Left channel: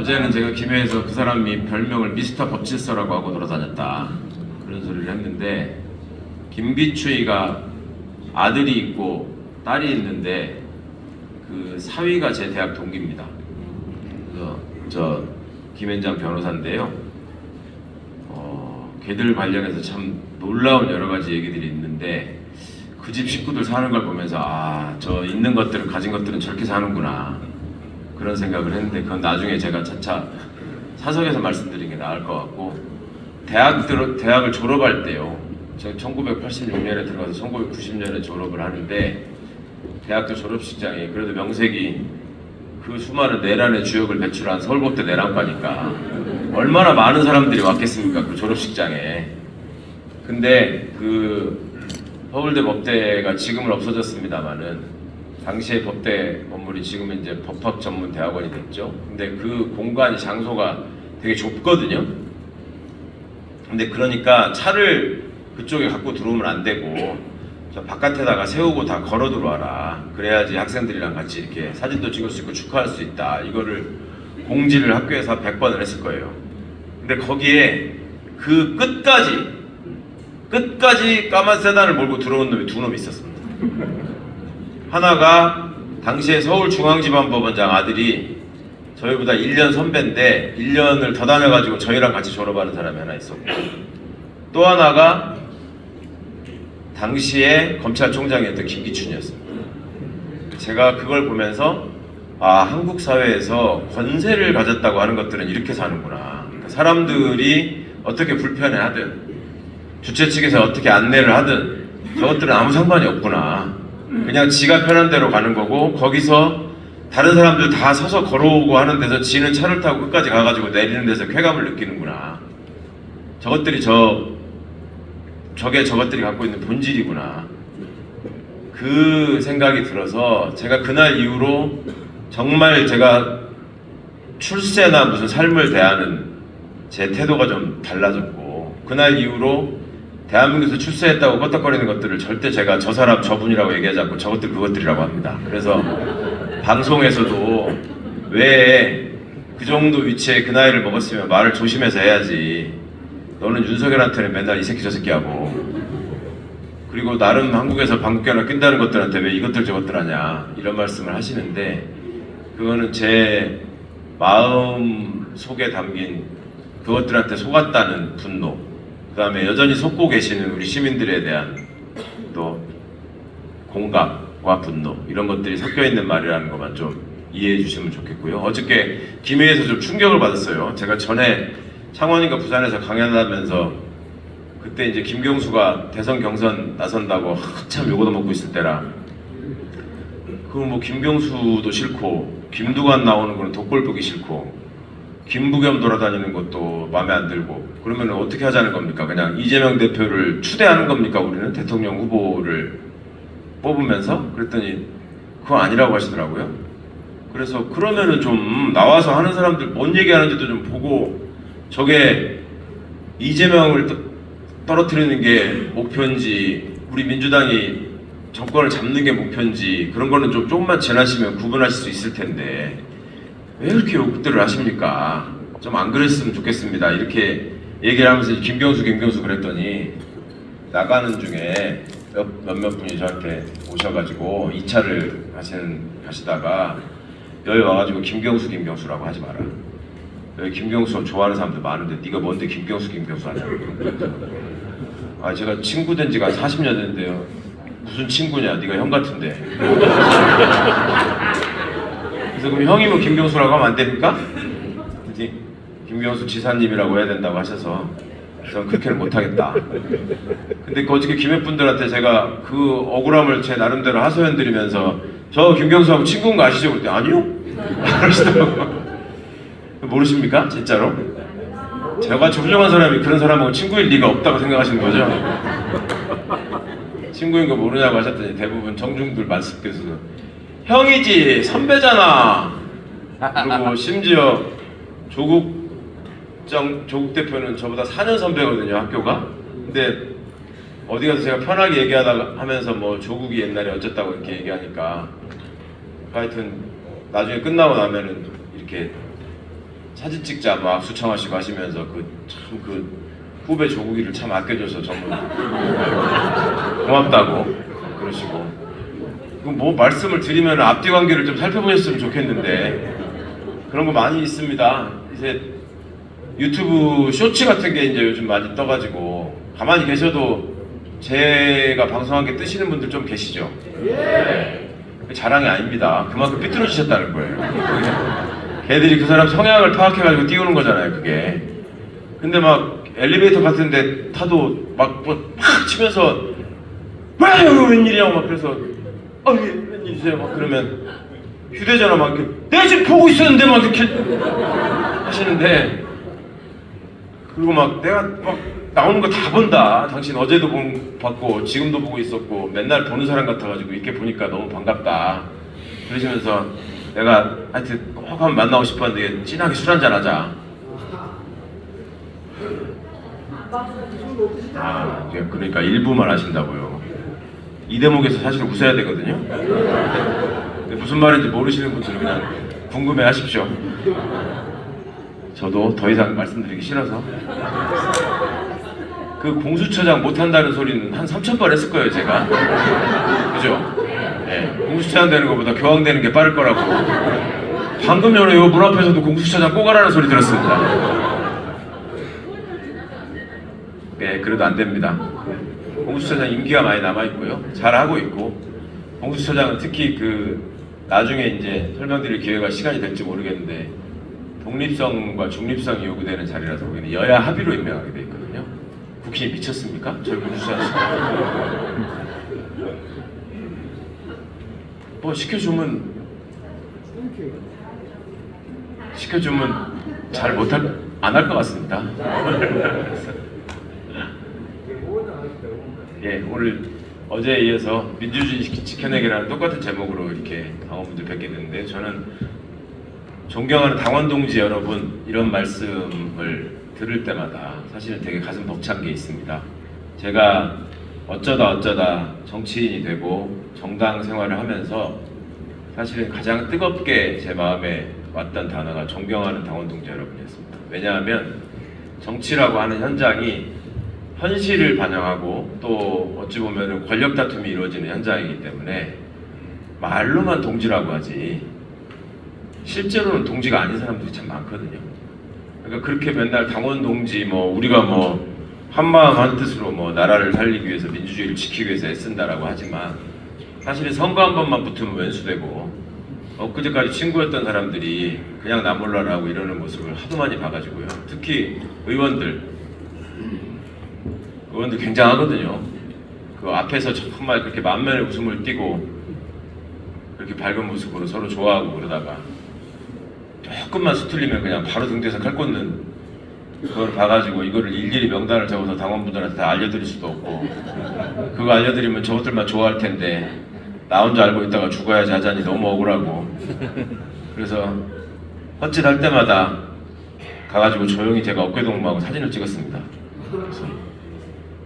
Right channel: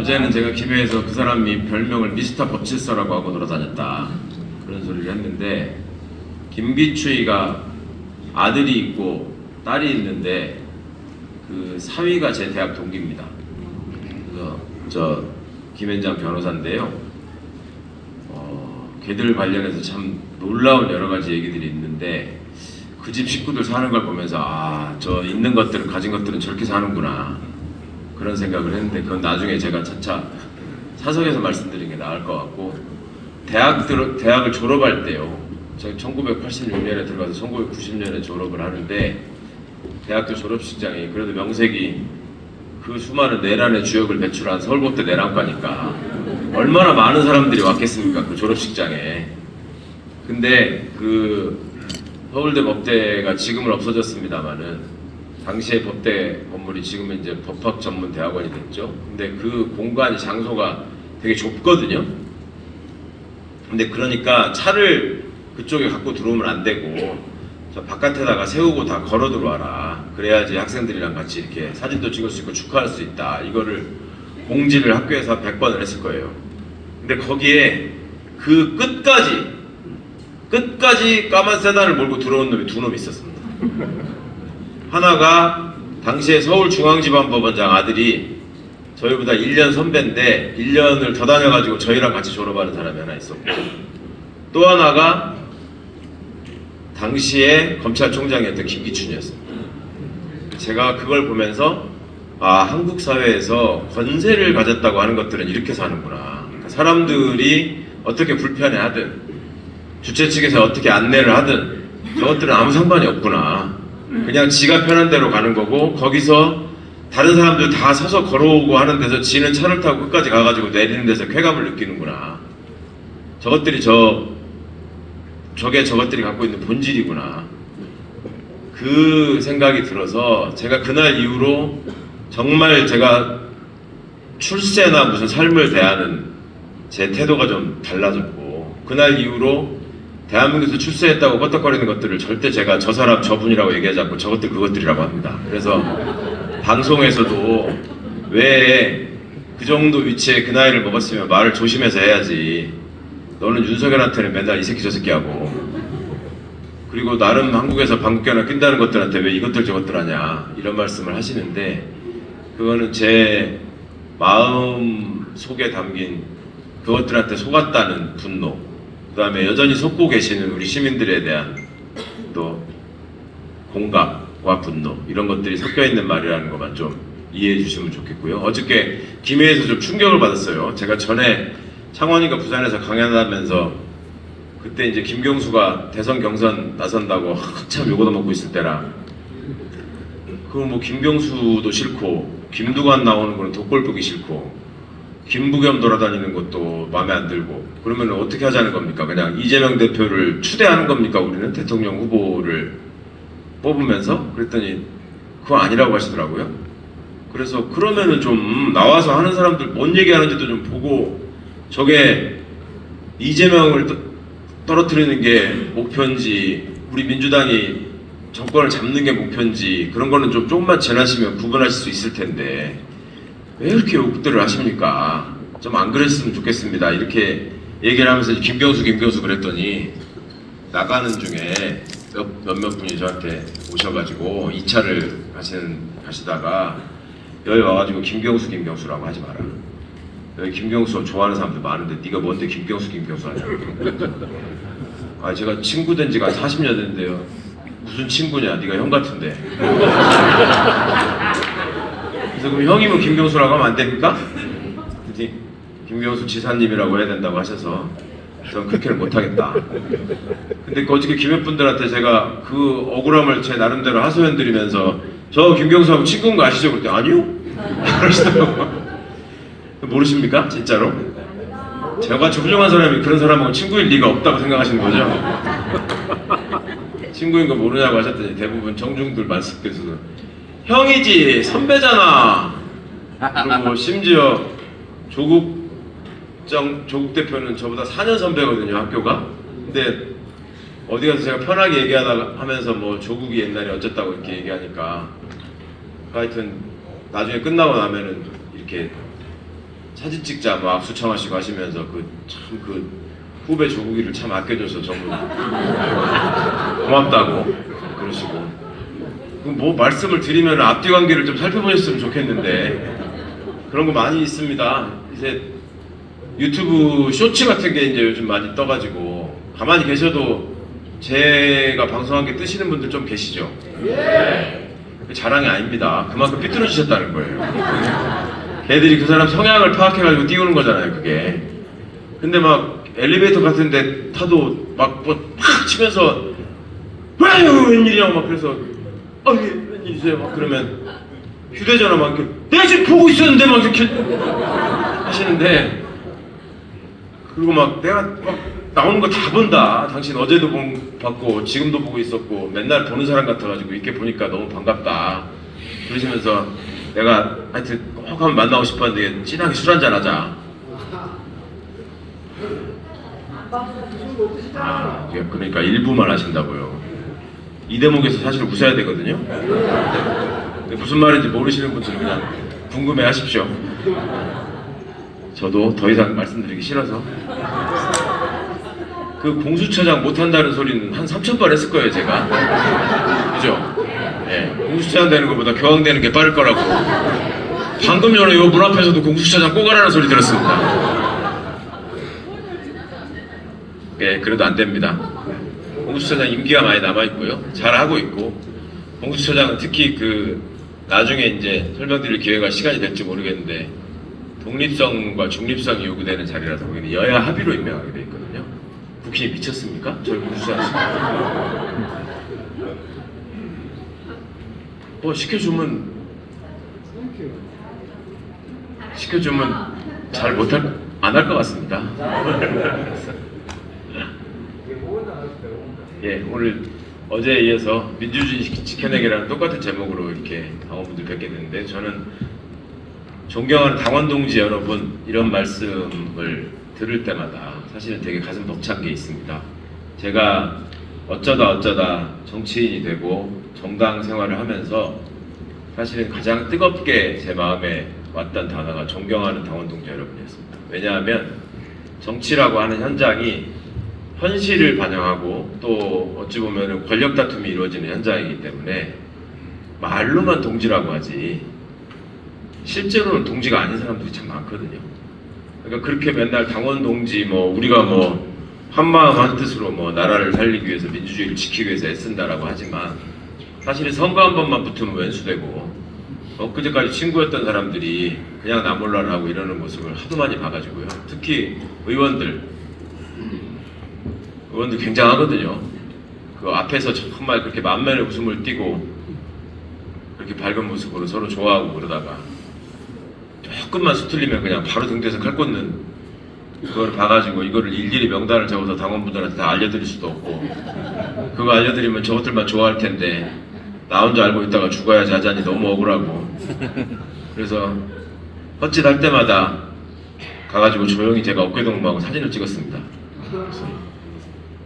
어제는 제가 기회에서 그 사람이 별명을 미스터 법질서라고 하고 돌아다녔다 그런 소리를 했는데, 김기추이가 아들이 있고 딸이 있는데 그 사위가 제 대학 동기입니다. 그래서 저 김현장 변호사인데요. 걔들 관련해서 참 놀라운 여러 가지 얘기들이 있는데, 그 집 식구들 사는 걸 보면서 저 있는 것들은, 가진 것들은 저렇게 사는구나 그런 생각을 했는데, 그건 나중에 제가 차차 사석에서 말씀드리는 게 나을 것 같고, 대학을 졸업할 때요, 저 1986년에 들어가서 1990년에 졸업을 하는데, 대학교 졸업식장이 그래도 명색이 그 수많은 내란의 주역을 배출한 서울법대 내란과니까 얼마나 많은 사람들이 왔겠습니까, 그 졸업식장에. 근데 그 서울대 법대가 지금은 없어졌습니다만은, 당시에 법대 건물이 지금은 이제 법학 전문 대학원이 됐죠. 근데 그 공간 장소가 되게 좁거든요. 근데 그러니까 차를 그쪽에 갖고 들어오면 안 되고 저 바깥에다가 세우고 다 걸어 들어와라. 그래야지 학생들이랑 같이 이렇게 사진도 찍을 수 있고 축하할 수 있다. 이거를 공지를 학교에서 100번을 했을 거예요. 근데 거기에 그 끝까지 까만 세단을 몰고 들어온 놈이 두 놈이 있었습니다. 하나가 당시에 서울중앙지방법원장 아들이 저희보다 1년 선배인데 1년을 더 다녀가지고 저희랑 같이 졸업하는 사람이 하나 있었고, 또 하나가 당시에 검찰총장이었던 김기춘이었어요. 제가 그걸 보면서 한국 사회에서 권세를 가졌다고 하는 것들은 이렇게 사는구나. 사람들이 어떻게 불편해하든 주최 측에서 어떻게 안내를 하든 저것들은 아무 상관이 없구나. 그냥 지가 편한 대로 가는 거고, 거기서 다른 사람들 다 서서 걸어오고 하는 데서 지는 차를 타고 끝까지 가가지고 내리는 데서 쾌감을 느끼는구나. 저것들이 저것들이 갖고 있는 본질이구나. 그 생각이 들어서 제가 그날 이후로 정말 제가 출세나 무슨 삶을 대하는 제 태도가 좀 달라졌고, 그날 이후로 대한민국에서 출세했다고 껐덕거리는 것들을 절대 제가 저 사람 저분이라고 얘기하지 않고 저것들 그것들이라고 합니다. 그래서 방송에서도 왜 그 정도 위치에 그 나이를 먹었으면 말을 조심해서 해야지, 너는 윤석열한테는 맨날 이 새끼 저 새끼 하고, 그리고 나름 한국에서 방귀깨나 낀다는 것들한테 왜 이것들 저것들 하냐 이런 말씀을 하시는데, 그거는 제 마음 속에 담긴 그것들한테 속았다는 분노, 그 다음에 여전히 속고 계시는 우리 시민들에 대한 또 공감과 분노, 이런 것들이 섞여 있는 말이라는 것만 좀 이해해 주시면 좋겠고요. 어저께 김해에서 좀 충격을 받았어요. 제가 전에 창원이가 부산에서 강연하면서 그때 이제 김경수가 대선 경선 나선다고 한참 요거도 먹고 있을 때라, 그럼 뭐 김경수도 싫고 김두관 나오는 거는 덕골 보기 싫고 김부겸 돌아다니는 것도 마음에 안 들고, 그러면 어떻게 하자는 겁니까? 그냥 이재명 대표를 추대하는 겁니까? 우리는 대통령 후보를 뽑으면서? 그랬더니 그거 아니라고 하시더라고요. 그래서 그러면은 좀 나와서 하는 사람들 뭔 얘기하는지도 좀 보고, 저게 이재명을 떨어뜨리는 게 목표인지 우리 민주당이 정권을 잡는 게 목표인지, 그런 거는 좀 조금만 지나시면 구분하실 수 있을 텐데 왜 이렇게 욕들을 하십니까? 좀 안 그랬으면 좋겠습니다. 이렇게 얘기를 하면서 김경수 그랬더니, 나가는 중에 몇몇 분이 저한테 오셔가지고 2차를 가시다가 여기 와가지고 김경수라고 하지 마라. 여기 김경수 좋아하는 사람들 많은데 네가 뭔데 김경수 하냐고. 제가 친구 된 지가 40년 됐는데요. 무슨 친구냐? 네가 형 같은데. 그래서 그럼 형이면 김경수라고 하면 안 됩니까? 근데 김경수 지사님이라고 해야 된다고 하셔서 저는 그렇게는 못하겠다. 근데 어저께 김해분들한테 제가 그 억울함을 제 나름대로 하소연드리면서 저 김경수하고 친구인 거 아시죠? 그때 아니요? 그러시더라고요. 모르십니까? 진짜로? 제가 훌륭한 사람이 그런 사람하고 친구일 리가 없다고 생각하시는 거죠? 친구인 거 모르냐고 하셨더니 대부분 청중들 말씀께서도 형이지 선배잖아. 그리고 심지어 조국 대표는 저보다 4년 선배거든요, 학교가. 근데 어디 가서 제가 편하게 얘기하다 하면서 뭐 조국이 옛날에 어쨌다고 이렇게 얘기하니까, 하여튼 나중에 끝나고 나면은 이렇게 사진 찍자 막 수청하시고 하시면서 그 후배 조국이를 참 아껴줘서 정말 고맙다고 그러시고 뭐 말씀을 드리면 앞뒤 관계를 좀 살펴보셨으면 좋겠는데 그런 거 많이 있습니다. 이제 유튜브 쇼츠 같은 게 이제 요즘 많이 떠가지고 가만히 계셔도 제가 방송한 게 뜨시는 분들 좀 계시죠? 네. 자랑이 아닙니다. 그만큼 삐뚤어지셨다는 거예요. 걔들이 그 사람 성향을 파악해가지고 띄우는 거잖아요, 그게. 근데 막 엘리베이터 같은 데 타도 막 치면서 웬일이냐고 막 그래서 웬일이세요? 막 그러면 휴대전화 막 이렇게 내가 지금 보고 있었는데 막 이렇게 하시는데 그리고 막 내가 막 나오는 거 다 본다. 당신 어제도 봤고 지금도 보고 있었고 맨날 보는 사람 같아가지고 이렇게 보니까 너무 반갑다. 그러시면서 내가 하여튼 꼭 한번 만나고 싶었는데 진하게 술 한잔 하자. 그러니까 일부만 하신다고요. 이 대목에서 사실 웃어야 되거든요. 무슨 말인지 모르시는 분들은 그냥 궁금해 하십시오. 저도 더 이상 말씀드리기 싫어서. 그 공수처장 못한다는 소리는 한 3,000번 했을 거예요, 제가. 그죠? 네, 공수처장 되는 것보다 교황되는 게 빠를 거라고. 방금 전에 요 문 앞에서도 공수처장 꼭 하라는 소리 들었습니다. 예, 그래도 안 됩니다. 공수처장 임기가 많이 남아있고요. 잘하고 있고, 공수처장 특히 나중에 이제 설명드릴 기회가 시간이 될지 모르겠는데, 독립성과 중립성이 요구되는 자리라서 거기는 여야 합의로 임명하게 돼 있거든요. 국힘이 미쳤습니까? 저희 공수처장 뭐 시켜주면 잘 못할 안 할 것 같습니다. 예, 오늘 어제에 이어서 민주주의 지켜내기라는 똑같은 제목으로 이렇게 당원분들 뵙게 됐는데 저는 존경하는 당원 동지 여러분 이런 말씀을 들을 때마다 사실 되게 가슴 벅찬 게 있습니다. 제가 어쩌다 정치인이 되고 정당 생활을 하면서 사실은 가장 뜨겁게 제 마음에 왔던 단어가 존경하는 당원 동지 여러분이었습니다. 왜냐하면 정치라고 하는 현장이 현실을 반영하고 또 어찌 보면 권력 다툼이 이루어지는 현장이기 때문에 말로만 동지라고 하지 실제로는 동지가 아닌 사람들이 참 많거든요. 그러니까 그렇게 맨날 당원 동지 우리가 한마음 한뜻으로 나라를 살리기 위해서 민주주의를 지키기 위해서 애쓴다라고 하지만 사실은 선거 한 번만 붙으면 웬수되고 엊그제까지 친구였던 사람들이 그냥 나 몰라라 하고 이러는 모습을 하도 많이 봐가지고요. 특히 의원들 굉장하거든요. 그 앞에서 정말 그렇게 만면의 웃음을 띠고 그렇게 밝은 모습으로 서로 좋아하고 그러다가 조금만 수틀리면 그냥 바로 등 뒤에서 칼 꽂는 그걸 봐가지고 이거를 일일이 명단을 적어서 당원분들한테 다 알려드릴 수도 없고 그거 알려드리면 저것들만 좋아할 텐데 나 혼자 알고 있다가 죽어야지 하자니 너무 억울하고 그래서 헛짓할 때마다 가가지고 조용히 제가 어깨동무하고 사진을 찍었습니다. 그래서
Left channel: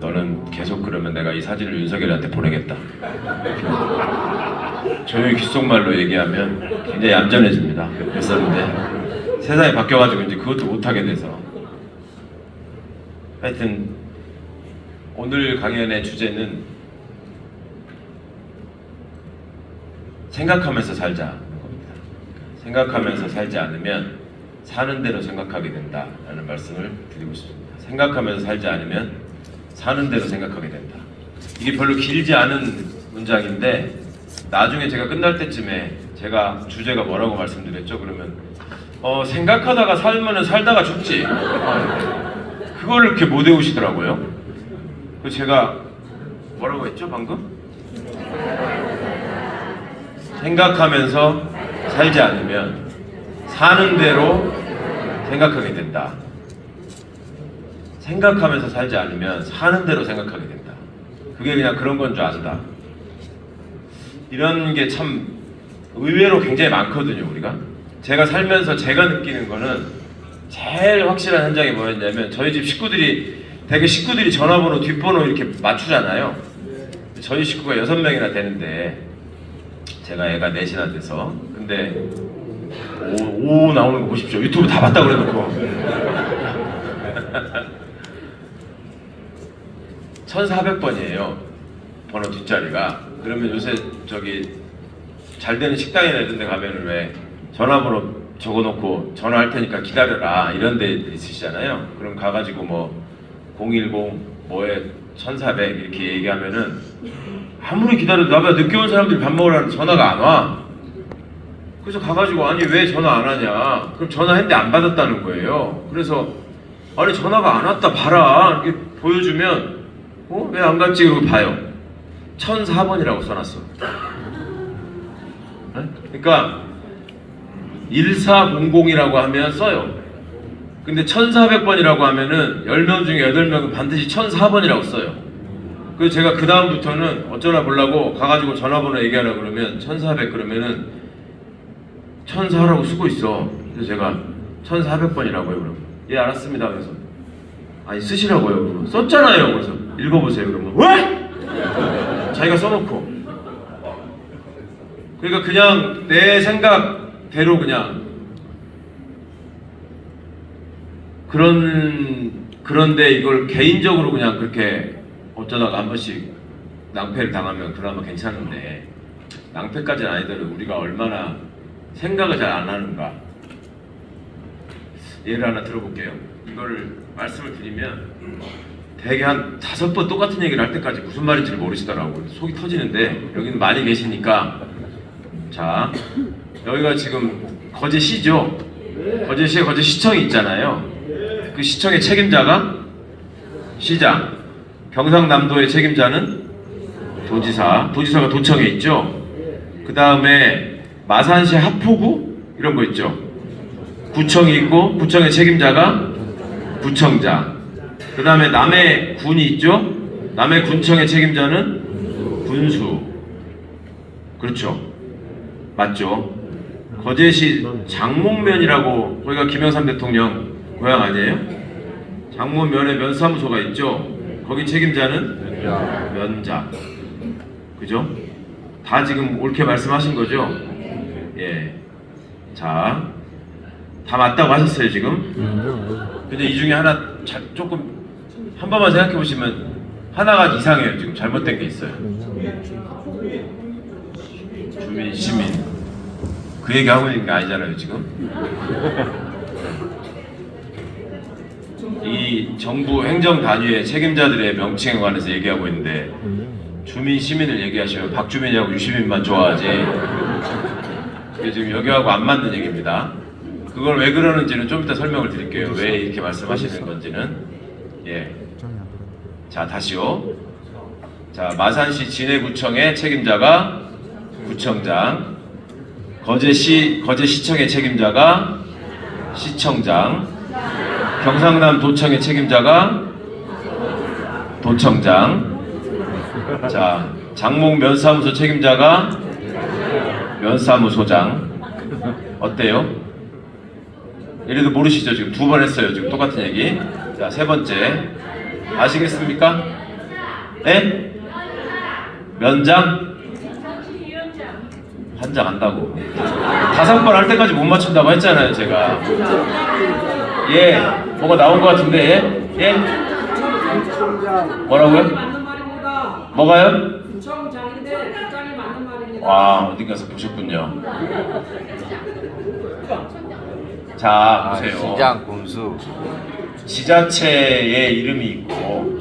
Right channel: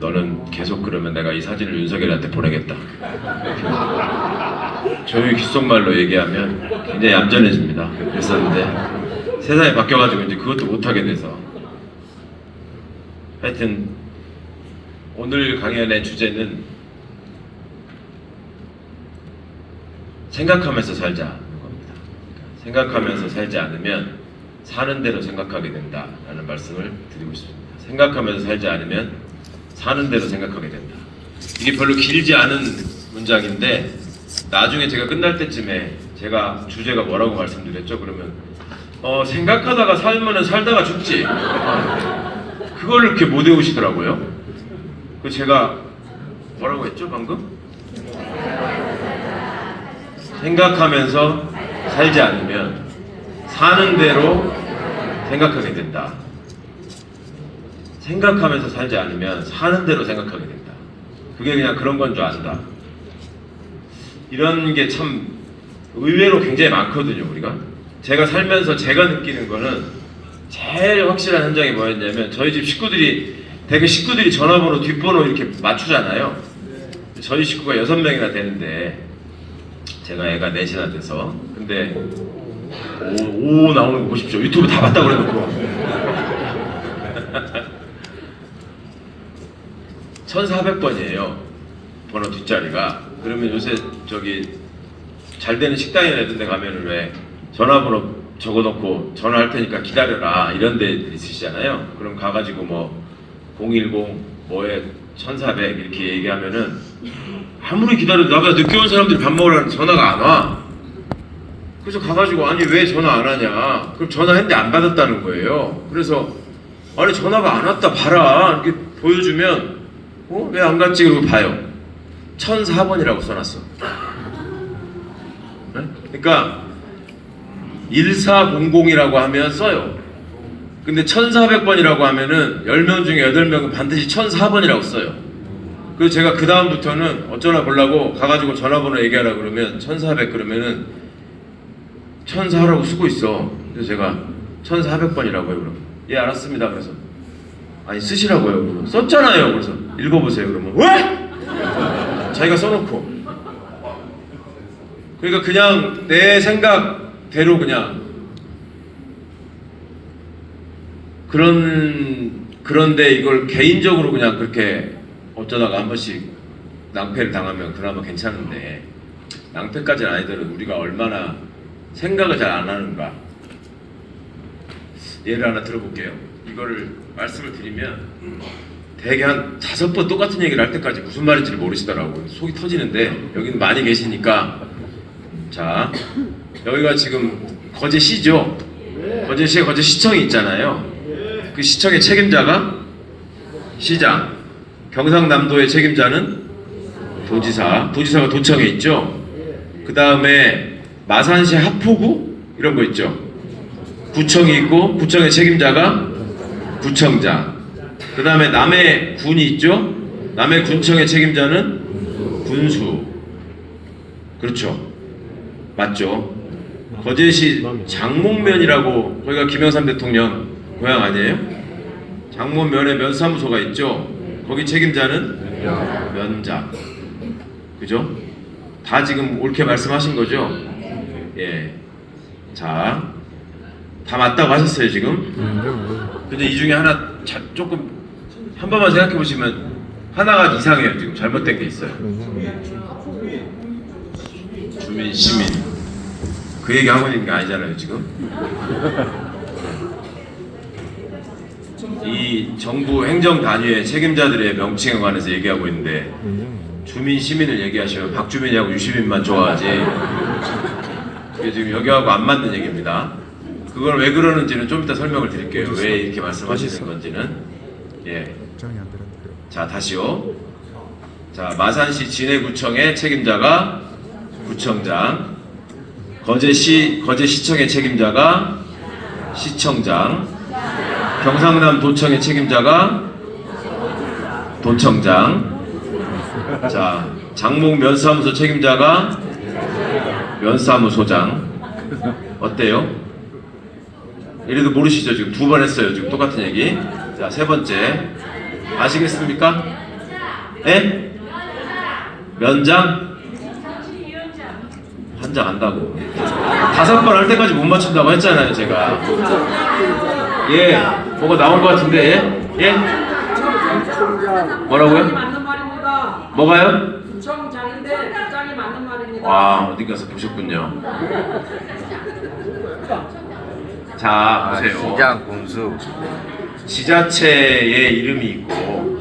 너는 계속 그러면 내가 이 사진을 윤석열한테 보내겠다. 조용히 귓속말로 얘기하면 굉장히 얌전해집니다. 그랬었는데 세상이 바뀌어가지고 이제 그것도 못하게 돼서 하여튼 오늘 강연의 주제는 생각하면서 살자는 겁니다. 생각하면서 살지 않으면 사는 대로 생각하게 된다라는 말씀을 드리고 싶습니다. 생각하면서 살지 않으면 사는 대로 생각하게 된다. 이게 별로 길지 않은 문장인데 나중에 제가 끝날 때쯤에 제가 주제가 뭐라고 말씀드렸죠? 그러면 생각하다가 살면은 살다가 죽지. 그거를 이렇게 못 외우시더라고요. 그 제가 뭐라고 했죠 방금? 생각하면서 살지 않으면 사는 대로 생각하게 된다. 생각하면서 살지 않으면 사는 대로 생각하게 된다. 그게 그냥 그런 건 줄 안다. 이런 게 참 의외로 굉장히 많거든요, 우리가. 제가 살면서 제가 느끼는 거는 제일 확실한 현장이 뭐였냐면 저희 집 식구들이 되게 식구들이 전화번호 뒷번호 이렇게 맞추잖아요. 저희 식구가 6명이나 되는데 제가 애가 넷이나 돼서 근데 오 나오는 거 보십시오. 유튜브 다 봤다고 그래놓고 1400번이에요 번호 뒷자리가. 그러면 요새 저기 잘 되는 식당이나 이런 데 가면은 왜 전화번호 적어놓고 전화할 테니까 기다려라 이런 데 있으시잖아요. 그럼 가가지고 뭐 010 뭐에 1400 이렇게 얘기하면은 아무리 기다려도 나보다 늦게 온 사람들이 밥 먹으라는 전화가 안 와. 그래서 가가지고 아니 왜 전화 안 하냐. 그럼 전화했는데 안 받았다는 거예요. 그래서 아니 전화가 안 왔다 봐라 이렇게 보여주면 왜 안 갔지? 그러고 봐요. 1004번이라고 써놨어. 네? 그러니까 1400이라고 하면 써요. 근데 1400번이라고 하면은 10명 중에 8명은 반드시 1004번이라고 써요. 그래서 제가 그 다음부터는 어쩌나 보려고 가가지고 전화번호 얘기하라 그러면 1400 그러면은 1004라고 쓰고 있어. 그래서 제가 1400번이라고 해요. 그러면 예 알았습니다. 그래서 아니 쓰시라고요. 그러면 썼잖아요. 그래서 읽어보세요. 그러면 왜? 자기가 써놓고. 그러니까 그냥 내 생각대로 그냥 그런데 이걸 개인적으로 그냥 그렇게 어쩌다가 한 번씩 낭패를 당하면 그나마 괜찮은데 낭패까지는 아니더라도 우리가 얼마나 생각을 잘 안 하는가. 예를 하나 들어볼게요. 이거를 말씀을 드리면 대개 한 5번 똑같은 얘기를 할 때까지 무슨 말인지를 모르시더라고요. 속이 터지는데 여기는 많이 계시니까. 자, 여기가 지금 거제시죠? 거제시에 거제시청이 있잖아요. 그 시청의 책임자가 시장, 경상남도의 책임자는 도지사, 도지사가 도청에 있죠. 그 다음에 마산시 하포구 이런 거 있죠. 구청이 있고 구청의 책임자가 구청장. 그 다음에 남해군이 있죠. 남해군청의 책임자는 군수. 그렇죠. 맞죠. 거제시 장문면이라고 거기가 김영삼 대통령 고향 아니에요? 장문면에 면사무소가 있죠. 거기 책임자는 면장. 그죠? 다 지금 옳게 말씀하신 거죠? 예. 자, 다 맞다고 하셨어요 지금? 근데 이 중에 하나 조금 한 번만 생각해 보시면 하나가 이상해요. 지금 잘못된 게 있어요. 주민, 시민. 그 얘기 하고 있는 게 아니잖아요 지금. 이 정부 행정 단위의 책임자들의 명칭에 관해서 얘기하고 있는데 주민, 시민을 얘기하시면 박주민이하고 유시민만 좋아하지. 이게 지금 여기하고 안 맞는 얘기입니다. 그걸 왜 그러는지는 좀 이따 설명을 드릴게요. 왜 이렇게 말씀하시는 건지는. 예. 자, 다시요. 자, 마산시 진해구청의 책임자가 구청장, 거제시청의 책임자가 시청장, 경상남 도청의 책임자가 도청장, 자, 장목 면사무소 책임자가 면사무소장. 어때요? 이래도 모르시죠? 지금 2번 했어요. 지금 똑같은 얘기. 자, 3번째. 아시겠습니까? 네? 면장? 한장 안다고. 5번 할 때까지 못 맞춘다고 했잖아요, 제가. 예, 뭐가 나온 것 같은데, 예? 뭐라고요? 뭐가요? 구청장인데 부장이 맞는 말입니다. 와, 어디 가서 보셨군요. 자, 보세요. 시장 군수. 지자체의 이름이 있고,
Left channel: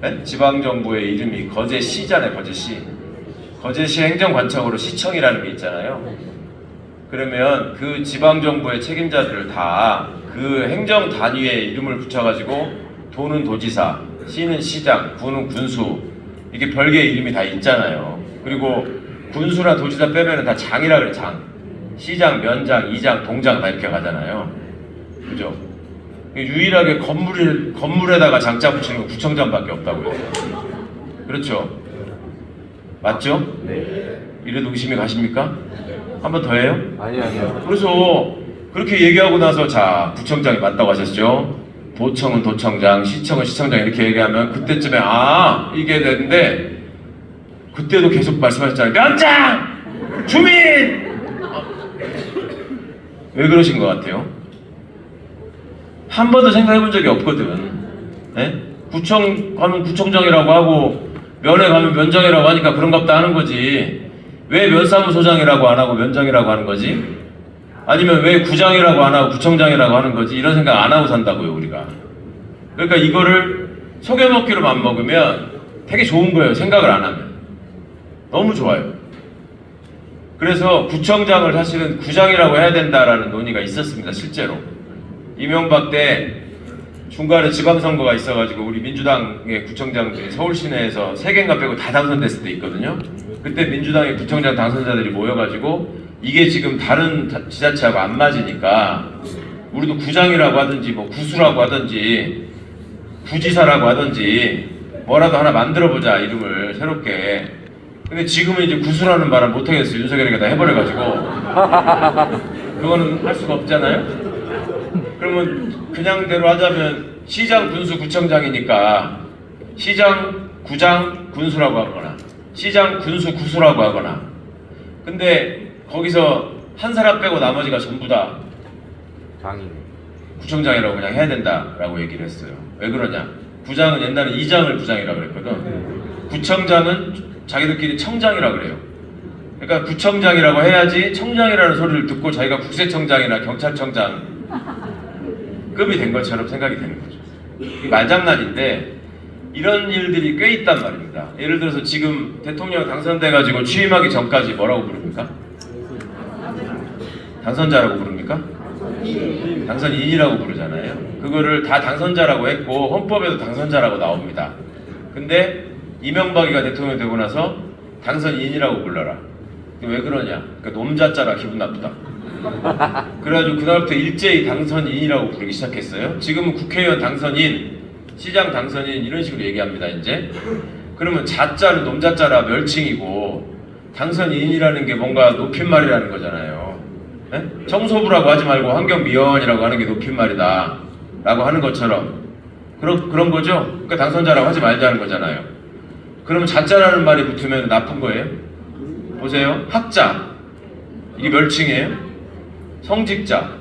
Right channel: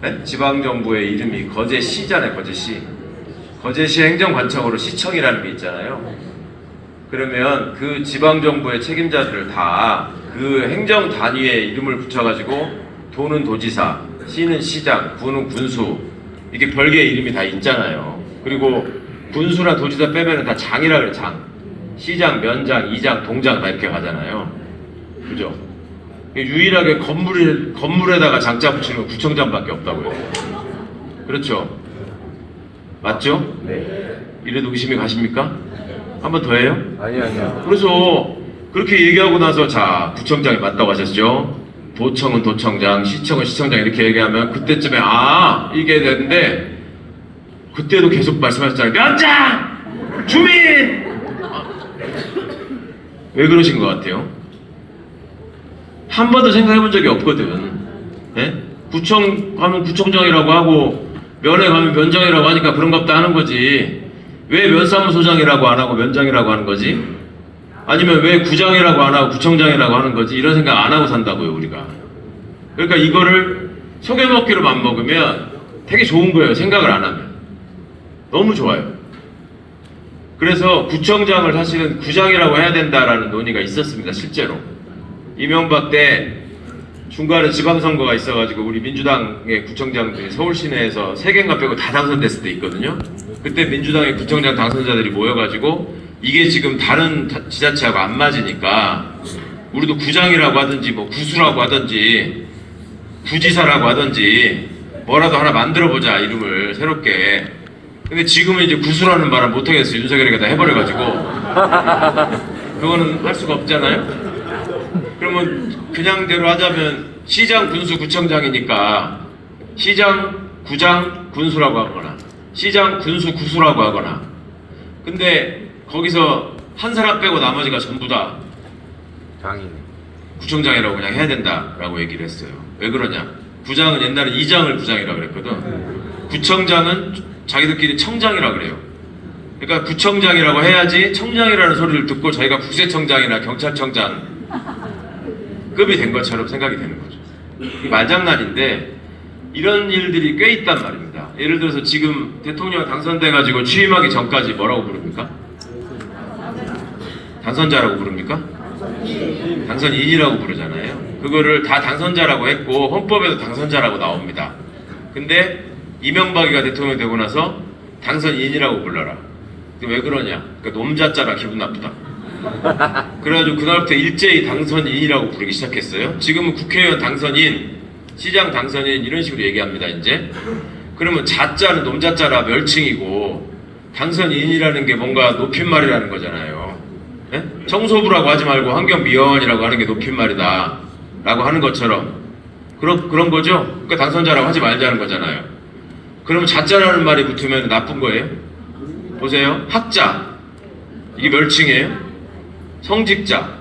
네? 지방정부의 이름이 거제시잖아요, 거제시. 거제시 행정관청으로 시청이라는 게 있잖아요. 그러면 그 지방정부의 책임자들을 다 그 행정 단위의 이름을 붙여가지고 도는 도지사, 시는 시장, 군은 군수, 이게 별개의 이름이 다 있잖아요. 그리고 군수나 도지사 빼면은 다 장이라 그래, 장. 시장, 면장, 이장, 동장 다 이렇게 가잖아요. 그죠? 유일하게 건물에다가 장자 붙이는 건 구청장밖에 없다고요. 그렇죠? 맞죠? 네. 이래도 의심이 가십니까? 한 번 더 해요? 아니요. 그래서 그렇게 얘기하고 나서 자, 구청장이 맞다고 하셨죠? 도청은 도청장, 시청은 시청장 이렇게 얘기하면 그때쯤에 아 이게 되는데 그때도 계속 말씀하셨잖아요. 면장! 주민! 왜 그러신 것 같아요? 한 번도 생각해 본 적이 없거든. 예? 구청 가면 구청장이라고 하고 면회 가면 면장이라고 하니까 그런갑다 하는 거지. 왜 면사무소장이라고 안 하고 면장이라고 하는 거지? 아니면 왜 구장이라고 안 하고 구청장이라고 하는 거지? 이런 생각 안 하고 산다고요, 우리가. 그러니까 이거를 속여먹기로 맘먹으면 되게 좋은 거예요, 생각을 안 하면. 너무 좋아요. 그래서 구청장을 사실은 구장이라고 해야 된다라는 논의가 있었습니다, 실제로. 이명박 때 중간에 지방선거가 있어가지고 우리 민주당의 구청장들이 서울 시내에서 3개인가 빼고 다 당선됐을 때 있거든요. 그때 민주당의 구청장 당선자들이 모여가지고 이게 지금 다른 지자체하고 안 맞으니까 우리도 구장이라고 하든지 뭐 구수라고 하든지 구지사라고 하든지 뭐라도 하나 만들어보자, 이름을 새롭게. 근데 지금은 이제 구수라는 말을 못하겠어요. 윤석열이가 다 해버려가지고. 그거는 할 수가 없잖아요. 그러면 그냥대로 하자면 시장, 군수, 구청장이니까 시장, 구장, 군수라고 하거나 시장, 군수, 구수라고 하거나. 근데 거기서 한 사람 빼고 나머지가 전부 다 장인. 구청장이라고 그냥 해야 된다라고 얘기를 했어요. 왜 그러냐? 구장은 옛날에 이장을 구장이라고 그랬거든. 구청장은 자기들끼리 청장이라고 그래요. 그러니까 구청장이라고 해야지 청장이라는 소리를 듣고 자기가 국세청장이나 경찰청장 급이 된 것처럼 생각이 되는 거죠. 말장난인데 이런 일들이 꽤 있단 말입니다. 예를 들어서 지금 대통령 당선돼가지고 취임하기 전까지 뭐라고 부릅니까? 당선자라고 부릅니까? 당선인이라고 부르잖아요. 그거를 다 당선자라고 했고 헌법에도 당선자라고 나옵니다. 근데 이명박이가 대통령이 되고 나서 당선인이라고 불러라. 왜 그러냐? 그러니까 놈자자라 기분 나쁘다. 그래가지고 그날부터 일제히 당선인이라고 부르기 시작했어요. 지금은 국회의원 당선인, 시장 당선인 이런 식으로 얘기합니다, 이제. 그러면 자자는 놈자자라 멸칭이고 당선인이라는 게 뭔가 높임말이라는 거잖아요. 네? 청소부라고 하지 말고 환경미화원이라고 하는 게 높임말이다 라고 하는 것처럼 그런 거죠. 그러니까 당선자라고 하지 말자는 거잖아요. 그러면 자자라는 말이 붙으면 나쁜 거예요? 보세요. 학자, 이게 멸칭이에요? 성직자,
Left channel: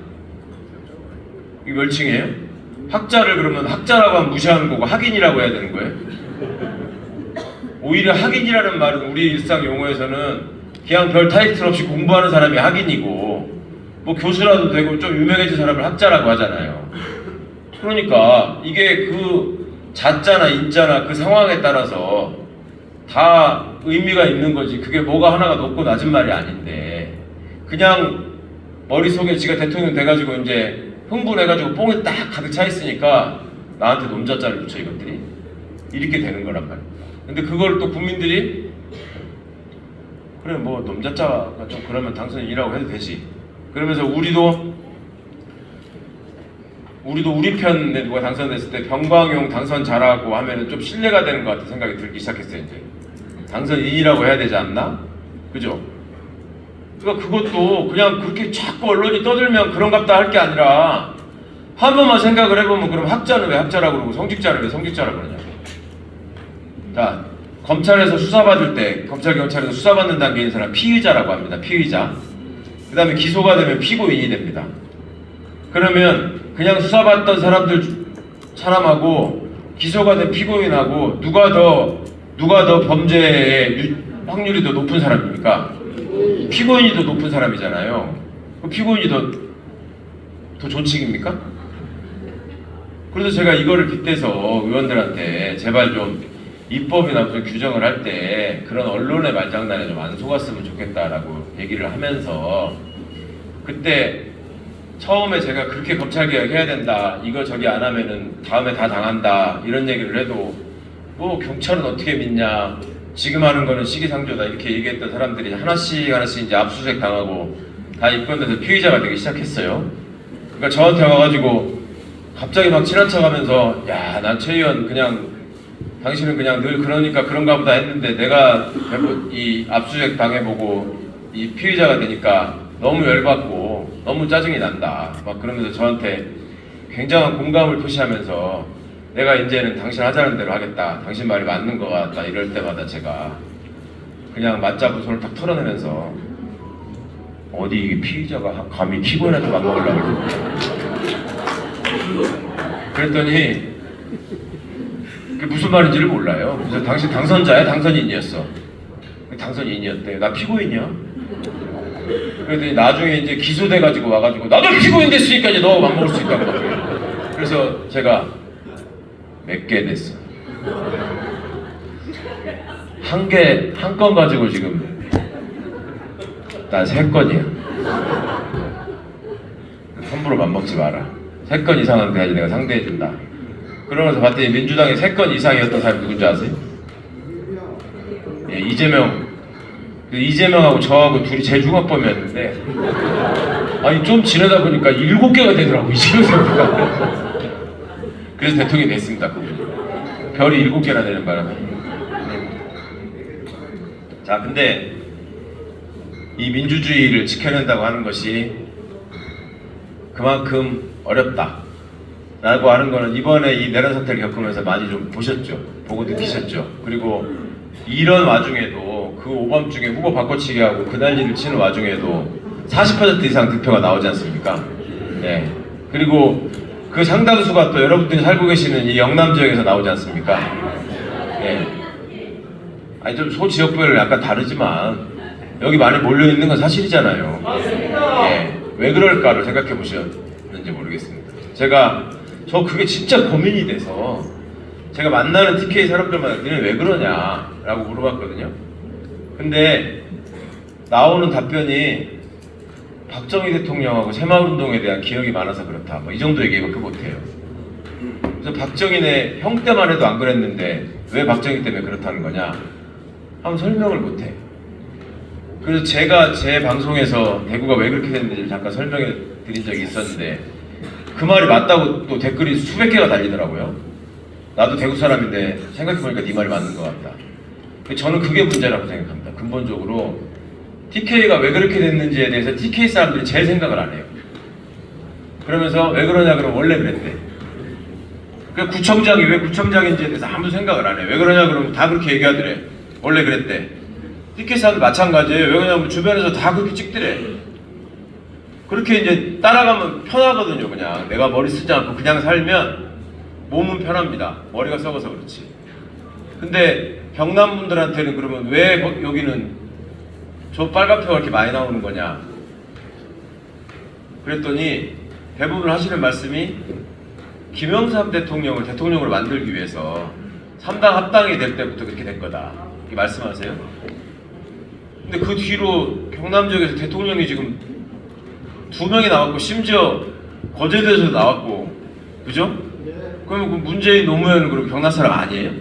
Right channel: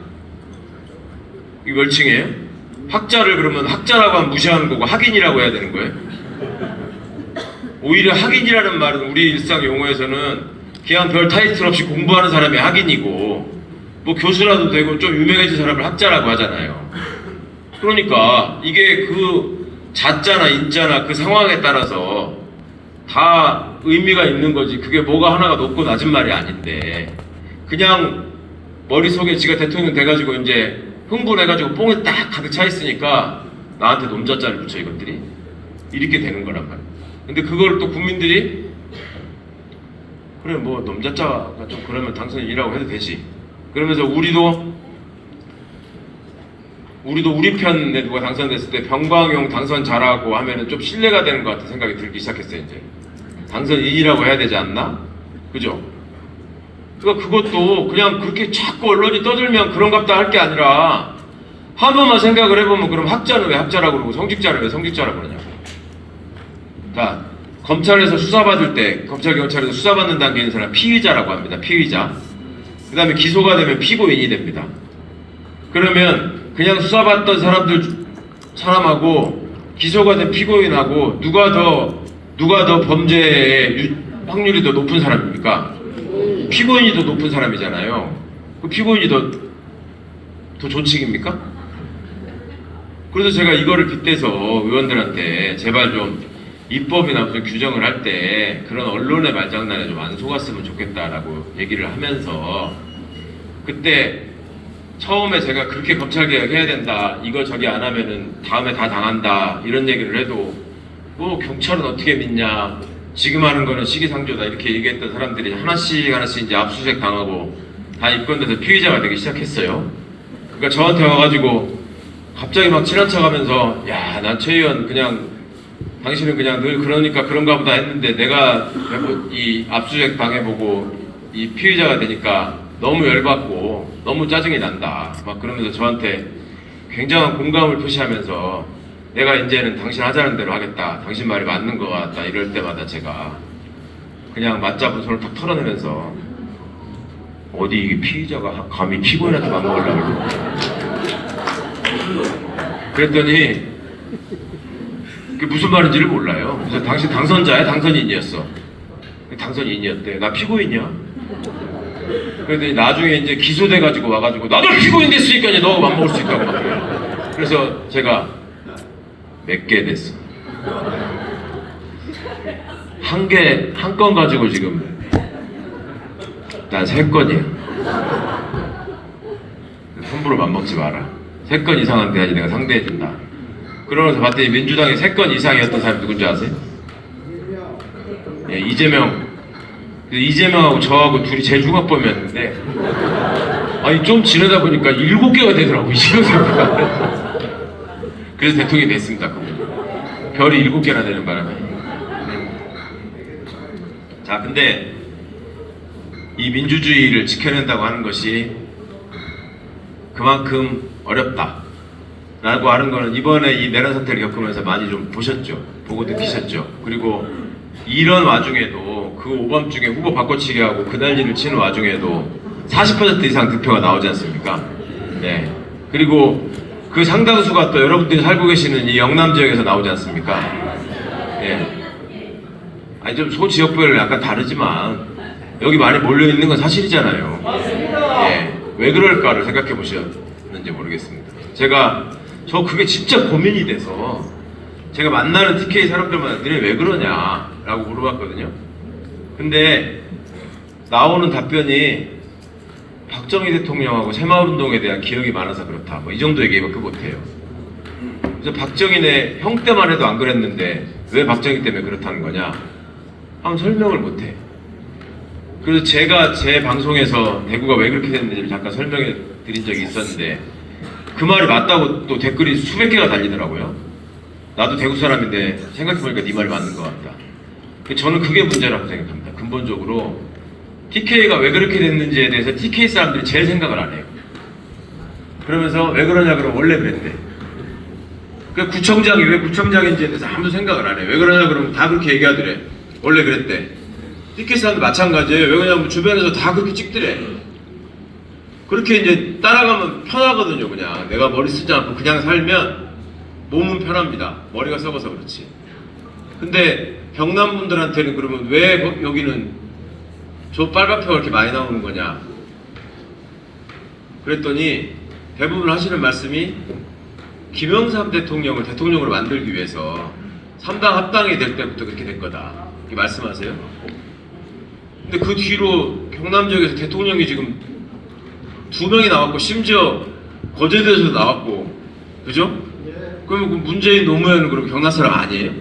이게 멸칭이에요? 학자를 그러면 학자라고 하면 무시하는 거고 학인이라고 해야 되는 거예요? 오히려 학인이라는 말은 우리 일상 용어에서는 그냥 별 타이틀 없이 공부하는 사람이 학인이고 뭐 교수라도 되고 좀 유명해진 사람을 학자라고 하잖아요. 그러니까 이게 그 자자나 인자나 그 상황에 따라서 다 의미가 있는 거지. 그게 뭐가 하나가 높고 낮은 말이 아닌데 그냥 머릿속에 지가 대통령 돼가지고 이제 흥분해가지고 뽕이 딱 가득 차 있으니까 나한테 놈자자를 붙여 이것들이 이렇게 되는 거란 말이야. 근데 그걸 또 국민들이 그래 뭐 놈자자가 좀 그러면 당선인이라고 해도 되지. 그러면서 우리도 우리 편에 누가 당선됐을 때 병광용 당선 잘하고 하면은 좀 신뢰가 되는 것 같은 생각이 들기 시작했어요. 이제 당선인이라고 해야 되지 않나? 그죠? 그러니까 그것도 그냥 그렇게 자꾸 언론이 떠들면 그런갑다 할 게 아니라 한 번만 생각을 해보면 그럼 학자는 왜 학자라고 그러고 성직자는 왜 성직자라고 그러냐? 자, 검찰에서 수사받을 때 검찰 경찰에서 수사받는 단계에 있는 사람 피의자라고 합니다. 피의자. 그 다음에 기소가 되면 피고인이 됩니다. 그러면 그냥 수사받던 사람하고 기소가 된 피고인하고 누가 더 범죄의 확률이 더 높은 사람입니까? 피고인이 더 높은 사람이잖아요. 그 피고인이 더 존칭입니까? 그래서 제가 이거를 빗대서 의원들한테 제발 좀 입법이나 무슨 규정을 할 때 그런 언론의 말장난에 좀 안 속았으면 좋겠다라고 얘기를 하면서 그때 처음에 제가 그렇게 검찰개혁 해야 된다, 이거 저기 안 하면은 다음에 다 당한다 이런 얘기를 해도 뭐 경찰은 어떻게 믿냐, 지금 하는 거는 시기상조다 이렇게 얘기했던 사람들이 하나씩 이제 압수수색 당하고 다 입건돼서 피의자가 되기 시작했어요. 그러니까 저한테 와가지고 갑자기 막 친한 척하면서 야, 난 최 의원 그냥 당신은 그냥 늘 그러니까 그런가 보다 했는데 내가 이 압수수색 당해보고 이 피의자가 되니까 너무 열받고 너무 짜증이 난다 막 그러면서 저한테 굉장한 공감을 표시하면서 내가 이제는 당신 하자는 대로 하겠다, 당신 말이 맞는 것 같다 이럴 때마다 제가 그냥 맞잡은 손을 탁 털어내면서 어디 이게 피의자가 감히 피고인한테 맞먹으려고. 그랬더니 그게 무슨 말인지를 몰라요. 그래서 당신 당선자야? 당선인이었어. 당선인이었대. 나 피고인이야? 그랬더니 나중에 이제 기소돼가지고 와가지고 나도 피고인 됐으니까 이제 너 맘먹을 수 있다고. 그래서 제가 몇 개 됐어. 한 건 가지고 지금 난 3건이야. 함부로 맘먹지 마라. 3건 이상한 데까지 내가 상대해준다. 그러면서 봤더니 민주당에 3건 이상이었던 사람이 누군지 아세요? 예, 이재명하고 저하고 둘이 제일 중합범이었는데 아니 좀 지내다 보니까 7개가 되더라고. 이재명가 그래서 대통령이 됐습니다. 그분이. 별이 7개나 되는 바람에. 자, 근데 이 민주주의를 지켜낸다고 하는 것이 그만큼 어렵다 라고 하는 거는 이번에 이 내란 사태를 겪으면서 많이 좀 보셨죠. 보고 느끼셨죠. 그리고 이런 와중에도 그 오밤중에 후보 바꿔치기 하고 그 난리를 치는 와중에도 40% 이상 득표가 나오지 않습니까? 네. 그리고 그 상당수가 또 여러분들이 살고 계시는 이 영남 지역에서 나오지 않습니까? 네. 아니 좀 소지역별 약간 다르지만 여기 많이 몰려 있는 건 사실이잖아요. 네. 왜 그럴까를 생각해 보셨는지 모르겠습니다. 저 그게 진짜 고민이 돼서 제가 만나는 TK 사람들마다 너네 왜 그러냐 라고 물어봤거든요. 근데 나오는 답변이 박정희 대통령하고 새마을운동에 대한 기억이 많아서 그렇다 뭐 이 정도 얘기밖에 못해요. 그래서 박정희네 형 때만 해도 안 그랬는데 왜 박정희 때문에 그렇다는 거냐 한번 설명을 못해. 그래서 제가 제 방송에서 대구가 왜 그렇게 됐는지를 잠깐 설명해 드린 적이 있었는데 그 말이 맞다고 또 댓글이 수백 개가 달리더라고요. 나도 대구 사람인데 생각해보니까 네 말이 맞는 것 같다. 저는 그게 문제라고 생각합니다. 근본적으로 TK가 왜 그렇게 됐는지에 대해서 TK 사람들이 제일 생각을 안 해요. 그러면서 왜 그러냐 그러면 원래 그랬대. 그러니까 구청장이 왜 구청장인지에 대해서 아무도 생각을 안 해요. 왜 그러냐 그러면 다 그렇게 얘기하더래. 원래 그랬대. TK 사람도 마찬가지예요. 왜 그러냐면 주변에서 다 그렇게 찍더래. 그렇게 이제 따라가면 편하거든요. 그냥 내가 머리 쓰지 않고 그냥 살면 몸은 편합니다. 머리가 썩어서 그렇지. 근데 경남 분들한테는 그러면 왜 여기는 저 빨간표가 이렇게 많이 나오는 거냐 그랬더니 대부분 하시는 말씀이 김영삼 대통령을 대통령으로 만들기 위해서 3당 합당이 될 때부터 그렇게 된 거다 이렇게 말씀하세요. 근데 그 뒤로 경남 지역에서 대통령이 지금 2명이 나왔고 심지어 거제도에서도 나왔고 그죠? 그러면 그 문재인 노무현은 그럼 경남 사람 아니에요?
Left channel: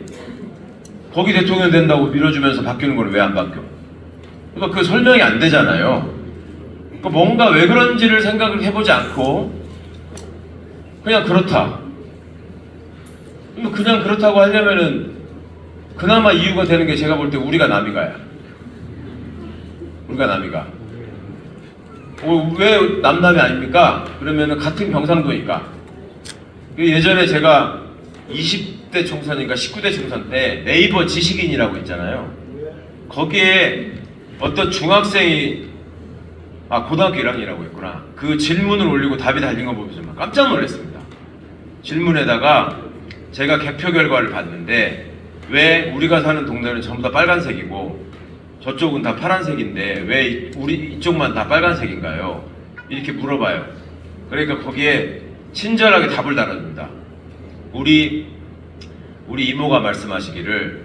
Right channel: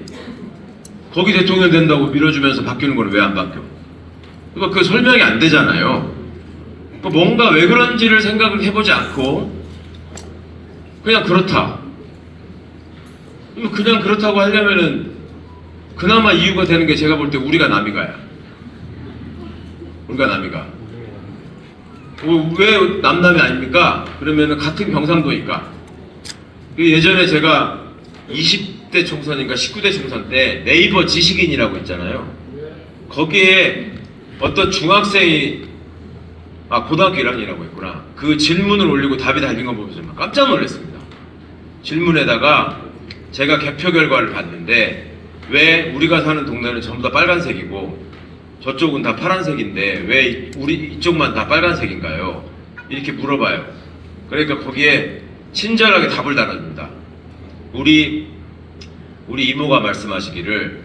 거기 대통령 된다고 밀어주면서 바뀌는 건 왜 안 바뀌어? 그러니까 그 설명이 안 되잖아요. 뭔가 왜 그런지를 생각을 해보지 않고 그냥 그렇다. 그냥 그렇다고 하려면은 그나마 이유가 되는 게 제가 볼 때 우리가 남이가요. 우리가 남이가. 왜 남남이 아닙니까? 그러면은 같은 경상도니까. 예전에 제가 20대 총선인가 19대 총선 때 네이버 지식인이라고 있잖아요. 거기에 어떤 중학생이 고등학교 1학년이라고 했구나. 그 질문을 올리고 답이 달린 거 보면서 깜짝 놀랐습니다. 질문에다가 제가 개표 결과를 봤는데 왜 우리가 사는 동네는 전부 다 빨간색이고 저쪽은 다 파란색인데 왜 우리 이쪽만 다 빨간색인가요? 이렇게 물어봐요. 그러니까 거기에 친절하게 답을 달아줍니다. 우리 이모가 말씀하시기를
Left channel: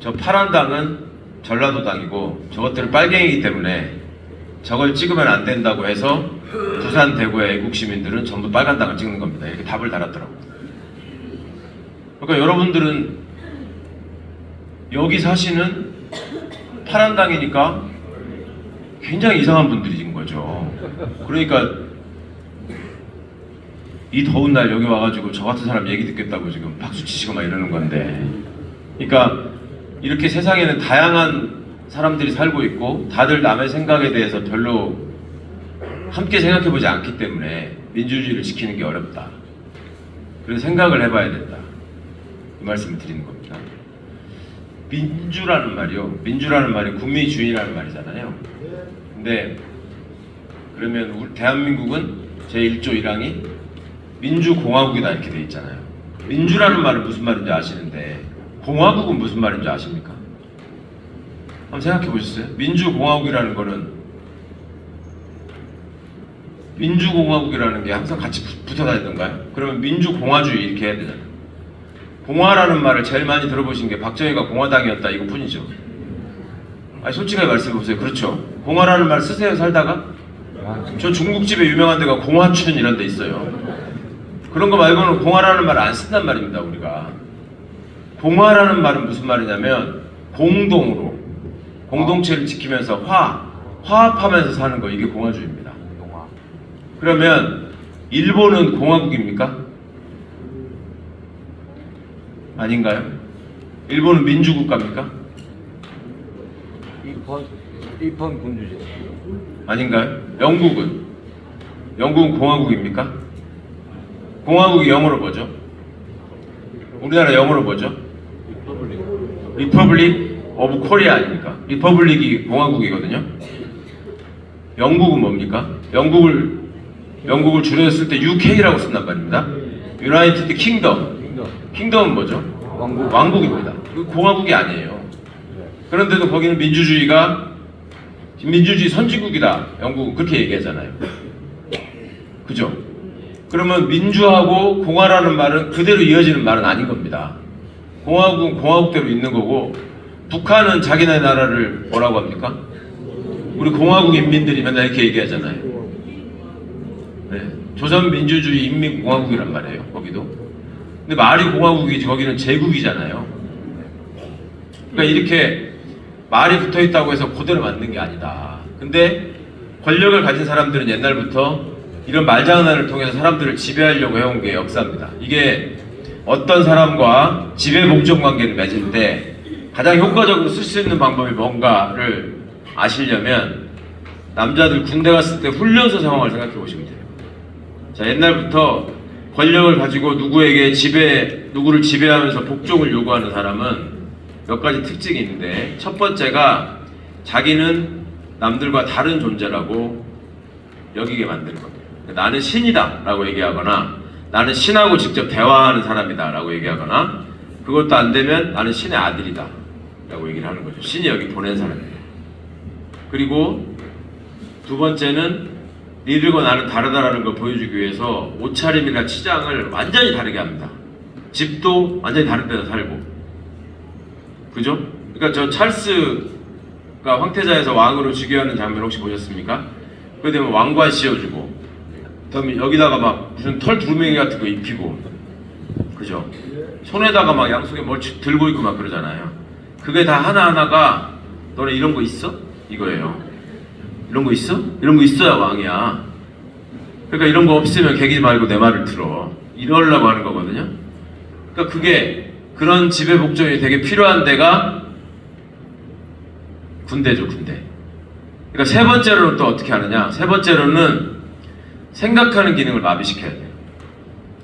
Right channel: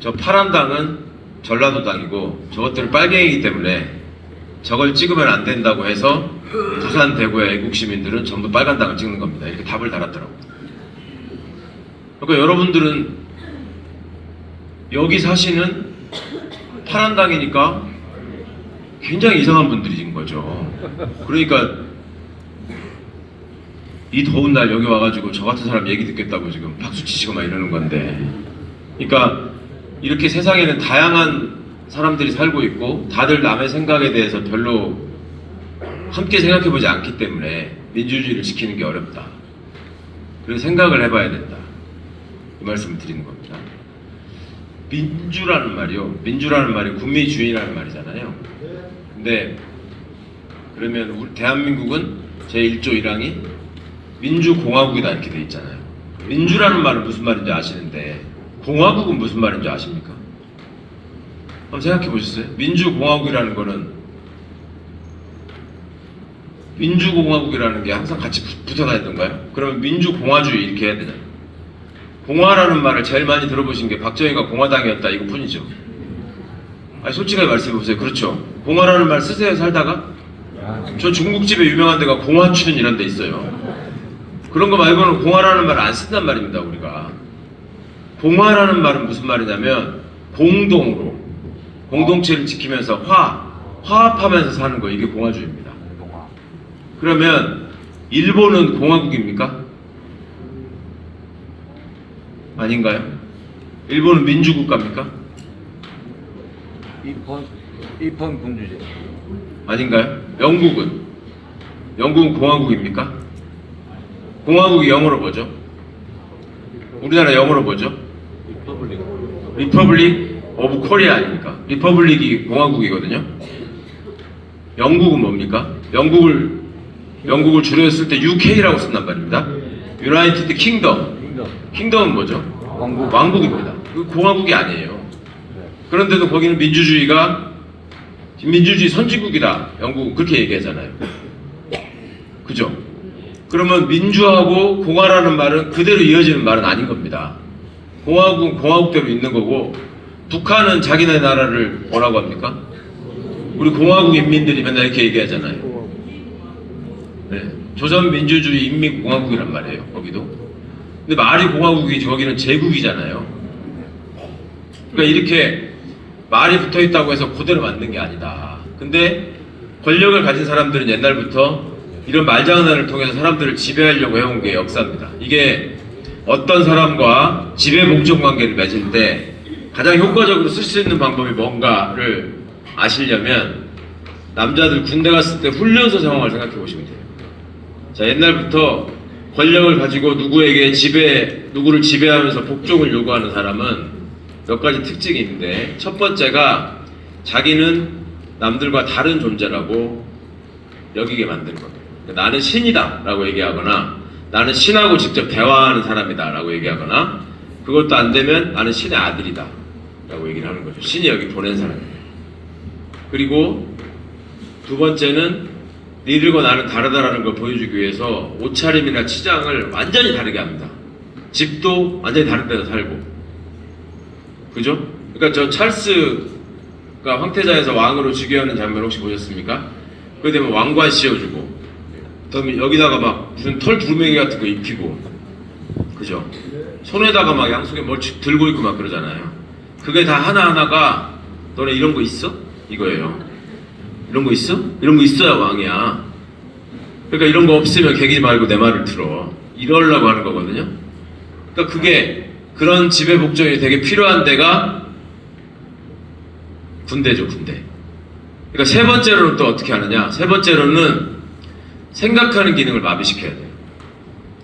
저 파란 당은 전라도 당이고 저것들은 빨갱이기 때문에 저걸 찍으면 안 된다고 해서 부산, 대구의 애국 시민들은 전부 빨간 당을 찍는 겁니다. 이렇게 답을 달았더라고요. 그러니까 여러분들은 여기 사시는 파란 당이니까 굉장히 이상한 분들인 거죠. 그러니까 이 더운 날 여기 와가지고 저 같은 사람 얘기 듣겠다고 지금 박수 치시고 막 이러는 건데, 그러니까 이렇게 세상에는 다양한 사람들이 살고 있고 다들 남의 생각에 대해서 별로 함께 생각해보지 않기 때문에 민주주의를 지키는 게 어렵다. 그래서 생각을 해봐야 된다. 그 말씀을 드리는 겁니다. 민주라는 말이요. 민주라는 말이 국민주의라는 말이잖아요. 근데 그러면 우리 대한민국은 제1조 1항이 민주공화국이다 이렇게 돼 있잖아요. 민주라는 말은 무슨 말인지 아시는데 공화국은 무슨 말인지 아십니까? 한번 생각해 보셨어요? 민주공화국이라는 거는 민주공화국이라는 게 항상 같이 붙어 다니던가요? 그러면 민주공화주의 이렇게 해야 되잖아요. 공화라는 말을 제일 많이 들어보신 게 박정희가 공화당이었다 이거뿐이죠. 솔직하게 말씀해 보세요. 그렇죠? 공화라는 말 쓰세요 살다가? 저 중국집에 유명한 데가 공화춘 이런 데 있어요. 그런 거 말고는 공화라는 말을 안 쓴단 말입니다 우리가. 공화라는 말은 무슨 말이냐면 공동으로 공동체를 지키면서 화합하면서 사는 거, 이게 공화주의입니다. 그러면 일본은 공화국입니까? 아닌가요? 일본은 민주국가입니까? 입헌 군주제. 아닌가요? 영국은 공화국입니까? 공화국이 영어로 뭐죠? 우리나라 영어로 뭐죠? 리퍼블릭 오브 코리아 아닙니까? 리퍼블릭이 공화국이거든요. 영국은 뭡니까? 영국을 줄여서 쓸 때 UK라고 쓴단 말입니다. 유나이티드 킹덤은 뭐죠? 왕국입니다. 그 공화국이 아니에요. 그런데도 거기는 민주주의 선진국이다. 영국은 그렇게 얘기하잖아요. 그죠? 그러면 민주하고 공화라는 말은 그대로 이어지는 말은 아닌 겁니다. 공화국은 공화국대로 있는 거고, 북한은 자기네 나라를 뭐라고 합니까? 우리 공화국 인민들이 맨날 이렇게 얘기하잖아요. 네. 조선민주주의 인민공화국이란 말이에요. 거기도. 근데 말이 공화국이지 거기는 제국이잖아요. 그러니까 이렇게 말이 붙어있다고 해서 그대로 만든 게 아니다. 근데 권력을 가진 사람들은 옛날부터 이런 말장난을 통해서 사람들을 지배하려고 해온 게 역사입니다. 이게 어떤 사람과 지배 복종 관계를 맺은데 가장 효과적으로 쓸 수 있는 방법이 뭔가를 아시려면 남자들 군대 갔을 때 훈련소 상황을 생각해 보시면 돼요. 자, 옛날부터 권력을 가지고 누구를 지배하면서 복종을 요구하는 사람은 몇 가지 특징이 있는데, 첫 번째가 자기는 남들과 다른 존재라고 여기게 만드는 겁니다. 나는 신이다 라고 얘기하거나, 나는 신하고 직접 대화하는 사람이다 라고 얘기하거나, 그것도 안 되면 나는 신의 아들이다 라고 얘기를 하는 거죠. 신이 여기 보낸 사람이에요. 그리고 두 번째는 니들과 나는 다르다라는 걸 보여주기 위해서 옷차림이나 치장을 완전히 다르게 합니다. 집도 완전히 다른 데서 살고. 그죠? 그러니까 저 찰스가 황태자에서 왕으로 즉위하는 장면 혹시 보셨습니까? 그거 되면 왕관 씌워주고, 그다음에 여기다가 막 무슨 털 두루마기 같은 거 입히고, 그죠? 손에다가 막 양손에 뭘 들고 있고 막 그러잖아요. 그게 다 하나하나가 너네 이런 거 있어? 이거예요. 이런 거 있어? 이런 거 있어야 왕이야. 그러니까 이런 거 없으면 개기 말고 내 말을 들어. 이러려고 하는 거거든요. 그러니까 그게 그런 지배 복종이 되게 필요한 데가 군대죠, 군대. 그러니까 세 번째로는 또 어떻게 하느냐? 세 번째로는 생각하는 기능을 마비시켜야 돼요.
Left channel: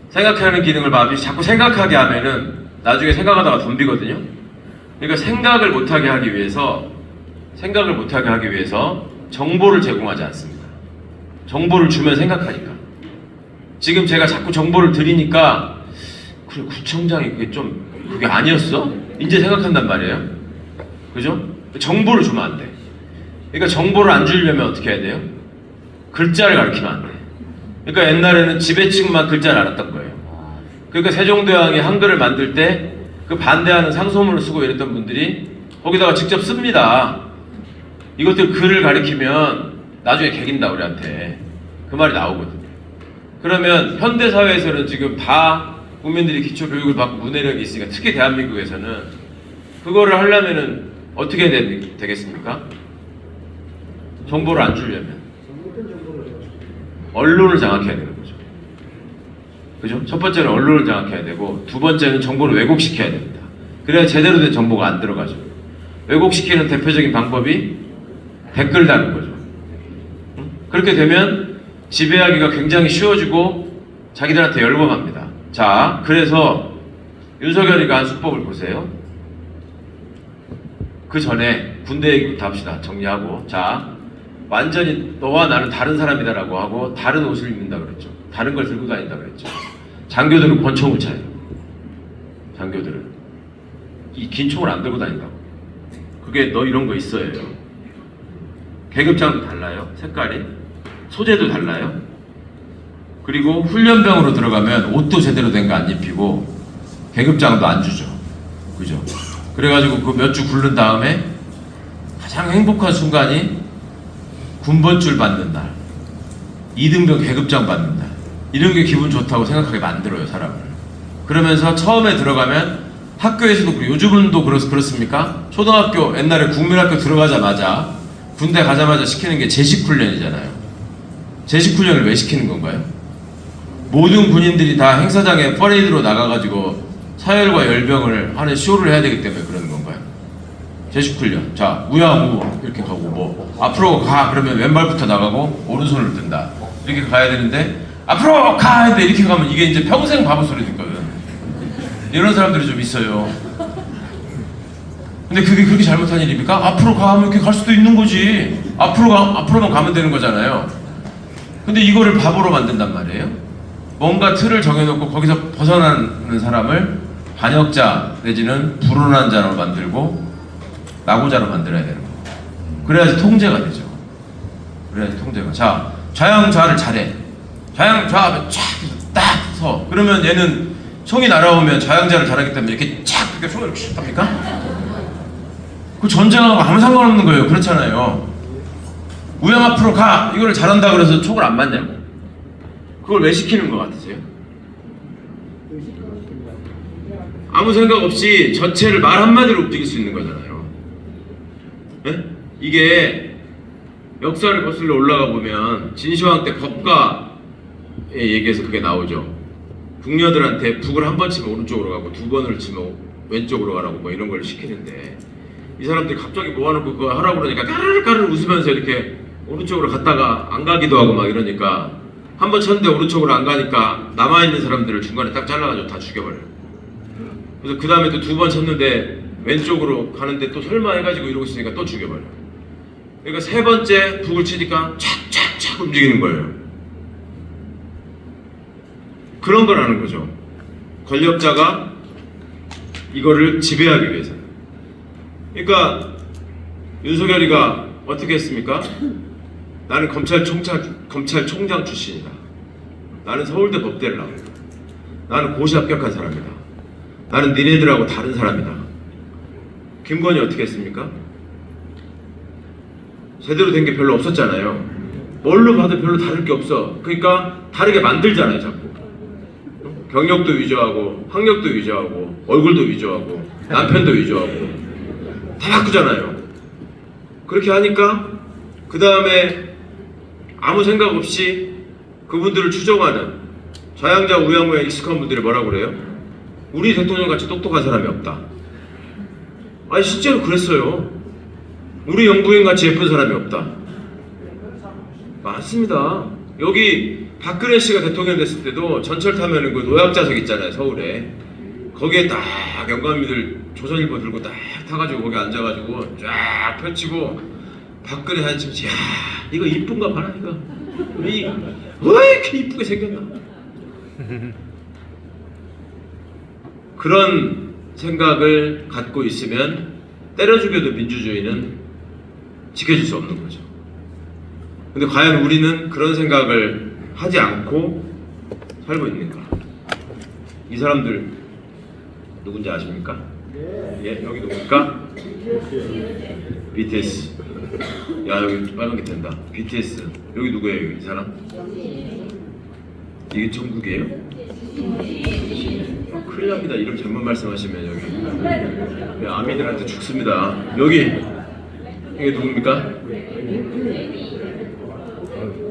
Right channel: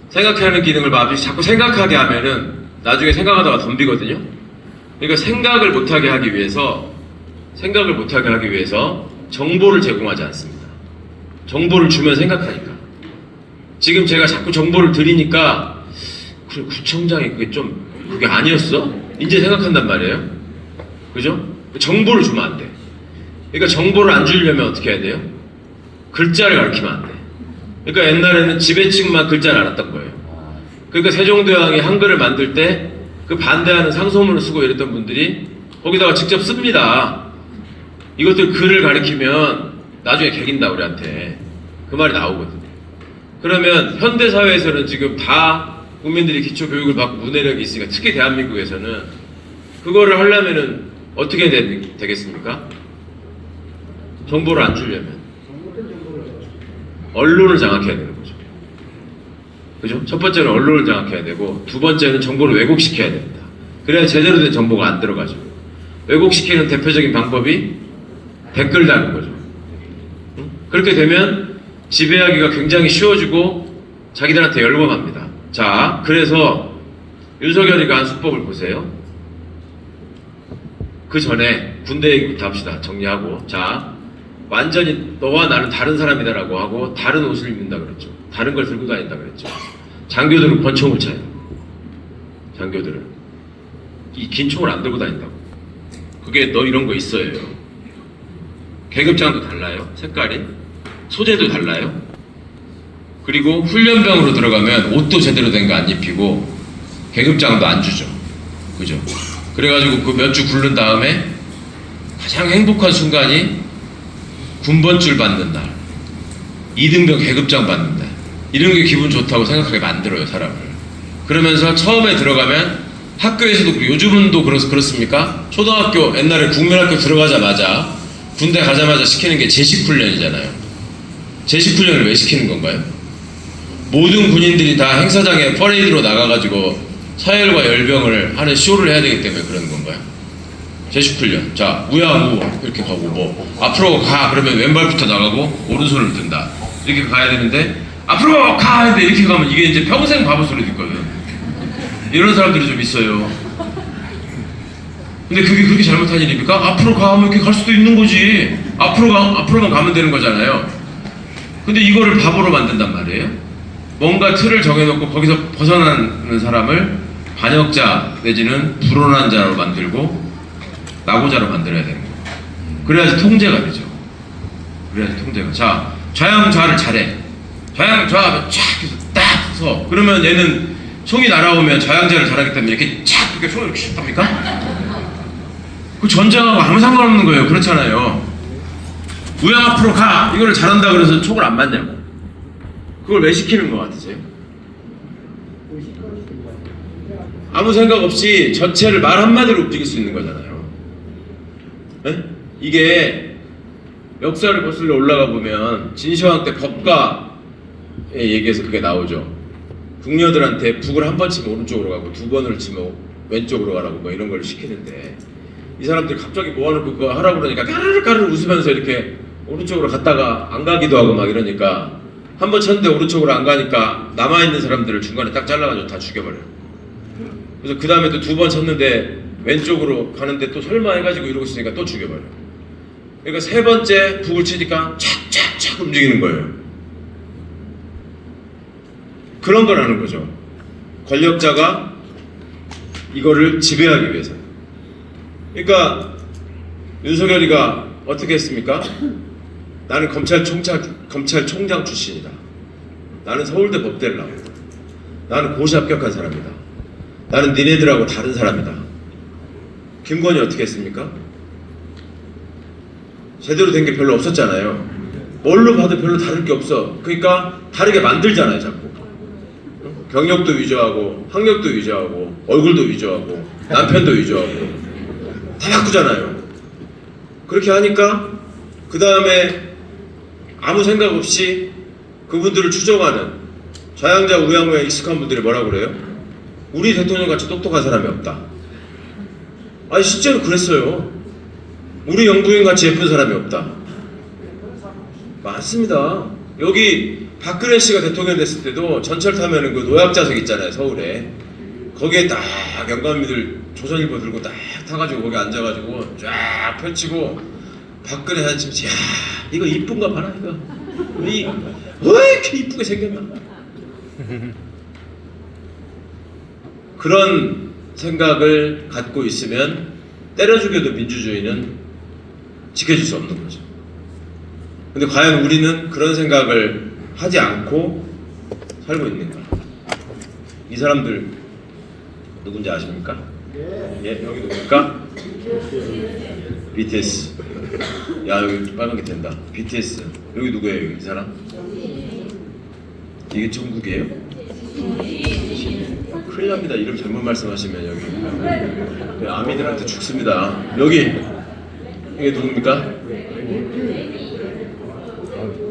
생각하는 기능을 자꾸 생각하게 하면은 나중에 생각하다가 덤비거든요. 그러니까 생각을 못하게 하기 위해서 정보를 제공하지 않습니다. 정보를 주면 생각하니까. 지금 제가 자꾸 정보를 드리니까 그래, 구청장이 그게 아니었어? 이제 생각한단 말이에요. 그죠? 정보를 주면 안 돼. 그러니까 정보를 안 주려면 어떻게 해야 돼요? 글자를 가르치면 안 돼. 그러니까 옛날에는 지배층만 글자를 알았던 거예요. 그러니까 세종대왕이 한글을 만들 때 그 반대하는 상소문을 쓰고 이랬던 분들이 거기다가 직접 씁니다. 이것들 글을 가리키면 나중에 개긴다 우리한테. 그 말이 나오거든요. 그러면 현대사회에서는 지금 다 국민들이 기초교육을 받고 문해력이 있으니까, 특히 대한민국에서는 그거를 하려면은 어떻게 되겠습니까? 정보를 안 주려면 언론을 장악해야 되는 거죠. 그죠? 첫 번째는 언론을 장악해야 되고, 두 번째는 정보를 왜곡시켜야 됩니다. 그래야 제대로 된 정보가 안 들어가죠. 왜곡시키는 대표적인 방법이 댓글 다는 거죠. 그렇게 되면 지배하기가 굉장히 쉬워지고 자기들한테 열범합니다. 자, 그래서 윤석열이가 한 수법을 보세요. 그 전에 군대 얘기부터 합시다. 정리하고. 자, 완전히 너와 나는 다른 사람이다라고 하고 다른 옷을 입는다 그랬죠. 다른 걸 들고 다닌다 그랬죠. 장교들은 권총을 차요. 장교들은 이 긴 총을 안 들고 다닌다고. 그게 너 이런 거 있어요. 계급장도 달라요. 색깔이 소재도 달라요. 그리고 훈련병으로 들어가면 옷도 제대로 된 거 안 입히고 계급장도 안 주죠. 그죠? 그래가지고 그 몇 주 굴른 다음에 가장 행복한 순간이 군번줄 받는 날, 2등병 계급장 받는 날, 이런 게 기분 좋다고 생각하게 만들어요, 사람을. 그러면서 처음에 들어가면 학교에서도 그렇고, 요즘은 또 그렇습니까? 초등학교, 옛날에 국민학교 들어가자마자 군대 가자마자 시키는 게 제식훈련이잖아요. 제식훈련을 왜 시키는 건가요? 모든 군인들이 다 행사장에 퍼레이드로 나가가지고 서열과 열병을 하는 쇼를 해야 되기 때문에 그러는 건가요? 제식훈련. 자, 우야우 이렇게 가고 뭐 앞으로 가 그러면 왼발부터 나가고 오른손을 든다. 이렇게 가야 되는데 앞으로 가 근데 이렇게 가면 이게 이제 평생 바보 소리 듣거든. 이런 사람들이 좀 있어요. 근데 그게 그렇게 잘못한 일입니까? 앞으로 가면 이렇게 갈 수도 있는 거지. 앞으로만 가면 되는 거잖아요. 근데 이거를 바보로 만든단 말이에요. 뭔가 틀을 정해놓고 거기서 벗어나는 사람을 반역자 내지는 불온한 자로 만들고 낙오자로 만들어야 되는 거예요. 그래야지 통제가 되죠. 그래야지 통제가. 자, 좌양좌를 잘해. 좌양좌 촥 해서 딱 서. 그러면 얘는 송이 날아오면 좌양좌를 잘하기 때문에 이렇게 촥 이렇게 손을 이렇게 슉 합니까? 그 전쟁하고 아무 상관없는 거예요. 그렇잖아요. 우양 앞으로 가! 이거를 잘한다 그래서 촉을 안 맞냐고. 그걸 왜 시키는 것 같으세요? 아무 생각 없이 전체를 말 한마디로 움직일 수 있는 거잖아요. 네? 이게 역사를 거슬러 올라가 보면 진시황 때 법가에 얘기해서 그게 나오죠. 궁녀들한테 북을 한 번 치면 오른쪽으로 가고 두 번을 치면 왼쪽으로 가라고 뭐 이런 걸 시키는데 이 사람들이 갑자기 모아놓고 그거 하라고 그러니까 까르르 웃으면서 이렇게 오른쪽으로 갔다가 안 가기도 하고 막 이러니까 한 번 쳤는데 오른쪽으로 안 가니까 남아있는 사람들을 중간에 딱 잘라가지고 다 죽여버려요. 그래서 그 다음에 또 두 번 쳤는데 왼쪽으로 가는데 또 설마 해가지고 이러고 있으니까 또 죽여버려요. 그러니까 세 번째 북을 치니까 착착착 움직이는 거예요. 그런 걸 하는 거죠. 권력자가 이거를 지배하기 위해서. 그러니까 윤석열이가 어떻게 했습니까? 나는 검찰총장 출신이다. 나는 서울대 법대를 나왔다. 나는 고시 합격한 사람이다. 나는 니네들하고 다른 사람이다. 김건희 어떻게 했습니까? 제대로 된 게 별로 없었잖아요. 뭘로 봐도 별로 다를 게 없어. 그러니까 다르게 만들잖아요, 자꾸. 경력도 위조하고, 학력도 위조하고, 얼굴도 위조하고, 남편도 위조하고, 다 바꾸잖아요. 그렇게 하니까 그 다음에 아무 생각 없이 그분들을 추종하는 좌양자 우양우에 익숙한 분들이 뭐라고 그래요? 우리 대통령 같이 똑똑한 사람이 없다. 아니 실제로 그랬어요. 우리 영부인 같이 예쁜 사람이 없다. 맞습니다. 여기 박근혜 씨가 대통령 됐을 때도 전철 타면은 그 노약자석 있잖아요, 서울에. 거기에 딱 영감미들 조선일보 들고 딱 타가지고 거기 앉아가지고 쫙 펼치고 박근혜 사진 찍지. 야 이거 이쁜가 봐라 이거. 왜 이렇게 이쁘게 생겼나? 그런 생각을 갖고 있으면 때려 죽여도 민주주의는 지켜질 수 없는 거죠. 근데 과연 우리는 그런 생각을 하지 않고 살고 있는가? 이 사람들 누군지 아십니까? 예, 여기 누굽니까? BTS. 야 여기 빨간 게 된다. BTS. 여기 누구예요? 이 사람? 이게 중국이에요? 큰일 납니다. 이름 잘못 말씀하시면 여기 아미들한테 죽습니다. 여기 이게 누굽니까?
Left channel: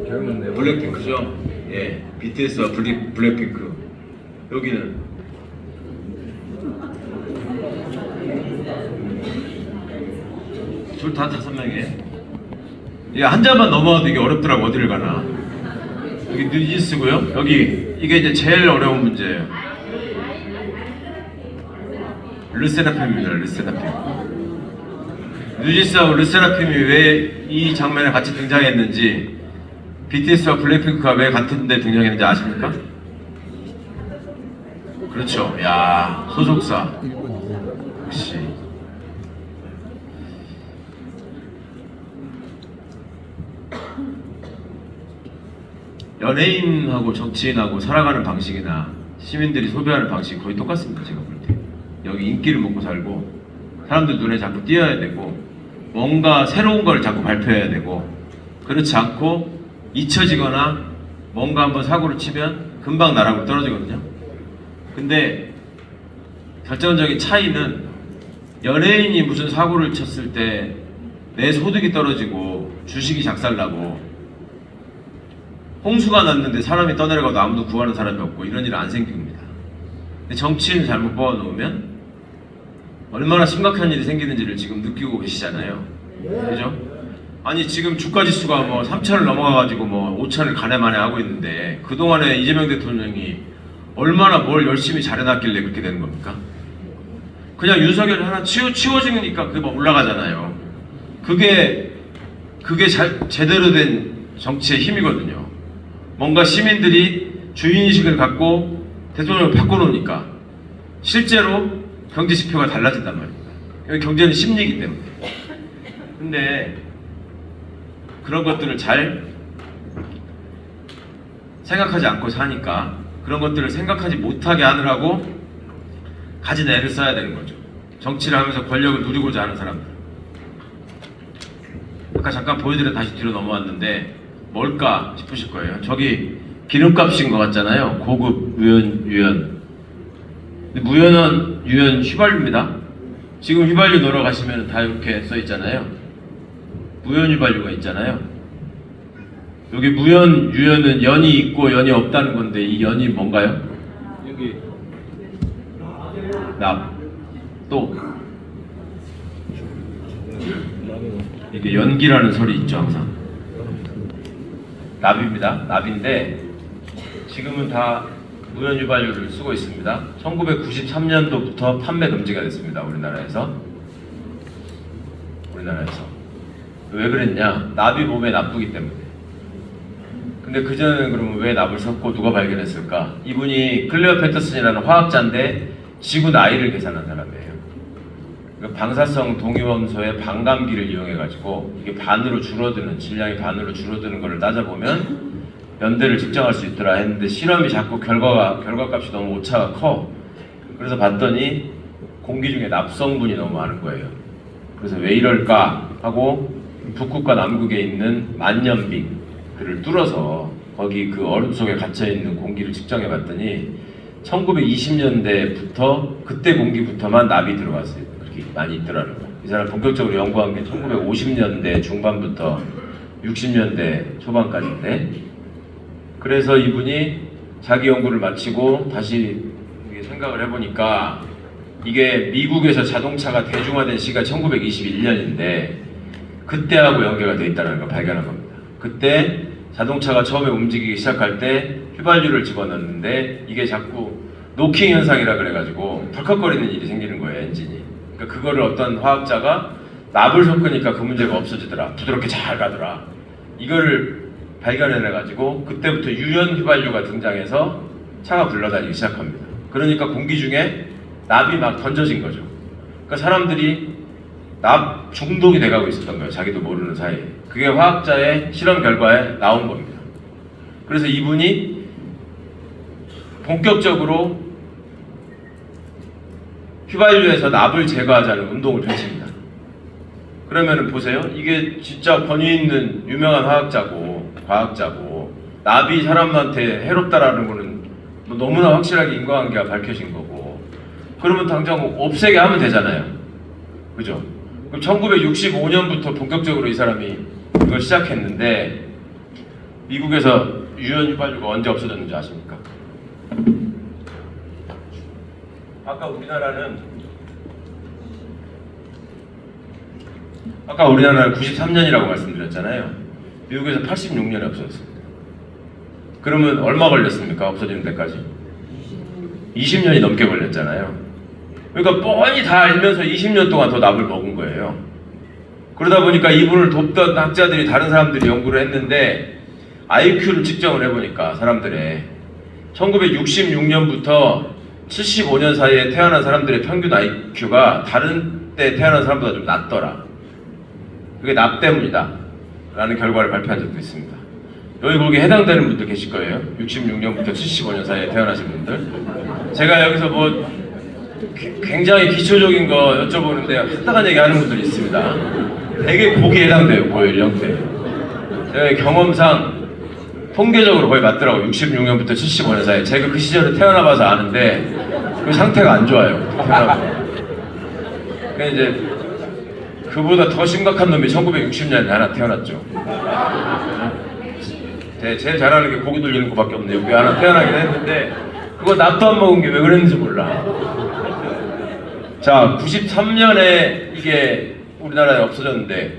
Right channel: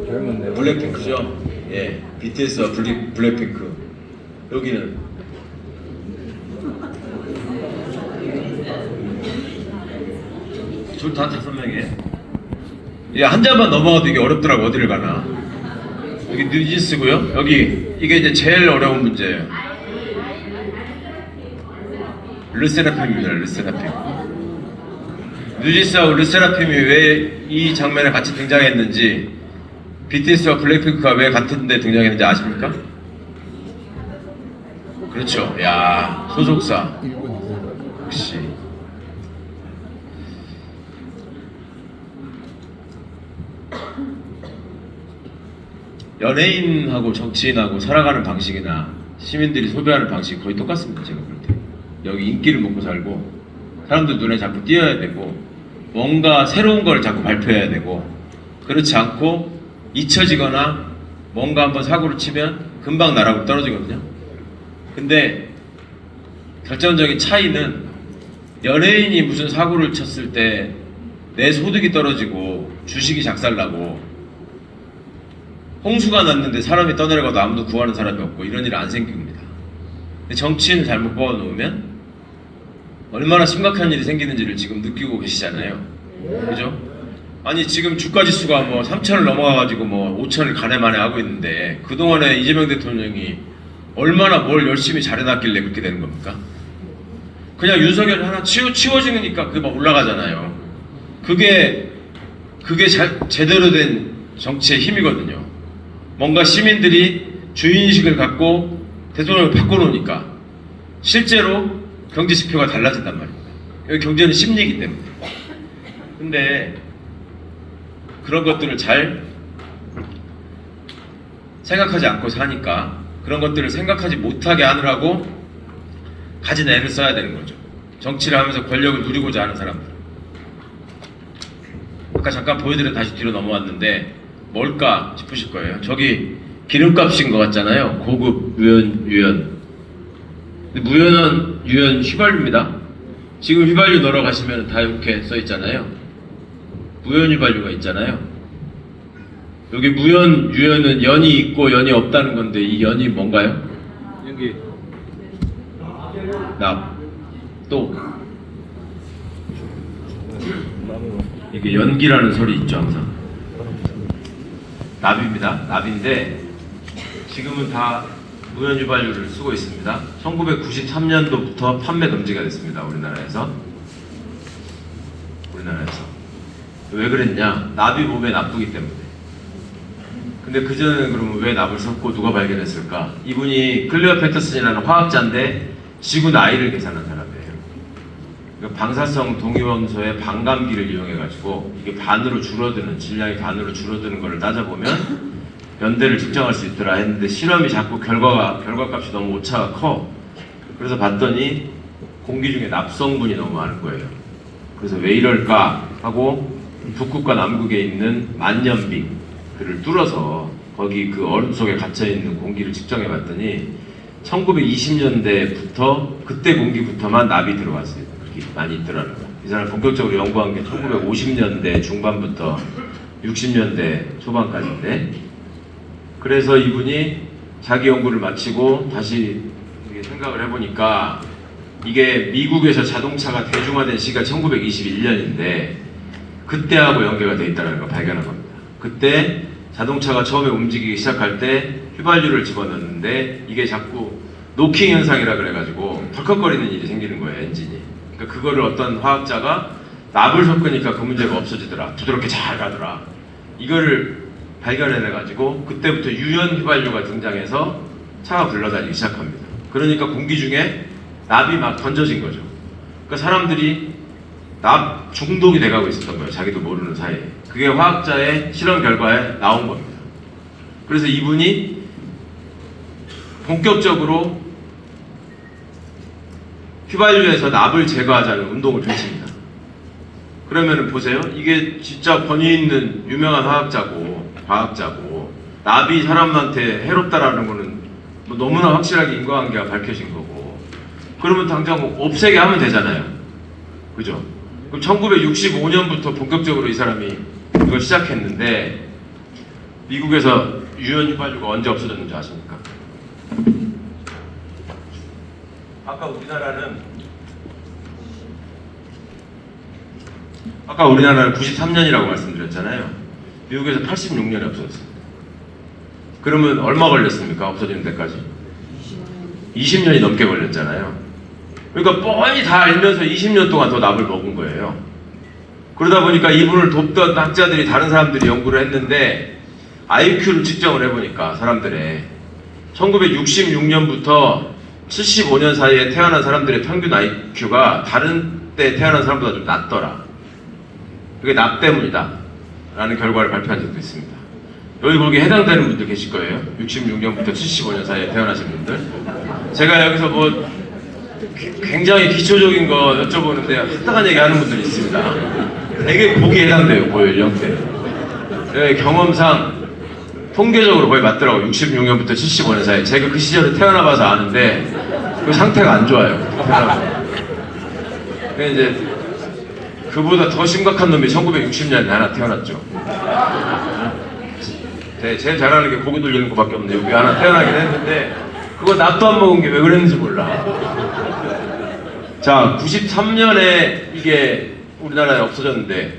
젊은데. 블랙핑크죠? 예, BTS와 블랙핑크. 여기는 다 5명이에요. 예, 한 잔만 넘어가도 이게 어렵더라고. 어디를 가나. 여기 뉴진스고요. 여기 이게 이제 제일 어려운 문제예요. 르세라핌입니다. 르세라핌. 뉴진스하고 르세라핌이 왜 이 장면에 같이 등장했는지, BTS와 블랙핑크가 왜 같은 데 등장했는지 아십니까? 그렇죠. 야, 소속사. 역시. 연예인하고 정치인하고 살아가는 방식이나 시민들이 소비하는 방식이 거의 똑같습니다. 제가 볼 때. 여기 인기를 먹고 살고 사람들 눈에 자꾸 띄어야 되고 뭔가 새로운 걸 자꾸 발표해야 되고, 그렇지 않고 잊혀지거나 뭔가 한번 사고를 치면 금방 나락으로 떨어지거든요. 근데 결정적인 차이는, 연예인이 무슨 사고를 쳤을 때 내 소득이 떨어지고 주식이 작살나고 홍수가 났는데 사람이 떠내려가도 아무도 구하는 사람이 없고 이런 일은 안 생깁니다. 근데 정치인을 잘못 뽑아놓으면 얼마나 심각한 일이 생기는지를 지금 느끼고 계시잖아요. 그죠? 아니 지금 주가 지수가 뭐 3천을 넘어가가지고 뭐 5천을 가네마네 하고 있는데, 그동안에 이재명 대통령이 얼마나 뭘 열심히 잘해놨길래 그렇게 되는 겁니까? 그냥 윤석열 하나 치워주니까 그게 막 올라가잖아요. 그게 제대로 된 정치의 힘이거든요. 뭔가 시민들이 주인의식을 갖고 대통령을 바꿔놓으니까 실제로 경제 지표가 달라진단 말이에요. 여기 경제는 심리이기 때문에. 근데 그런 것들을 잘 생각하지 않고 사니까, 그런 것들을 생각하지 못하게 하느라고 가진 애를 써야 되는 거죠. 정치를 하면서 권력을 누리고자 하는 사람들. 아까 잠깐 보여드려 다시 뒤로 넘어왔는데 뭘까 싶으실 거예요. 저기 기름값인 것 같잖아요. 고급 유연. 근데 무연한 유연 휘발유입니다. 지금 휘발유 넣으러 가시면 다 이렇게 써 있잖아요. 무연 휘발유가 있잖아요. 여기 무연 유연은 연이 있고 연이 없다는 건데, 이 연이 뭔가요? 여기 납. 또 이게 연기라는 설이 있죠, 항상. 납입니다. 납인데 지금은 다 무연 휘발유를 쓰고 있습니다. 1993년도부터 판매 금지가 됐습니다. 우리나라에서. 왜 그랬냐? 납이 몸에 나쁘기 때문에. 근데 그전에는 그러면 왜 납을 섞고 누가 발견했을까? 이분이 클레어 패터슨이라는 화학자인데 지구 나이를 계산한 사람이에요. 그러니까 방사성 동위원소의 반감기를 이용해가지고 이게 반으로 줄어드는, 질량이 반으로 줄어드는 걸 따져보면 연대를 측정할 수 있더라 했는데, 실험이 자꾸 결과값이 너무 오차가 커. 그래서 봤더니 공기 중에 납성분이 너무 많은 거예요. 그래서 왜 이럴까 하고 북극과 남극에 있는 만년빙들을 뚫어서 거기 그 얼음 속에 갇혀있는 공기를 측정해 봤더니 1920년대부터 그때 공기부터만 납이 들어왔어요. 그게 많이 있더라고요. 이 사람 본격적으로 연구한 게 1950년대 중반부터 60년대 초반까지인데, 그래서 이분이 자기 연구를 마치고 다시 생각을 해보니까 이게 미국에서 자동차가 대중화된 시기가 1921년인데 그때하고 연계가 돼 있다는 걸 발견한 겁니다. 그때 자동차가 처음에 움직이기 시작할 때 휘발유를 집어넣는데 이게 자꾸 노킹 현상이라 그래가지고 덜컥거리는 일이 생기는 거예요, 엔진이. 그러니까 그거를 어떤 화학자가 납을 섞으니까 그 문제가 없어지더라, 부드럽게 잘 가더라, 이거를 발견해내가지고 그때부터 유연 휘발유가 등장해서 차가 굴러다니기 시작합니다. 그러니까 공기 중에 납이 막 던져진 거죠. 그러니까 사람들이 납 중독이 돼가고 있었던 거예요, 자기도 모르는 사이에. 그게 화학자의 실험 결과에 나온 겁니다. 그래서 이분이 본격적으로 휘발유에서 납을 제거하자는 운동을 펼칩니다. 그러면은 보세요, 이게 진짜 권위 있는 유명한 과학자고 납이 사람한테 해롭다라는 거는 뭐 너무나 확실하게 인과관계가 밝혀진 거고, 그러면 당장 없애게 하면 되잖아요, 그죠? 그럼 1965년부터 본격적으로 이 사람이 이걸 시작했는데, 미국에서 유연 휘발유가 언제 없어졌는지 아십니까? 아까 우리나라는 93년이라고 말씀드렸잖아요. 미국에서 86년에 없어졌습니다. 그러면 얼마 걸렸습니까? 없어지는 데까지? 20년이 넘게 걸렸잖아요. 그러니까 뻔히 다 알면서 20년 동안 더 납을 먹은 거예요. 그러다 보니까 이분을 돕던 학자들이 다른 사람들이 연구를 했는데 IQ를 측정을 해보니까 사람들의 1966년부터 75년 사이에 태어난 사람들의 평균 IQ가 다른 때 태어난 사람보다 좀 낮더라. 그게 납 때문이다 라는 결과를 발표한 적도 있습니다. 여기 거기에 해당되는 분들 계실 거예요. 66년부터 75년 사이에 태어나신 분들. 제가 여기서 뭐 굉장히 기초적인 거 여쭤보는데 합당한 얘기 하는 분들이 있습니다. 되게 보기에 해당돼요. 고연령대. 네, 경험상 통계적으로 거의 맞더라고요. 66년부터 75년 사이. 제가 그 시절에 태어나봐서 아는데 그 상태가 안 좋아요. 근데 이제 그보다 더 심각한 놈이 1960년에 하나 태어났죠. 네, 제일 잘하는 게 고기 돌리는 거밖에 없는데 여기 하나 태어나긴 했는데 그거 납도 안 먹은 게 왜 그랬는지 몰라. 자, 93년에 이게 우리나라에 없어졌는데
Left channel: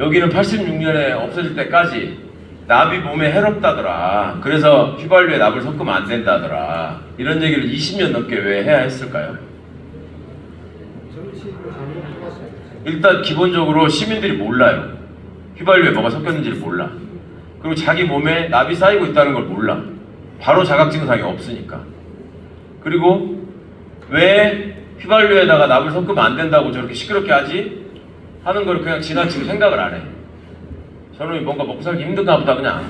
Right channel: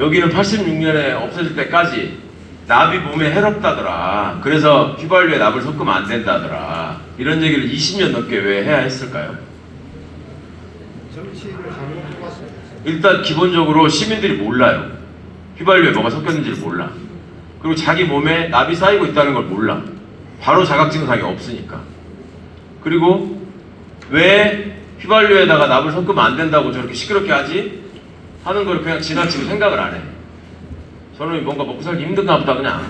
여기는 86년에 없어질 때까지 납이 몸에 해롭다더라. 그래서 휘발유에 납을 섞으면 안 된다더라. 이런 얘기를 20년 넘게 왜 해야 했을까요? 일단 기본적으로 시민들이 몰라요. 휘발유에 뭐가 섞였는지를 몰라. 그리고 자기 몸에 납이 쌓이고 있다는 걸 몰라. 바로 자각증상이 없으니까. 그리고 왜 휘발유에다가 납을 섞으면 안 된다고 저렇게 시끄럽게 하지? 하는 걸 그냥 지나치고 생각을 안 해. 저는 뭔가 먹고 살기 힘든가 보다 그냥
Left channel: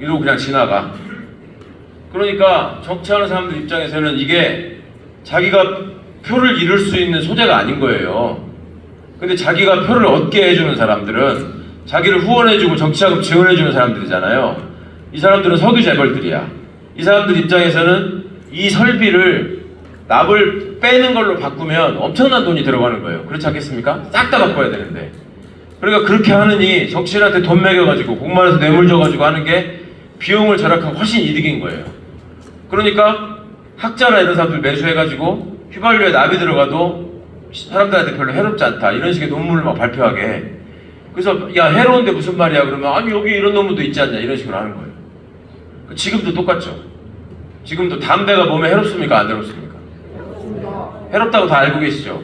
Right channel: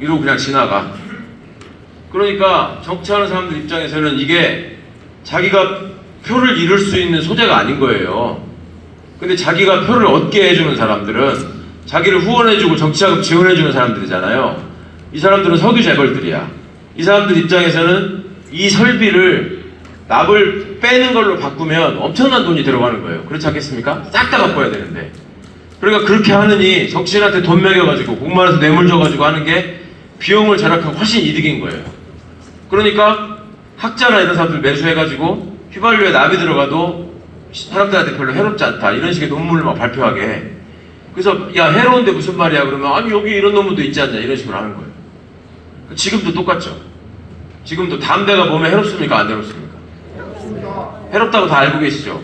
이러고 그냥 지나가. 그러니까 정치하는 사람들 입장에서는 이게 자기가 표를 잃을 수 있는 소재가 아닌 거예요. 근데 자기가 표를 얻게 해주는 사람들은 자기를 후원해주고 정치자금 지원해주는 사람들이잖아요. 이 사람들은 석유 재벌들이야. 이 사람들 입장에서는 이 설비를 납을 빼는 걸로 바꾸면 엄청난 돈이 들어가는 거예요. 그렇지 않겠습니까? 싹 다 바꿔야 되는데. 그러니까 그렇게 하느니 정치인한테 돈 매겨가지고 공만해서 뇌물 줘가지고 하는 게 비용을 절약하고 훨씬 이득인 거예요. 그러니까 학자나 이런 사람들 매수해가지고 휘발유에 납이 들어가도 사람들한테 별로 해롭지 않다 이런 식의 논문을 막 발표하게 해. 그래서 야 해로운데 무슨 말이야 그러면 아니 여기 이런 논문도 있지 않냐 이런 식으로 하는 거예요. 지금도 똑같죠. 지금도 담배가 몸에 해롭습니까 안 해롭습니까? 해롭다고 다 알고 계시죠.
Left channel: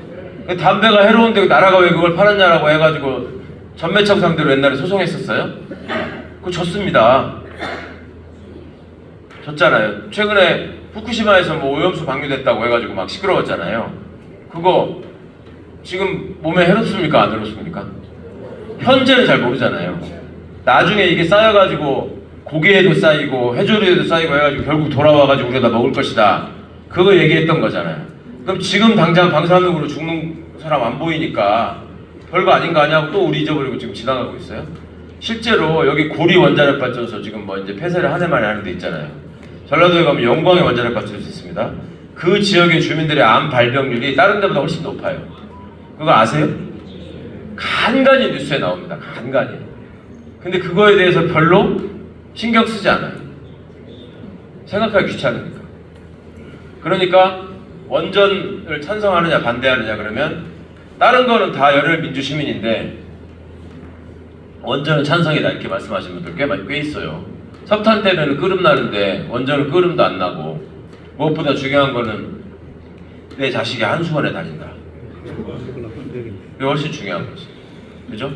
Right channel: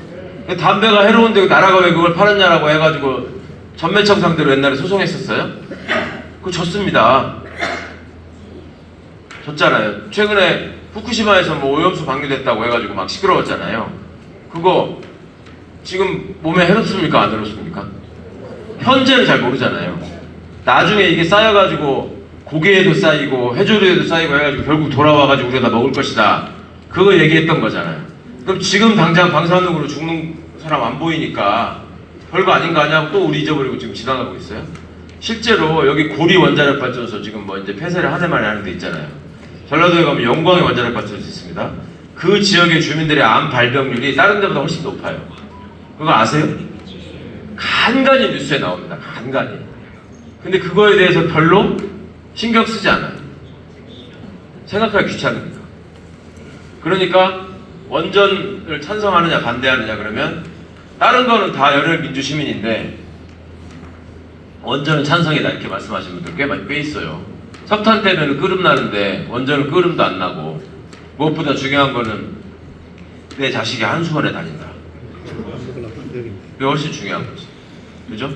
담배가 해로운데 나라가 왜 그걸 파느냐라고 해가지고 전매청 상대로 옛날에 소송했었어요. 그거 졌습니다. 졌잖아요. 최근에 후쿠시마에서 뭐 오염수 방류됐다고 해가지고 막 시끄러웠잖아요. 그거 지금 몸에 해롭습니까 안 해롭습니까? 현재는 잘 모르잖아요. 나중에 이게 쌓여가지고 고기에도 쌓이고 해조류에도 쌓이고 해가지고 결국 돌아와가지고 우리가 다 먹을 것이다. 그거 얘기했던 거잖아요. 그럼 지금 당장 방사능으로 죽는 사람 안 보이니까 별거 아닌 거 아니냐고 또 우리 잊어버리고 지금 지나가고 있어요. 실제로 여기 고리 원자력 발전소 지금 뭐 이제 폐쇄를 한 해 만에 하는 데 있잖아요. 전라도에 가면 영광의 원자력 발전소 있습니다. 그 지역의 주민들의 암 발병률이 다른 데보다 훨씬 높아요. 그거 아세요? 간간히 뉴스에 나옵니다. 간간히. 근데 그거에 대해서 별로 신경 쓰지 않아요. 생각하기 귀찮으니까. 그러니까 원전을 찬성하느냐 반대하느냐 그러면 다른 거는 다 열혈 민주 시민인데 원전은 찬성이다 이렇게 말씀하시는 분들 꽤 있어요. 석탄 때문에 끓음 나는데 원전은 끓음도 안 나고 무엇보다 중요한 거는 내 자식이 한수원에 다닌다. 그게 훨씬 중요한 거지. 그죠?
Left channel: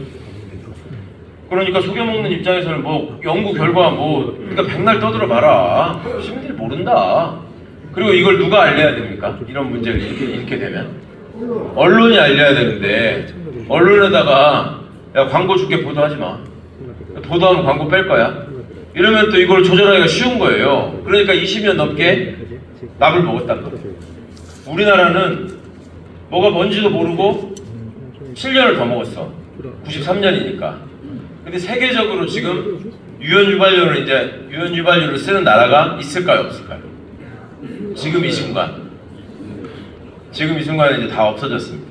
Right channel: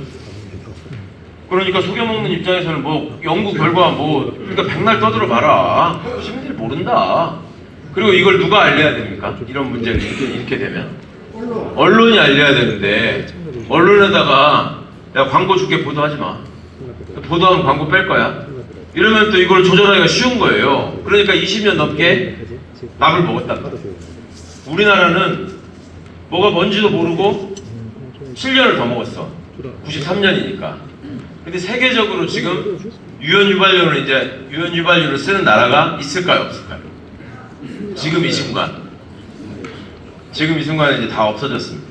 그러니까 속여먹는 입장에서는 뭐 연구 결과 뭐 그러니까 백날 떠들어 봐라. 시민들이 모른다. 그리고 이걸 누가 알려야 됩니까? 이런 문제를 이렇게 되면 언론이 알려야 되는데 언론에다가 야 광고 줄게 보도하지 마. 보도하면 광고 뺄 거야. 이러면 또 이걸 조절하기가 쉬운 거예요. 그러니까 20년 넘게 납을 먹었단 말이에요. 우리나라는 뭐가 뭔지도 모르고 7년을 더 먹었어. 93년이니까. 근데 세계적으로 지금 유연유발유를 쓰는 나라가 있을까요, 없을까요? 지금 이 순간. 지금 이 순간에 이제 다 없어졌습니다.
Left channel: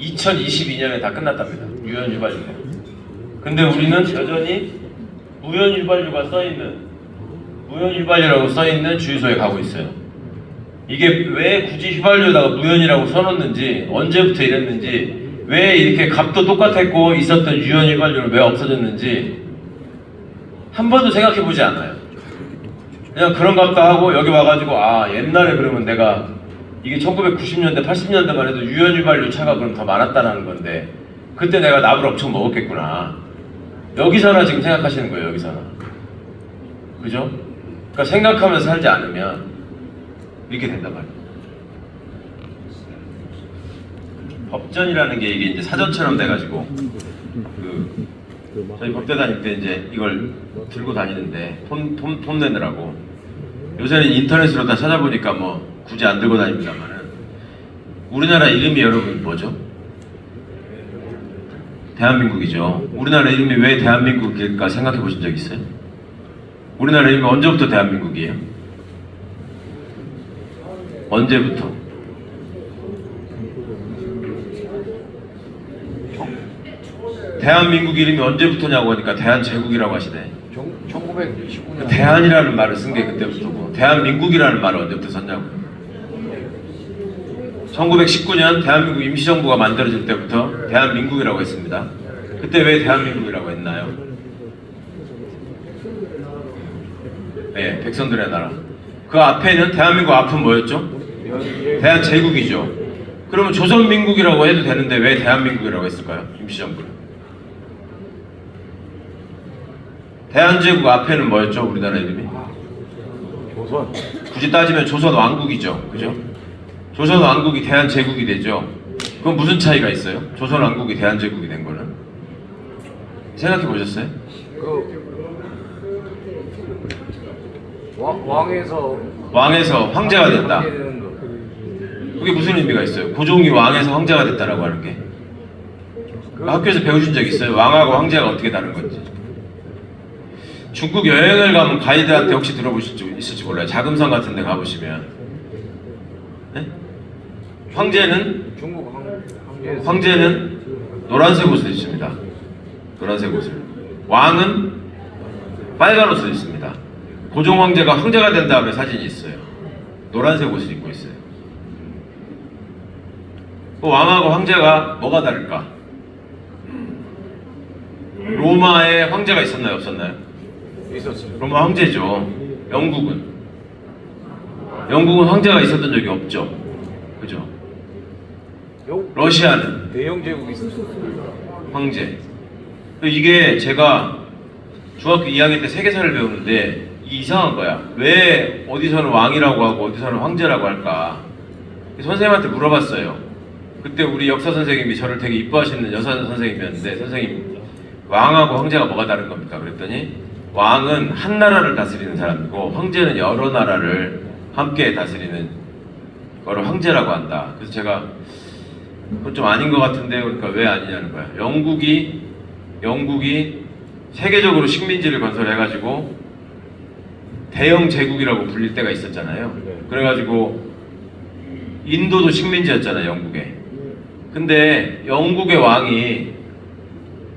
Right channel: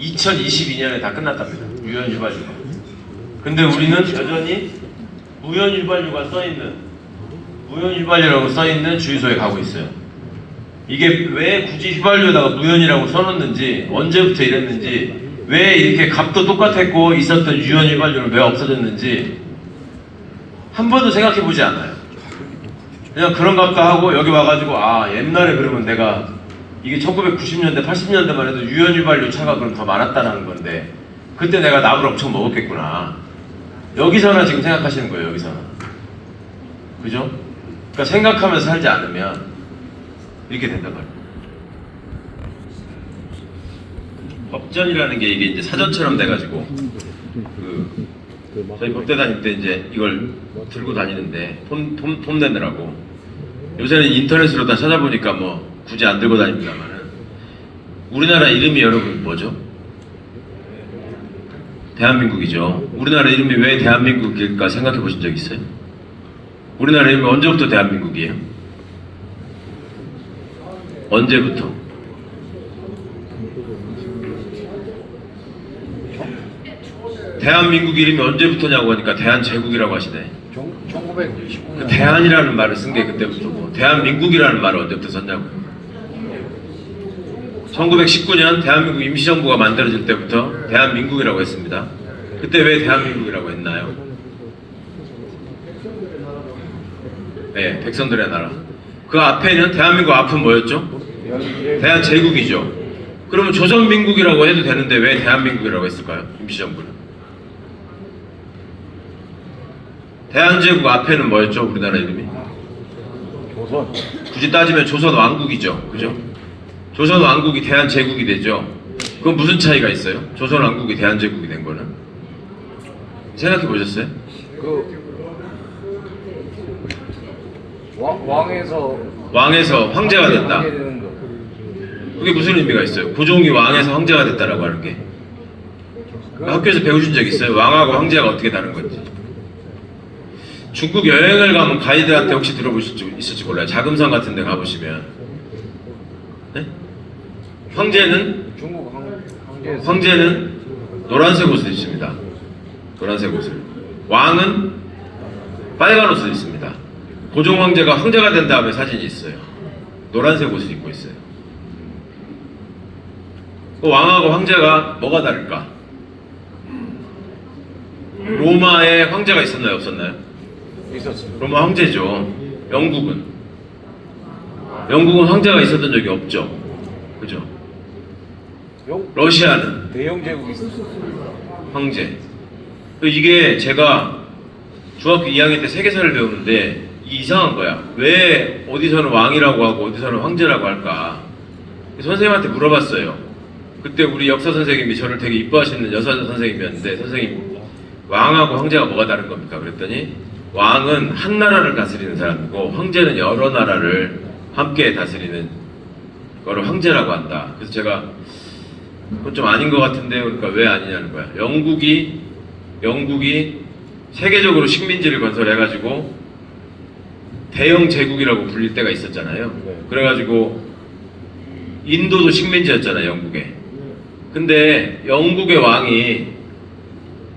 2022년에 다 끝났답니다. 유연유발유가. 근데 우리는 여전히 무연유발유라고 써있는 주유소에 가고 있어요. 이게 왜 굳이 휘발유에다가 무연이라고 써놓는지, 언제부터 이랬는지, 왜 이렇게 값도 똑같았고 있었던 유연휘발유는 왜 없어졌는지 한 번도 생각해보지 않아요. 그냥 그런 값도 하고 여기 와가지고 아 옛날에 그러면 내가 이게 1990년대 80년대만 해도 유연휘발유 차가 그럼 더 많았다는 건데 그때 내가 납을 엄청 먹었겠구나. 여기서나 지금 생각하시는 거예요. 여기서나. 그죠? 그러니까 생각하면서 살지 않으면 이렇게 된단 말이에요. 법전이라는 게 이게 이제 사전처럼 돼가지고 저희 법대 다닐 때 이제 이걸 들고 다니는데 돈 내느라고. 요새는 인터넷으로 다 찾아보니까 뭐 굳이 안 들고 다닙니다만은 우리나라 이름이 여러분 뭐죠? 대한민국이죠. 우리나라 이름이 왜 대한민국일까 생각해 보신 적 있어요? 우리나라 이름이 언제부터 대한민국이에요? 언제부터? 대한민국 이름이 언제부터냐고 하니까 대한제국이라고 하시네. 1919년. 대한이라는 말을 쓴 게 그때부터고 대한민국이라는 말을 언제부터 썼냐고. 1919년 대한민국 임시정부가 만들어질 때부터 대한민국이라고 했습니다. 그때 왜 대한민국이라고 했나요? 네, 백성들의 나라. 그 앞에는 대한민국 앞은 뭐였죠? 대한제국이죠. 그러면 조선민국이라고 해도 되는데 왜 대한민국이라고 했을까요? 임시정부는. 대한제국 앞에는 뭐였죠? 우리나라 이름이? 조선. 굳이 따지면 조선왕국이죠. 그죠? 조선왕국이 대한제국이 되죠. 그건 무슨 차이가 있어요? 조선왕국이 대한제국이 된 거는? 생각해 보셨어요? 그 왕에서 황제가 됐다. 황제 되는 거. 그게 무슨 의미가 있어요? 고종이 왕에서 황제가 됐다라고 하는 게. 학교에서 배우신 적 있어요? 왕하고 황제가 어떻게 다른 건지. 중국 여행을 가면 가이드한테 혹시 들어보실 수 있을지 몰라요. 자금성 같은 데 가보시면. 네? 황제는 노란색 옷을 입습니다. 노란색 옷을. 왕은 빨간 옷을 입습니다. 고종 황제가 황제가 된 다음에 사진이 있어요. 노란색 옷을 입고 있어요. 그 왕하고 황제가 뭐가 다를까? 로마에 황제가 있었나요? 없었나요? 있었습니다. 로마 황제죠. 영국은 황제가 있었던 적이 없죠. 그죠? 러시아는 대영 제국이 있었어요. 황제. 이게 제가 중학교 2학년 때 세계사를 배우는데 이상한 거야. 왜 어디서는 왕이라고 하고 어디서는 황제라고 할까? 선생님한테 물어봤어요. 그때 우리 역사 선생님이 저를 되게 이뻐하시는 여사 선생님이었는데, 선생님 왕하고 황제가 뭐가 다른 겁니까? 그랬더니 왕은 한 나라를 다스리는 사람이고 황제는 여러 나라를 함께 다스리는 거를 황제라고 한다. 그래서 제가 그건 좀 아닌 것 같은데, 그러니까 왜 아니냐는 거야. 영국이 세계적으로 식민지를 건설해가지고 대영 제국이라고 불릴 때가 있었잖아요. 네. 그래가지고 인도도 식민지였잖아요, 영국에. 근데 영국의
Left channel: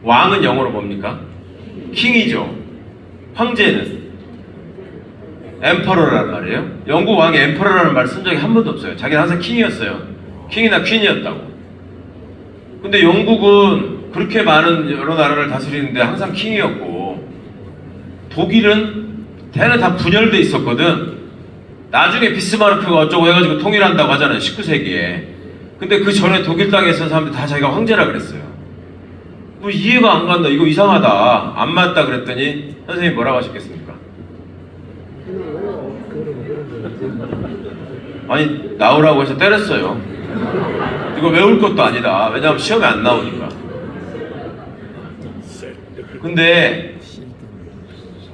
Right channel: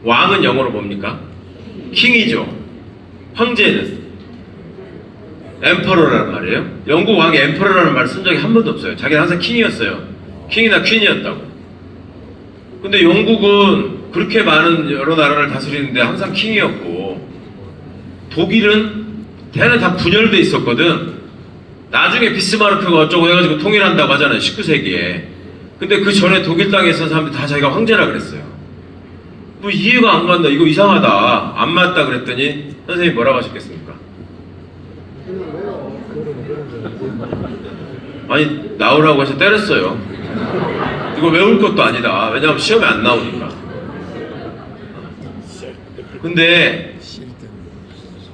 왕은 영어로 뭡니까? 킹이죠. 황제는 엠퍼러라는 말이에요. 영국 왕이 엠퍼러라는 말을 쓴 적이 한 번도 없어요. 자기는 항상 킹이었어요. 킹이나 퀸이었다고. 근데 영국은 그렇게 많은 여러 나라를 다스리는데 항상 킹이었고, 독일은 대는 다 분열돼 있었거든. 나중에 비스마르크가 어쩌고 해가지고 통일한다고 하잖아요, 19세기에. 근데 그 전에 독일 땅에 있던 사람들 다 자기가 황제라 그랬어요. 뭐 이해가 안 간다, 이거 이상하다, 안 맞다 그랬더니 선생님이 뭐라고 하셨겠습니까? 아니, 나오라고 해서 때렸어요. 이거 외울 것도 아니다. 왜냐하면 시험에 안 나오니까. 근데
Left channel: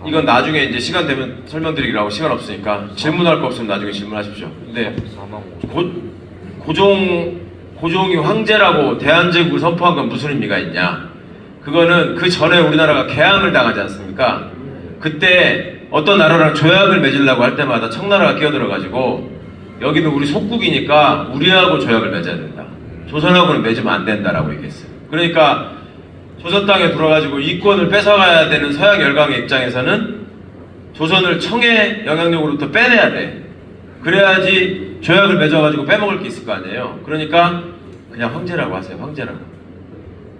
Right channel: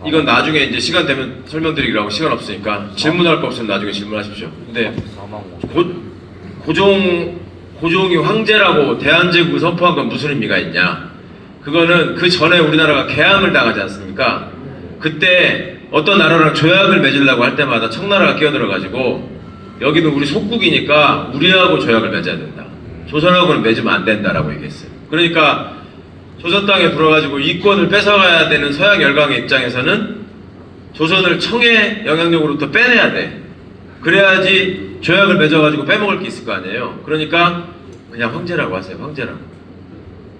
이건 나중에 이제 시간 되면 설명드리기로 하고, 시간 없으니까 질문할 거 없으면 나중에 질문하십시오. 근데 고종이 황제라고 대한제국을 선포한 건 무슨 의미가 있냐? 그거는 그 전에 우리나라가 개항을 당하지 않습니까? 그때 어떤 나라랑 조약을 맺으려고 할 때마다 청나라가 끼어들어가지고, 여기는 우리 속국이니까 우리하고 조약을 맺어야 된다. 조선하고는 맺으면 안 된다라고 얘기했어요. 그러니까 조선 땅에 들어가지고 이권을 뺏어가야 되는 서양 열강의 입장에서는 조선을 청의 영향력으로부터 빼내야 돼. 그래야지 조약을 맺어가지고 빼먹을 게 있을 거 아니에요. 그러니까 그냥 황제라고 하세요. 황제라고.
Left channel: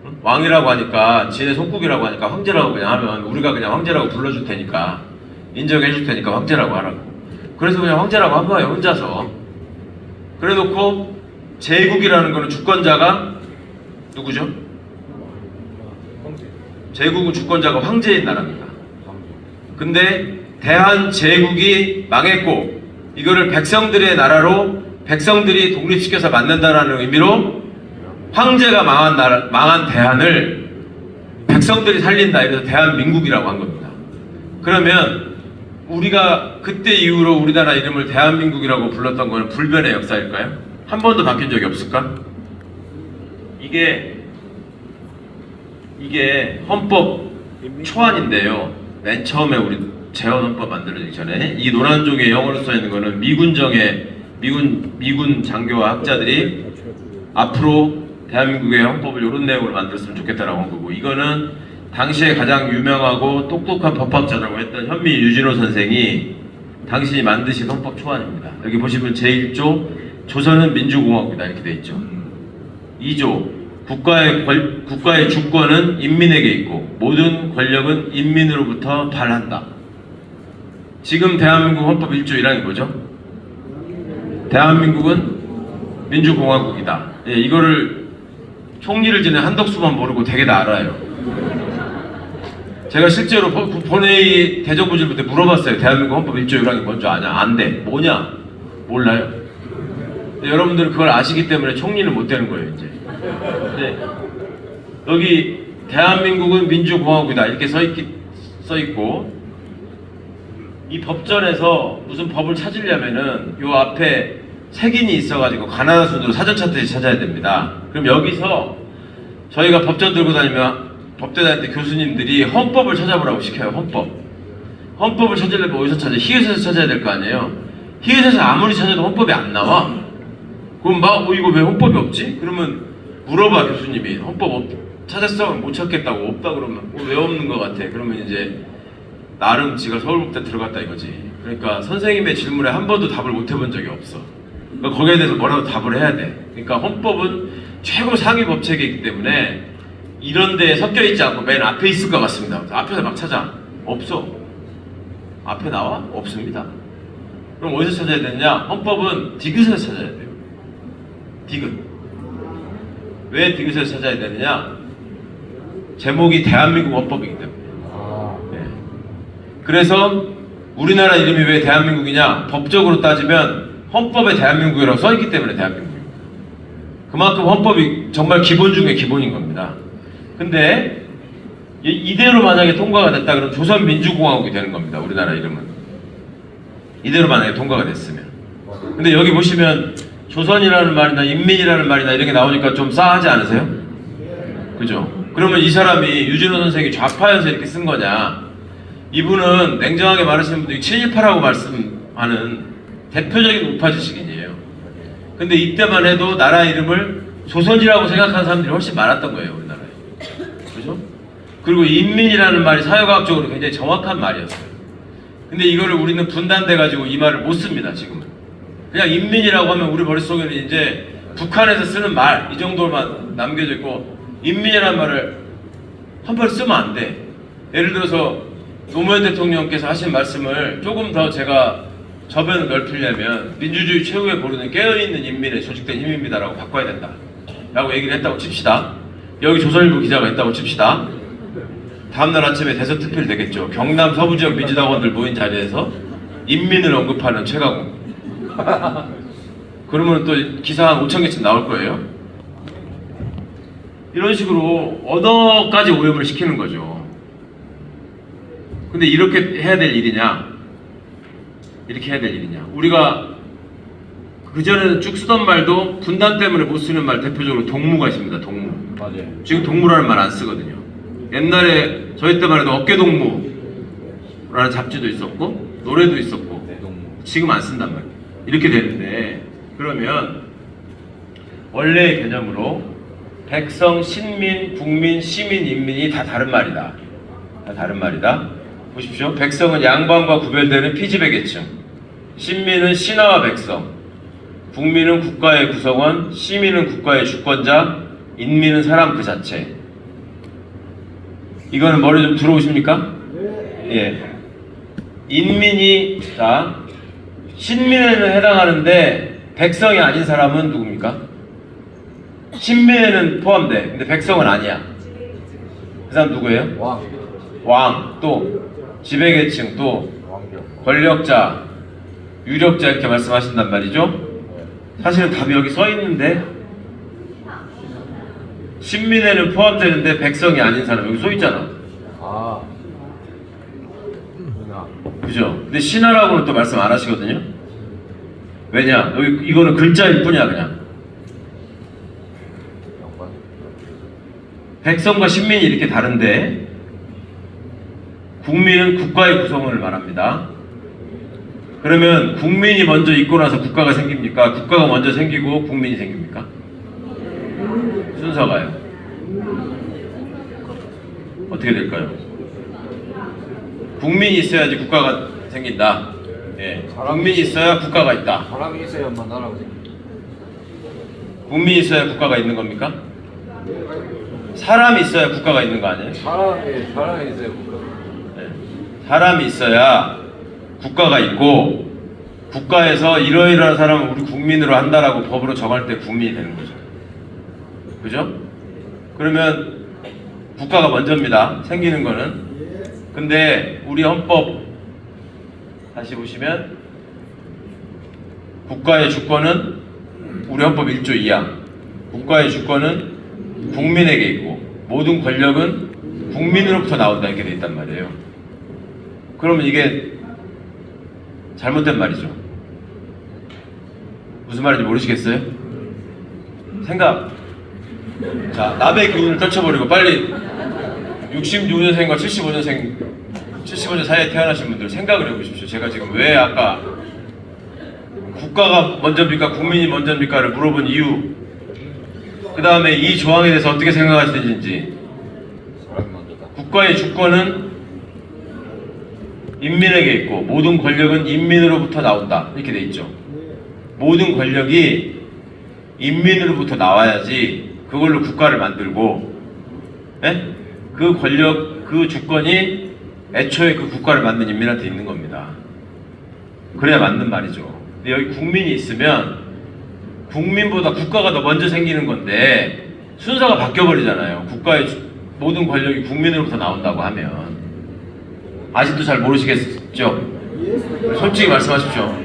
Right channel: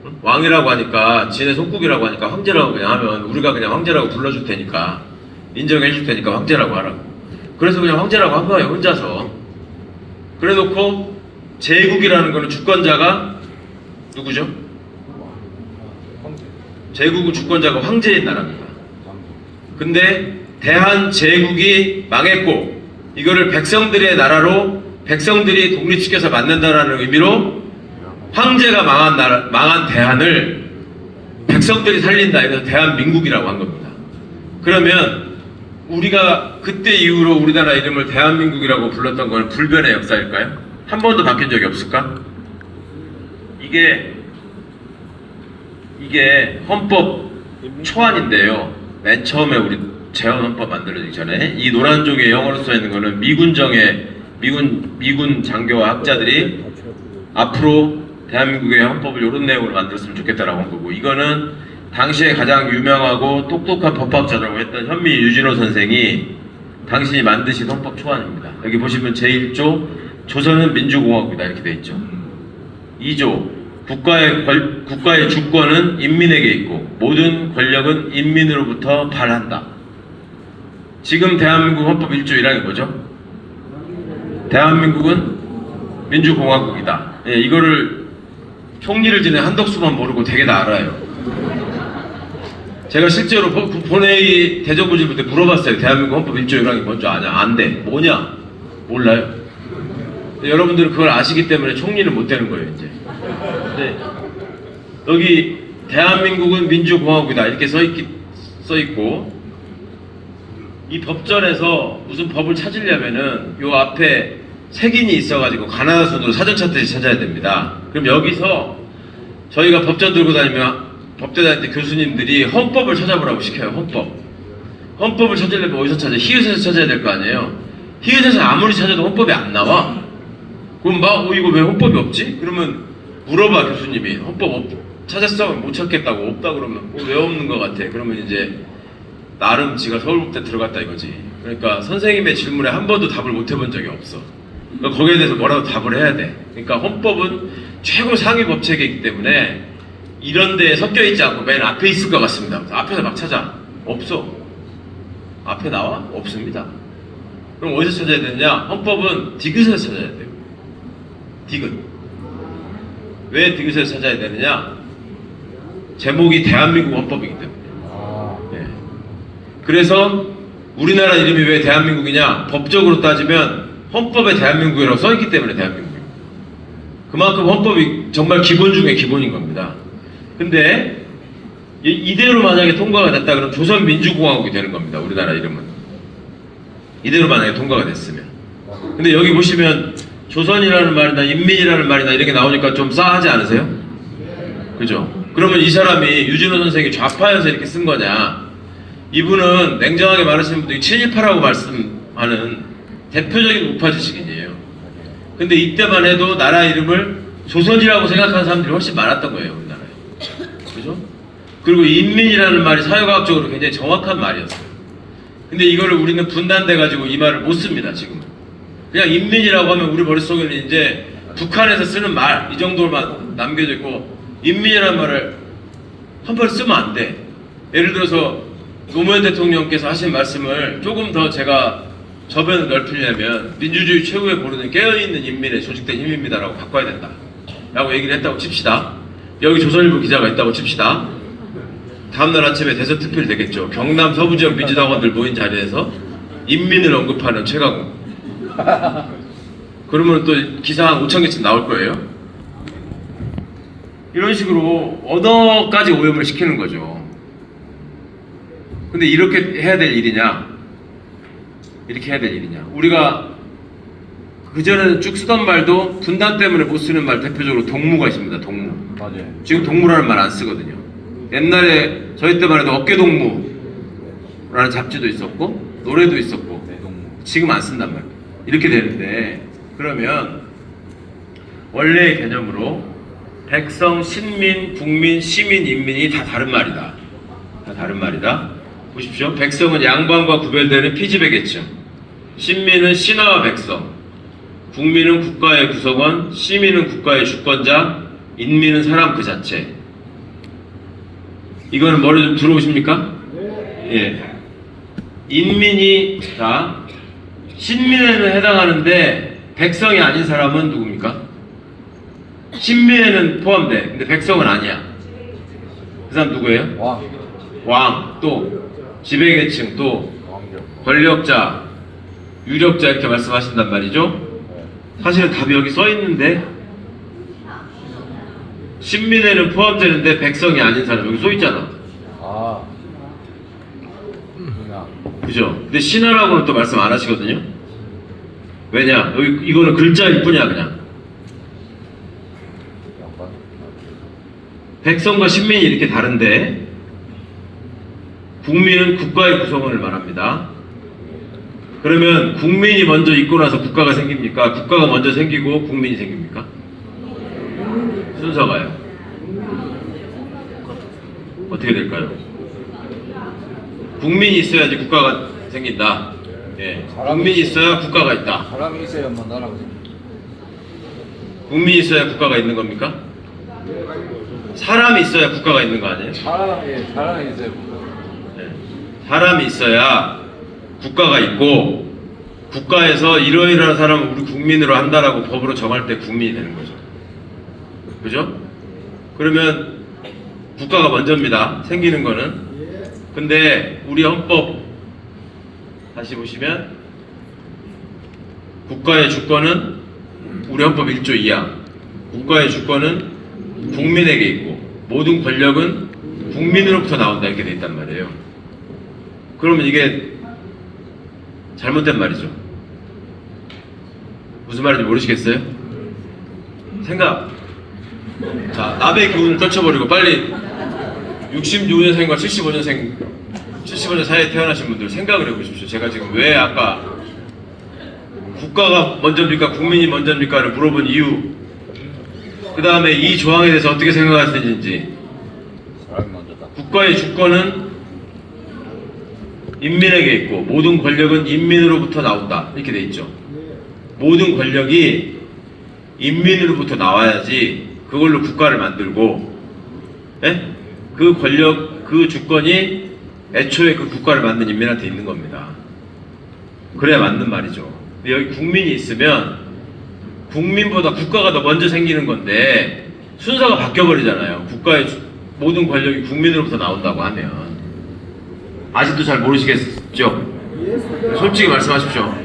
응? 왕이라고 하니까, 지네 속국이라고 하니까 황제라고 그냥 하면 우리가 그냥 황제라고 불러줄 테니까, 인정해 줄 테니까 황제라고 하라고. 그래서 그냥 황제라고 한 거예요, 혼자서. 그래 놓고 제국이라는 거는 주권자가 누구죠? 제국은 주권자가 황제인 나라입니다. 근데 대한제국이 망했고 이거를 백성들의 나라로 백성들이 독립시켜서 만든다는 의미로 황제가 망한 대한을 백성들이 살린다. 이래서 대한민국이라고 한 겁니다. 그러면 우리가 그때 이후로 우리나라 이름을 대한민국이라고 불렀던 건 불변의 역사일까요? 한 번도 바뀐 적이 없을까? 이게 헌법 초안인데요. 맨 처음에 우리 재헌헌법 만들어지기 전에 이 노란 쪽에 영어로 써 있는 거는 미군 장교와 학자들이 앞으로 대한민국의 헌법을 이런 내용으로 만들었으면 좋겠다라고 한 거고, 이거는 당시에 가장 유명하고 똑똑한 법학자라고 했던 현미 유진호 선생이 당신이 만드신 헌법 초안입니다. 여기 보시면 제1조 조선은 민주공화국이다 이렇게 돼 있죠. 2조 국가의 주권은 인민에게 있고 모든 권력은 인민으로부터 발한다. 지금 대한민국 헌법 1조 1항이 뭐죠? 대한민국은 민주공화국이다. 예, 이거를 총리를 지낸 한덕수만 모르고 되게 다 알아요. 제가 실제로 본회의 대정부질문 때 물어봤어요. 대한민국 헌법 1조 1항이 뭔지 아냐? 안 돼. 뭐냐? 몰라요? 여러분들은 그걸 아시기 때문에 총리는 못 되는 거예요, 이제. 네. 여기 대한민국은 민주공화국이다 이렇게 써있고, 이 법전에서 무슨 법을 찾으려면은 요 앞에 색인이 있어가지고 가나다 순으로 사전 찾듯이 찾아야 됩니다. 그럼 여기서 저희가 법전 들고 다니면 법대 다닐 때 교수님들이 헌법을 찾아보라고 시켜요. 헌법을 찾으려면 어디서 찾아? 히읗에서 찾아야 될 거 아니에요. 히읗에서 아무리 찾아도 헌법이 안 나와. 그럼 막 이거 왜 헌법이 없지? 그러면 물어봐 교수님이. 헌법 찾았어? 못 찾겠다고. 없다 그러면 왜 없는 것 같아? 그러면 이제 나름 지가 서울국대 들어갔다 이거지. 그러니까 선생님의 질문에 한 번도 답을 못 해본 적이 없어. 그러니까 거기에 대해서 뭐라도 답을 해야 돼. 그러니까 헌법은 최고 상위 법체계이기 때문에 이런 데에 섞여 있지 않고 맨 앞에 있을 것 같습니다. 앞에서 막 찾아. 없어. 앞에 나와? 없습니다. 그럼 어디서 찾아야 되느냐? 헌법은 디귿에서 찾아야 돼요. 디귿. 왜 디귿에서 찾아야 되느냐? 제목이 대한민국 헌법이기 때문에. 네. 그래서 우리나라 이름이 왜 대한민국이냐? 법적으로 따지면 헌법에 대한민국이라고 써있기 때문에 대한민국. 그만큼 헌법이 정말 기본 중에 기본인 겁니다. 근데 이대로 만약에 통과가 됐다 그러면 조선민주공화국이 되는 겁니다. 우리나라 이름은. 이대로 만약에 통과가 됐으면. 근데 여기 보시면 조선이라는 말이나 인민이라는 말이나 이렇게 나오니까 좀 싸하지 않으세요? 그죠? 그러면 이 사람이 유진호 선생이 좌파여서 이렇게 쓴 거냐? 이분은 냉정하게 말하시는 분들이 친일파라고 말씀하는 대표적인 우파 지식인이에요. 근데 이때만 해도 나라 이름을 조선이라고 생각하는 사람들이 훨씬 많았던 거예요, 우리나라에. 그죠? 그리고 인민이라는 말이 사회과학적으로 굉장히 정확한 말이었어요. 근데 이거를 우리는 분단돼가지고 이 말을 못 씁니다, 지금. 그냥 인민이라고 하면 우리 머릿속에는 이제 북한에서 쓰는 말, 이 정도만 남겨져 있고, 인민이라는 말을 한 번 쓰면 안 돼. 예를 들어서 노무현 대통령께서 하신 말씀을 조금 더 제가 저변을 넓히려면 민주주의 최후의 보루는 깨어있는 인민의 조직된 힘입니다라고 바꿔야 된다 라고 얘기를 했다고 칩시다. 여기 조선일보 기자가 있다고 칩시다. 다음날 아침에 대서특필 되겠죠. 경남 서부지역 민주당원들 모인 자리에서 인민을 언급하는 최강욱. 그러면 또 기사 한 5,000개쯤 나올 거예요. 이런 식으로 언어까지 오염을 시키는 거죠. 근데 이렇게 해야 될 일이냐? 이렇게 해야 될 일이냐? 우리가 그전에는 쭉 쓰던 말도 분단 때문에 못 쓰는 말 대표적으로 동무가 있습니다. 동무. 맞아요. 지금 동무라는 말 안 쓰거든요. 옛날에 저희 때만 해도 어깨동무라는 잡지도 있었고 노래도 있었고 지금 안 쓴단 말이에요. 이렇게 되는데 그러면 원래의 개념으로 백성, 신민, 국민, 시민, 인민이 다 다른 말이다. 다 다른 말이다. 보십시오. 백성은 양반과 구별되는 피지배 계층, 신민은 신하와 백성, 국민은 국가의 구성원, 시민은 국가의 주권자, 인민은 사람 그 자체. 이거는 머리 좀 들어오십니까? 예. 인민이 자 신민에는 해당하는데 백성이 아닌 사람은 누굽니까? 신민에는 포함돼. 근데 백성은 아니야. 그 사람 누구예요? 왕. 왕, 또 지배계층, 또 왕정. 권력자, 유력자 이렇게 말씀하신단 말이죠. 사실은 답이 여기 써 있는데 신민에는 포함되는데 백성이 아닌 사람 여기 써 있잖아. 아. 그냥. 그죠? 근데 신하라고는 또 말씀 안 하시거든요. 왜냐? 여기 이거는 글자일 뿐이야 그냥. 양반. 백성과 신민이 이렇게 다른데 국민은 국가의 구성원을 말합니다. 그러면 국민이 먼저 있고 나서 국가가 생깁니까? 국가가 먼저 생기고 국민이 생깁니까? 순서가요. 어떻게 될까요? 국민이 있어야지 국가가 생긴다. 네. 국민이 있어야 국가가 있다. 사람이 있어야만 나라가 생겨. 국민이 있어야 국가가 있는 겁니까? 사람이 있어야 국가가 있는 거 아니에요? 사람이 있어야 사람이 있어야 국가가 있고 국가에서 이러이러한 사람을 우리 국민으로 한다라고 법으로 정할 때 국민이 되는 거죠. 그죠? 그러면 국가가 먼저입니다. 생기는 거는. 근데 우리 헌법 다시 보시면 국가의 주권은 우리 헌법 1조 2항 국가의 주권은 국민에게 있고 모든 권력은 국민으로부터 나온다 이렇게 돼 있단 말이에요. 그러면 이게 잘못된 말이죠. 무슨 말인지 모르시겠어요? 생각. 자, 남의 교훈을 떨쳐버리고 빨리 66년생과 75년생 사이에 태어나신 분들 생각을 해보십시오. 제가 지금 왜 아까 국가가 먼저입니까? 국민이 먼저입니까?를 물어본 이유, 그 다음에 이 조항에 대해서 어떻게 생각하시는지. 사람이 먼저다. 국가의 주권은 인민에게 있고 모든 권력은 인민으로부터 나온다 이렇게 돼 있죠. 모든 권력이 인민으로부터 나와야지 그걸로 국가를 만들고, 예? 그 권력, 그 주권이 애초에 그 국가를 만든 인민한테 있는 겁니다. 그래야 맞는 말이죠. 근데 여기 국민이 있으면 국민보다 국가가 더 먼저 생기는 건데 순서가 바뀌어버리잖아요. 국가의 모든 권력이 국민으로부터 나온다고 하면. 아직도 잘 모르시겠죠? 솔직히 말씀하십시오.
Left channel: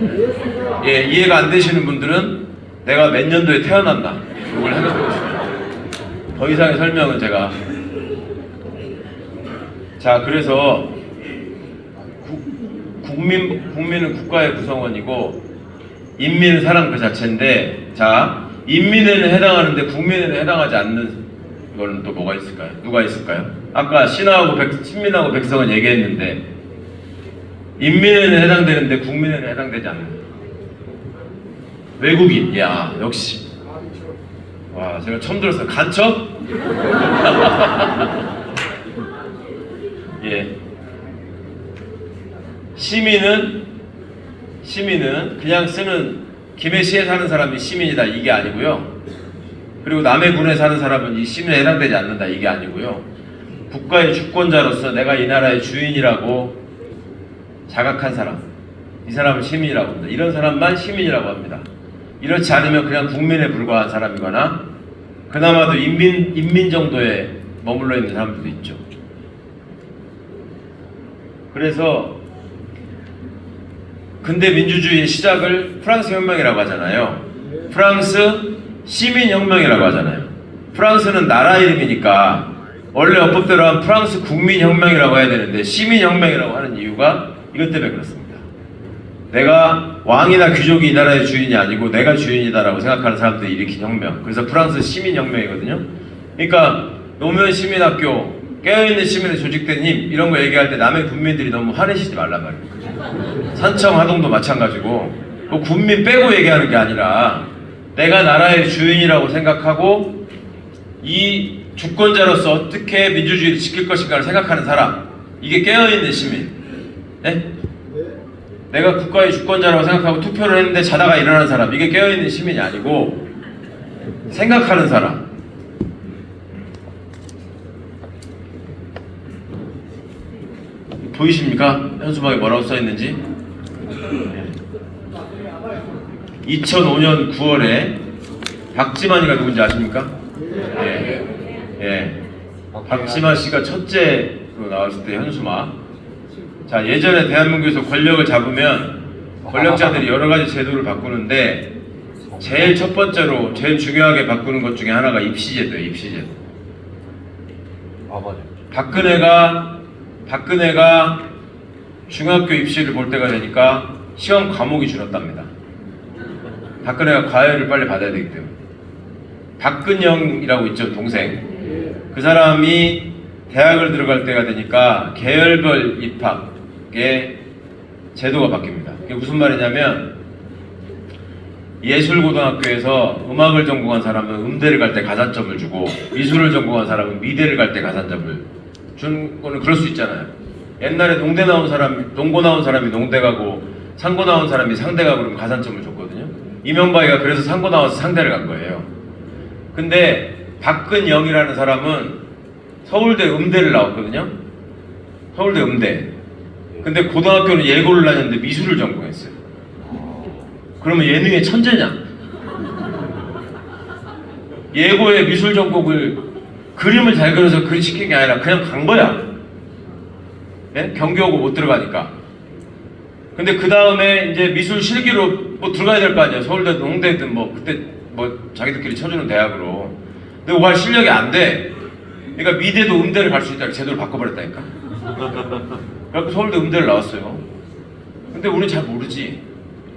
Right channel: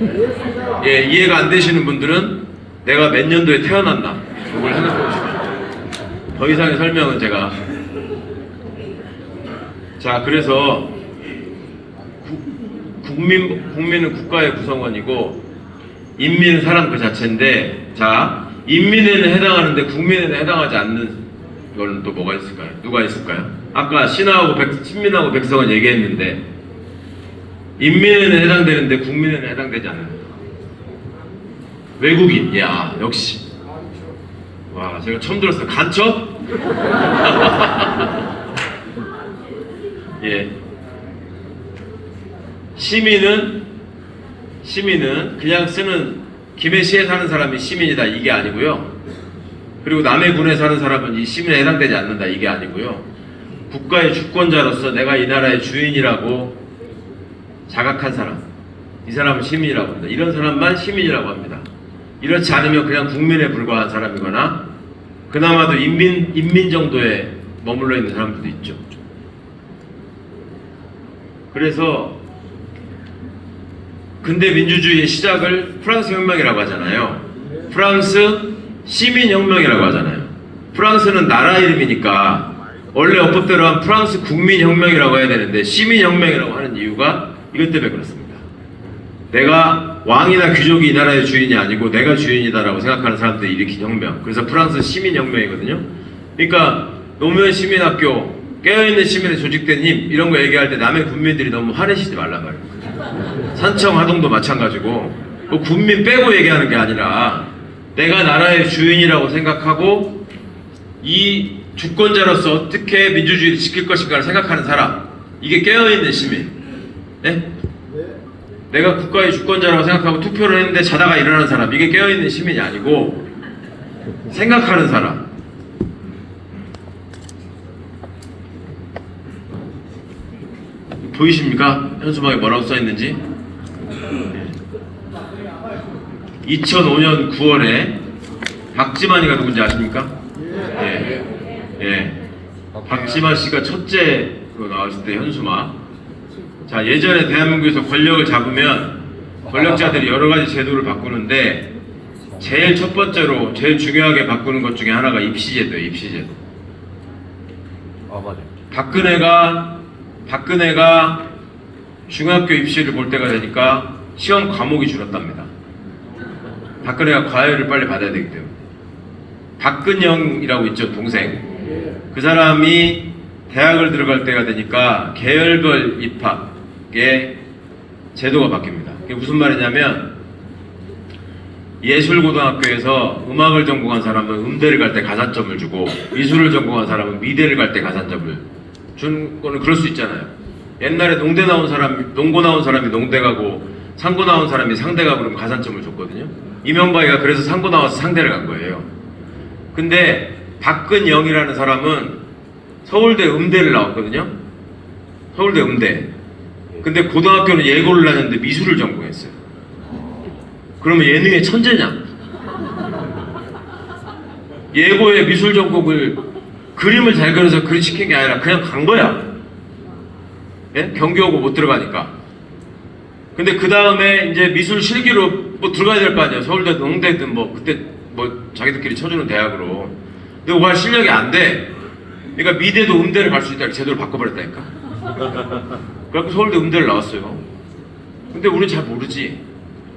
예, 이해가 안 되시는 분들은 내가 몇 년도에 태어났나 이걸 생각해보십시오. 더 이상의 설명은 제가. 자, 그래서 국민은 국가의 구성원이고 인민은 사람 그 자체인데, 자, 인민에는 해당하는데 국민에는 해당하지 않는 이거는 또 뭐가 있을까요? 누가 있을까요? 아까 신민하고 백성은 얘기했는데 인민에는 해당되는데 국민에는 해당되지 않는 외국인. 야, 역시. 와, 제가 처음 들었어요. 간첩? 예. 시민은 그냥 쓰는 김해시에 사는 사람이 시민이다 이게 아니고요. 그리고 남해 군에 사는 사람은 이 시민에 해당되지 않는다 이게 아니고요. 국가의 주권자로서 내가 이 나라의 주인이라고 자각한 사람, 이 사람을 시민이라고 합니다. 이런 사람만 시민이라고 합니다. 이렇지 않으면 그냥 국민에 불과한 사람이거나 그나마도 인민 정도에 머물러 있는 사람들도 있죠. 그래서 근대 민주주의의 시작을 프랑스 혁명이라고 하잖아요. 프랑스 시민혁명이라고 하잖아요. 프랑스는 나라 이름이니까 원래 어법대로 한 프랑스 국민혁명이라고 해야 되는데 시민혁명이라고 하는 이유가 이것 때문에 그렇습니다. 내가 왕이나 귀족이 이 나라의 주인이 아니고 내가 주인이다라고 생각하는 사람들이 일으킨 혁명. 그래서 프랑스 시민혁명이거든요. 그러니까 노무현 시민학교, 깨어있는 시민의 조직된 힘 이런 거 얘기할 때 남의 군민들이 너무 화내시지 말란 말이에요. 산청 하동도 마찬가지고 뭐 군민 빼고 얘기하는 게 아니라 내가 나라의 주인이라고 생각하고 이 주권자로서 어떻게 민주주의를 지킬 것인가를 생각하는 사람, 이게 깨어있는 시민. 네? 내가 국가의 주권자라고 생각하고 투표를 했는데 자다가 일어나는 사람, 이게 깨어있는 시민이 아니고 생각하는 사람. 보이십니까? 현수막에 뭐라고 써있는지? 2005년 9월에 박지만이가 누군지 아십니까? 예. 예. 박지만 씨가 첫째로 나왔을 때 현수막. 자, 예전에 대한민국에서 권력을 잡으면 권력자들이 여러 가지 제도를 바꾸는데 제일 첫 번째로 제일 중요하게 바꾸는 것 중에 하나가 입시제도예요. 입시제도. 아 맞아. 박근혜가 중학교 입시를 볼 때가 되니까 시험 과목이 줄었답니다. 박근혜가 과외를 빨리 받아야 되기 때문에. 박근영이라고 있죠, 동생. 그 사람이 대학을 들어갈 때가 되니까 계열별 입학의 제도가 바뀝니다. 그게 무슨 말이냐면 예술고등학교에서 음악을 전공한 사람은 음대를 갈 때 가산점을 주고 미술을 전공한 사람은 미대를 갈 때 가산점을 준 거는 그럴 수 있잖아요. 옛날에 농고 나온 사람이 농대 가고 상고 나온 사람이 상대 가고 그러면 가산점을 줬거든요. 이명박이가 그래서 상고 나와서 상대를 간 거예요. 근데 박근영이라는 사람은 서울대 음대를 나왔거든요. 서울대 음대. 근데 고등학교는 예고를 다녔는데 미술을 전공했어요. 그러면 예능의 천재냐? 예고에 미술 전공을 그림을 잘 그려서 그리 시킨 게 아니라 그냥 간 거야. 예? 경기 오고 못 들어가니까. 근데 그 다음에 이제 미술 실기로 뭐 들어가야 될 거 아니에요. 서울대, 농대든 뭐 그때 뭐 자기들끼리 쳐주는 대학으로. 근데 그거 할 실력이 안 돼. 그러니까 미대도 음대를 갈 수 있다고 제도를 바꿔버렸다니까. 그래갖고 서울대 음대를 나왔어요. 근데 우리는 잘 모르지.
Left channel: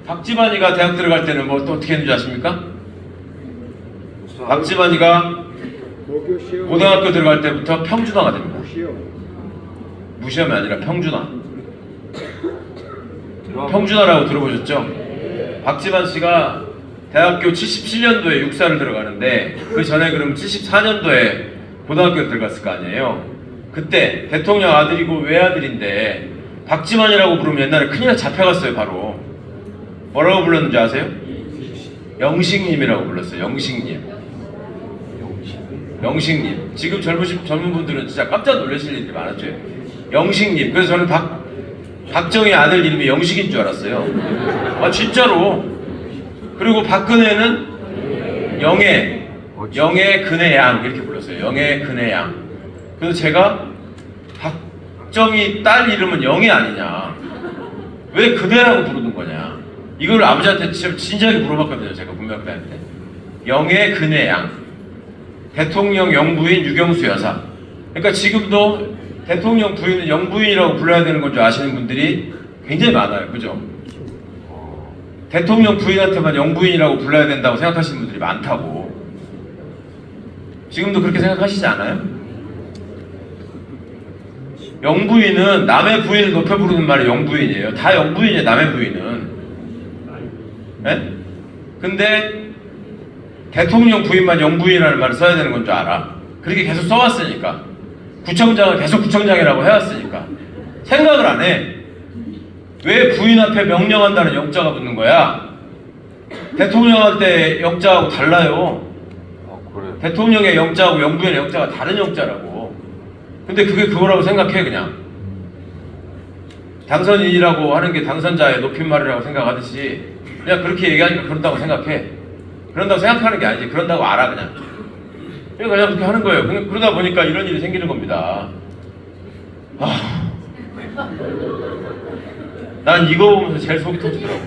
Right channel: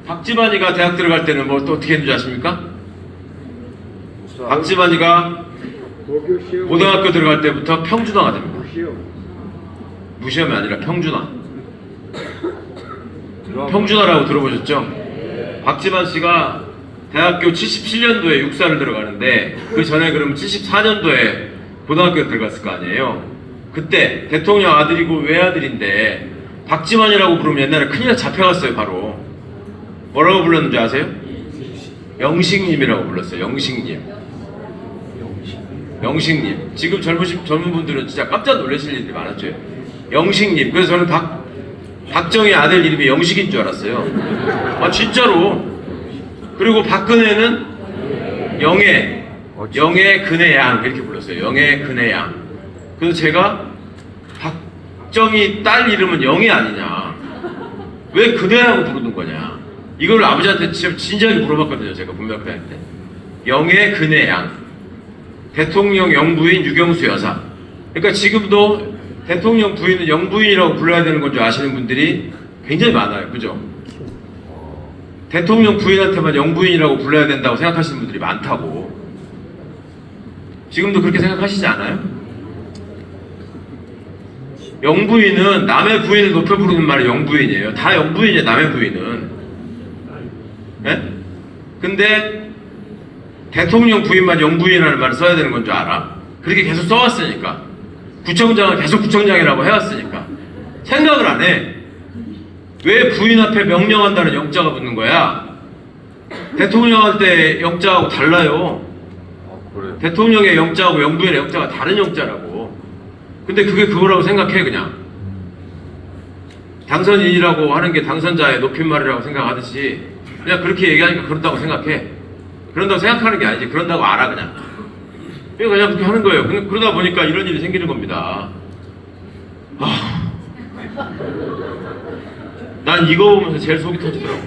박지만이가 대학 들어갈 때는 뭐 또 어떻게 했는지 아십니까? 박지만이가 고등학교 들어갈 때부터 평준화가 됩니다. 무시험이 아니라 평준화. 평준화라고 들어보셨죠? 박지만 씨가 대학교 77년도에 육사를 들어가는데 그 전에 그러면 74년도에 고등학교에 들어갔을 거 아니에요. 그때 대통령 아들이고 외아들인데 박지만이라고 부르면 옛날에 큰일 나 잡혀갔어요. 바로 뭐라고 불렀는지 아세요? 영식님이라고 불렀어요. 영식님. 영식님. 지금 젊은 분들은 진짜 깜짝 놀라실 일이 많았죠. 영식님. 그래서 저는 박정희 아들 이름이 영식인 줄 알았어요. 아 진짜로. 그리고 박근혜는 영애 근혜양 이렇게 불렀어요. 영애 근혜양. 그래서 제가 박정희 딸 이름은 영애 아니냐, 왜 근혜라고 부르는 거냐, 이걸 아버지한테 진지하게 물어봤거든요. 제가 문명대한테. 영애 근혜양. 대통령 영부인 유경수 여사. 그러니까 지금도 대통령 부인은 영부인이라고 불러야 되는 건 줄 아시는 분들이 굉장히 많아요. 그죠? 대통령 부인한테만 영부인이라고 불러야 된다고 생각하시는 분들이 많다고. 지금도 그렇게 생각하시지 않아요? 영부인은 남의 부인을 높여 부르는 말이 영부인이에요. 다 영부인이에요. 남의 부인은. 네? 근데 대통령 부인만 영부인이라는 말을 써야 되는 건 줄 알아. 그렇게 계속 써왔으니까. 구청장은 계속 구청장이라고 해왔으니까. 생각을 안 해. 왜 부인 앞에 명령한다는 영자가 붙는 거야? 대통령 할 때 영자하고 달라요. 그래. 대통령의 영자하고 영부인의 영자가 다른 영자라고. 근데 그게 그거라고 생각해. 그냥 당선인이라고 하는 게 당선자의 높임말이라고 생각하듯이 그냥 그렇게 얘기하니까 그런다고 생각해. 그런다고 생각하는 게 아니지. 그런다고 알아. 그냥 그렇게 하는 거예요. 그러다 보니까 이런 일이 생기는 겁니다. 난 이거 보면서 제일 속이 터지더라고.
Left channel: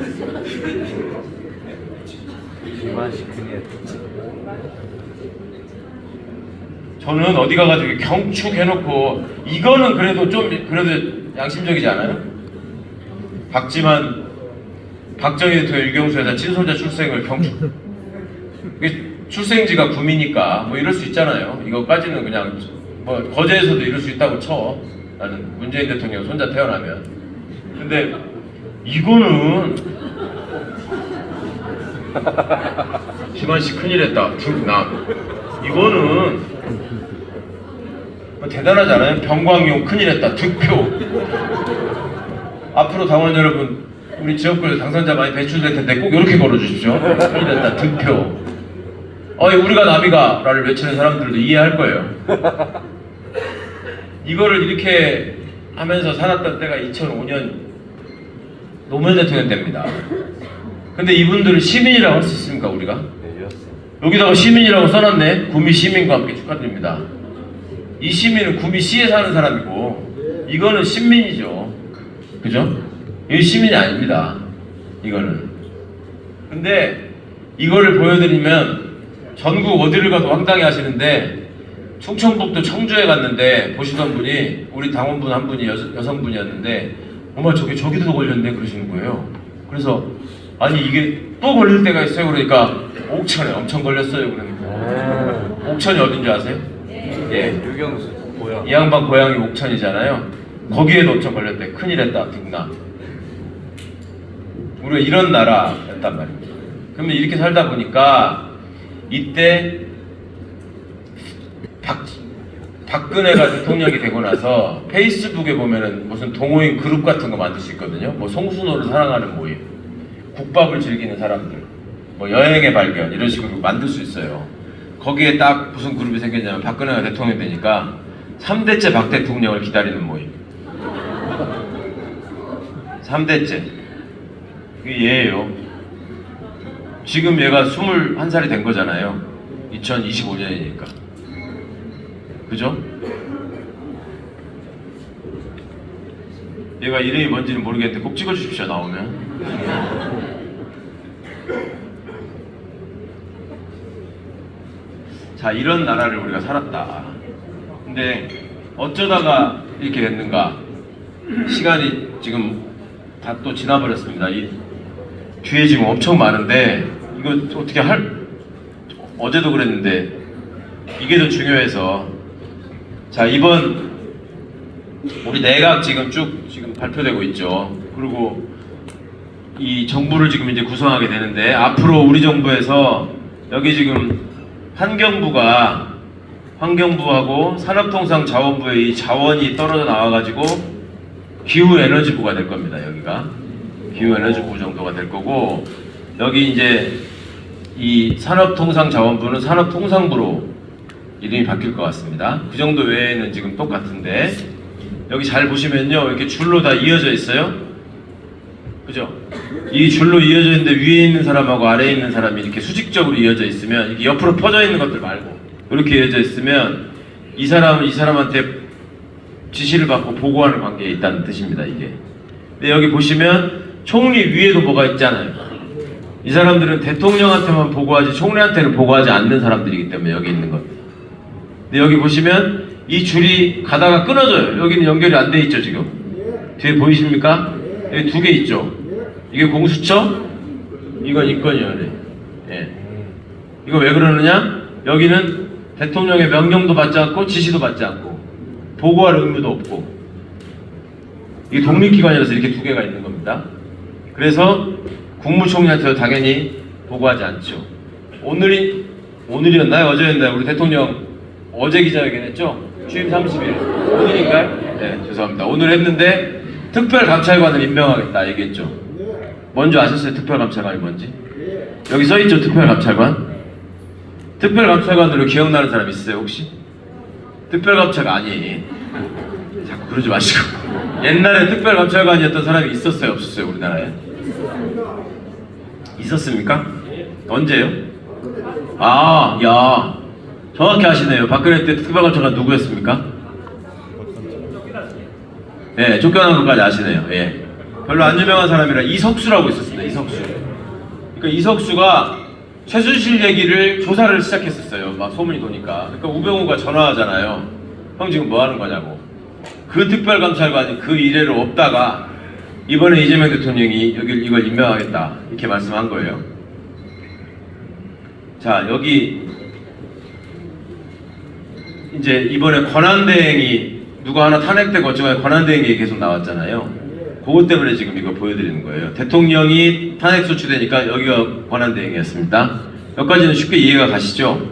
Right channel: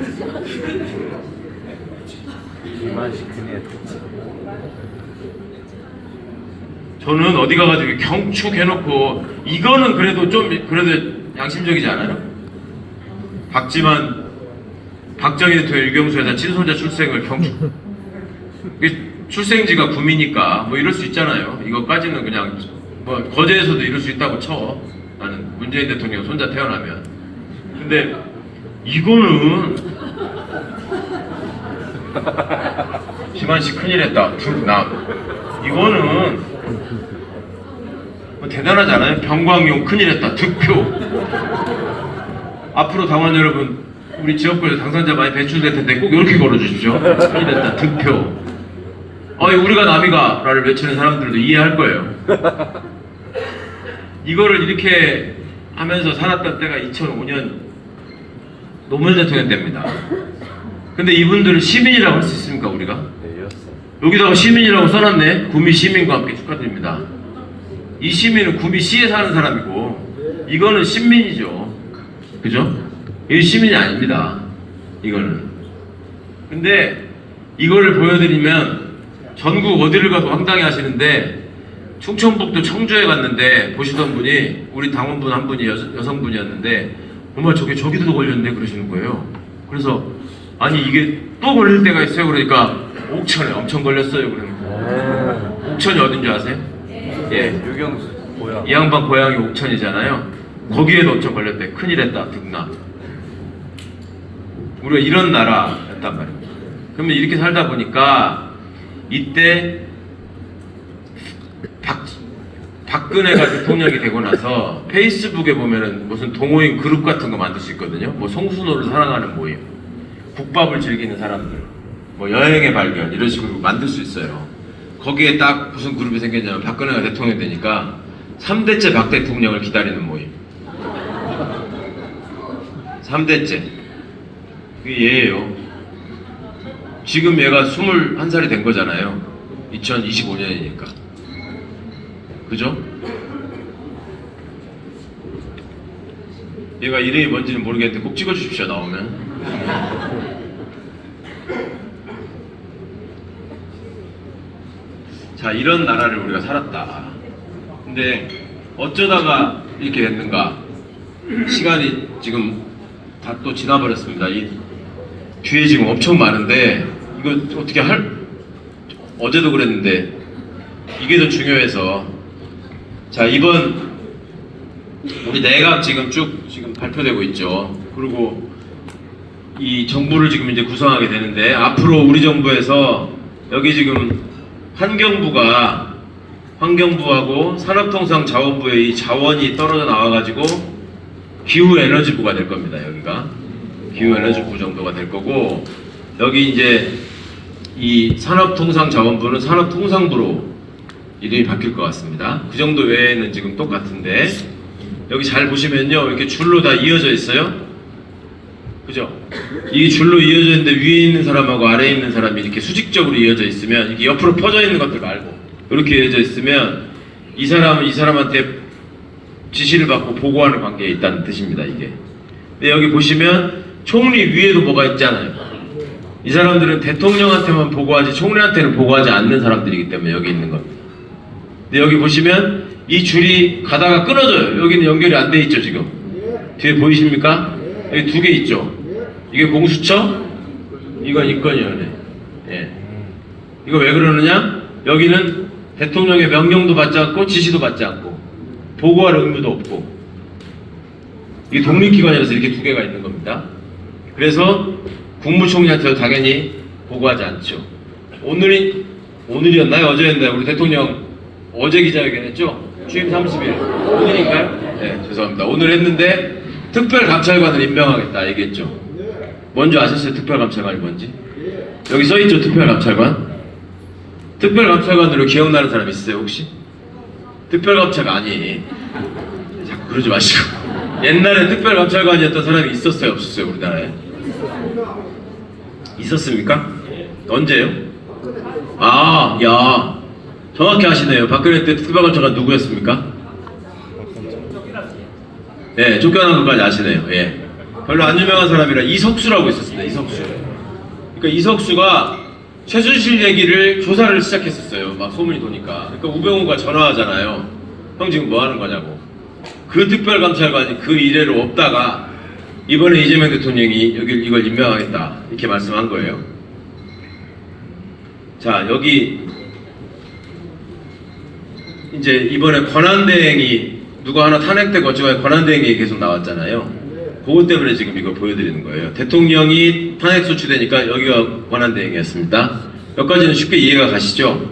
저는 어디 가가지고 경축해놓고 이거는 그래도 좀 그래도 양심적이지 않아요? 박정희 대통령 유경수 여사 친손자 출생을 경축. 출생지가 구미니까 뭐 이럴 수 있잖아요. 이거까지는 그냥 뭐 거제에서도 이럴 수 있다고 쳐. 나는 문재인 대통령 손자 태어나면. 근데 이거는 지만씨 큰일했다. 이거는 대단하지 않아요? 병광용 큰일했다. 득표. 앞으로 당원 여러분, 우리 지역구에 당선자 많이 배출될 텐데 꼭 이렇게 걸어주십시오. 큰일했다. 득표. 우리가 남이가라를 외치는 사람들도 이해할 거예요. 이거를 이렇게 하면서 살았던 때가 2005년 노무현 대통령 때입니다. 근데 이분들은 시민이라고 할 수 있습니까, 우리가? 네, 여기다가 시민이라고 써놨네. 구미 시민과 함께 축하드립니다. 이 시민은 구미 시에 사는 사람이고 이거는 신민이죠. 그죠? 이 시민이 아닙니다. 이거는. 근데 이거를 보여드리면 전국 어디를 가도 황당해 하시는데 충청북도 청주에 갔는데 보시던 분이 우리 당원분 한 분이 여성분이었는데 정말 저기도 걸렸네 그러시는 거예요. 그래서 아니 이게 또 걸릴 때가 있어요. 그러니까 옥천에 엄청 걸렸어요. 그러니까 옥천이 어딘지 아세요? 예. 유경수 고향. 이 양반 고향이 옥천이잖아요. 거기에도 엄청 걸렸대. 큰일 했다. 등나. 우리가 이런 나라였단 말이에요. 그러면 이렇게 살다 보니까 이때 박근혜가 대통령이 되고 나서 페이스북에 보면은 무슨 동호인 그룹 같은 거 만들 수 있거든요. 뭐 송순호를 사랑하는 모임, 국밥을 즐기는 사람들, 뭐 여행의 발견 이런 식으로 만들 수 있어요. 거기에 딱 무슨 그룹이 생겼냐면 박근혜가 대통령 되니까 3대째 박 대통령을 기다리는 모임. 3대째. 그게 얘예요. 지금 얘가 21살이 된 거잖아요. 2025년이니까. 그죠? 얘가 이름이 뭔지는 모르겠는데 꼭 찍어주십시오, 나오면. 자, 이런 나라를 우리가 살았다. 근데 어쩌다가 이렇게 됐는가? 시간이 지금 다 또 지나버렸습니다. 이 뒤에 지금 엄청 많은데 이거 어떻게 어제도 그랬는데 이게 더 중요해서 자 이번 우리 내각 지금 지금 발표되고 있죠. 그리고 이 정부를 지금 이제 구성하게 되는데 앞으로 우리 정부에서 여기 지금 환경부하고 산업통상자원부의 이 자원이 떨어져 나와가지고 기후에너지부가 될 겁니다. 여기가 기후에너지부 정도가 될 거고 여기 이제 이 산업통상자원부는 산업통상부로 이름이 바뀔 것 같습니다. 그 정도 외에는 지금 똑같은데 여기 잘 보시면요 이렇게 줄로 다 이어져 있어요. 그죠? 이 줄로 이어져 있는데 위에 있는 사람하고 아래에 있는 사람이 이렇게 수직적으로 이어져 있으면 이게 옆으로 퍼져 있는 것들 말고 이렇게 이어져 있으면 이 사람은 이 사람한테 지시를 받고 보고하는 관계에 있다는 뜻입니다. 이게. 근데 여기 보시면 총리 위에도 뭐가 있잖아요. 이 사람들은 대통령한테만 보고하지 총리한테는 보고하지 않는 사람들이기 때문에 여기 있는 겁니다. 근데 여기 보시면 이 줄이 가다가 끊어져요. 여기는 연결이 안 돼 있죠 지금. 뒤에 보이십니까? 여기 두 개 있죠. 이게 공수처, 이건 인권위원회. 예. 이거 왜 그러느냐? 여기는 대통령의 명령도 받지 않고 지시도 받지 않고 보고할 의무도 없고 이게 독립기관이라서 이렇게 두 개가 있는 겁니다. 그래서 국무총리한테도 당연히 보고하지 않죠. 오늘이었나요? 어제였나요? 우리 대통령 어제 기자회견 했죠? 취임 30일. 오늘인가요? 네, 죄송합니다. 오늘 했는데 특별감찰관을 임명하겠다 얘기했죠. 뭔지 아셨어요? 특별감찰관이 뭔지? 여기 써있죠? 특별감찰관? 특별감찰관으로 기억나는 사람 있어요 혹시? 특별감찰관이 자꾸 그러지 마시고 옛날에 특별감찰관이었던 사람이 있었어요? 없었어요? 우리나라에? 있었습니까? 언제요? 아, 야 정확히 아시네요. 박근혜 때 특별감찰관 누구였습니까? 네, 쫓겨난 것까지 아시네요. 예. 별로 안 유명한 사람이라 이석수라고 있었습니다. 이석수. 그러니까 이석수가 최순실 얘기를 조사를 시작했었어요. 막 소문이 도니까. 그러니까 우병우가 전화하잖아요. 형 지금 뭐 하는 거냐고. 그 특별감찰관이 그 이래로 없다가 이번에 이재명 대통령이 이걸 임명하겠다 이렇게 말씀한 거예요. 자 여기 이제 이번에 권한대행이 누가 하나 탄핵되고 어쩌고 권한대행이 계속 나왔잖아요. 그것 때문에 지금 이거 보여드리는 거예요. 대통령이 탄핵 소추되니까 여기가 권한대행이었습니다. 여기까지는 쉽게 이해가 가시죠?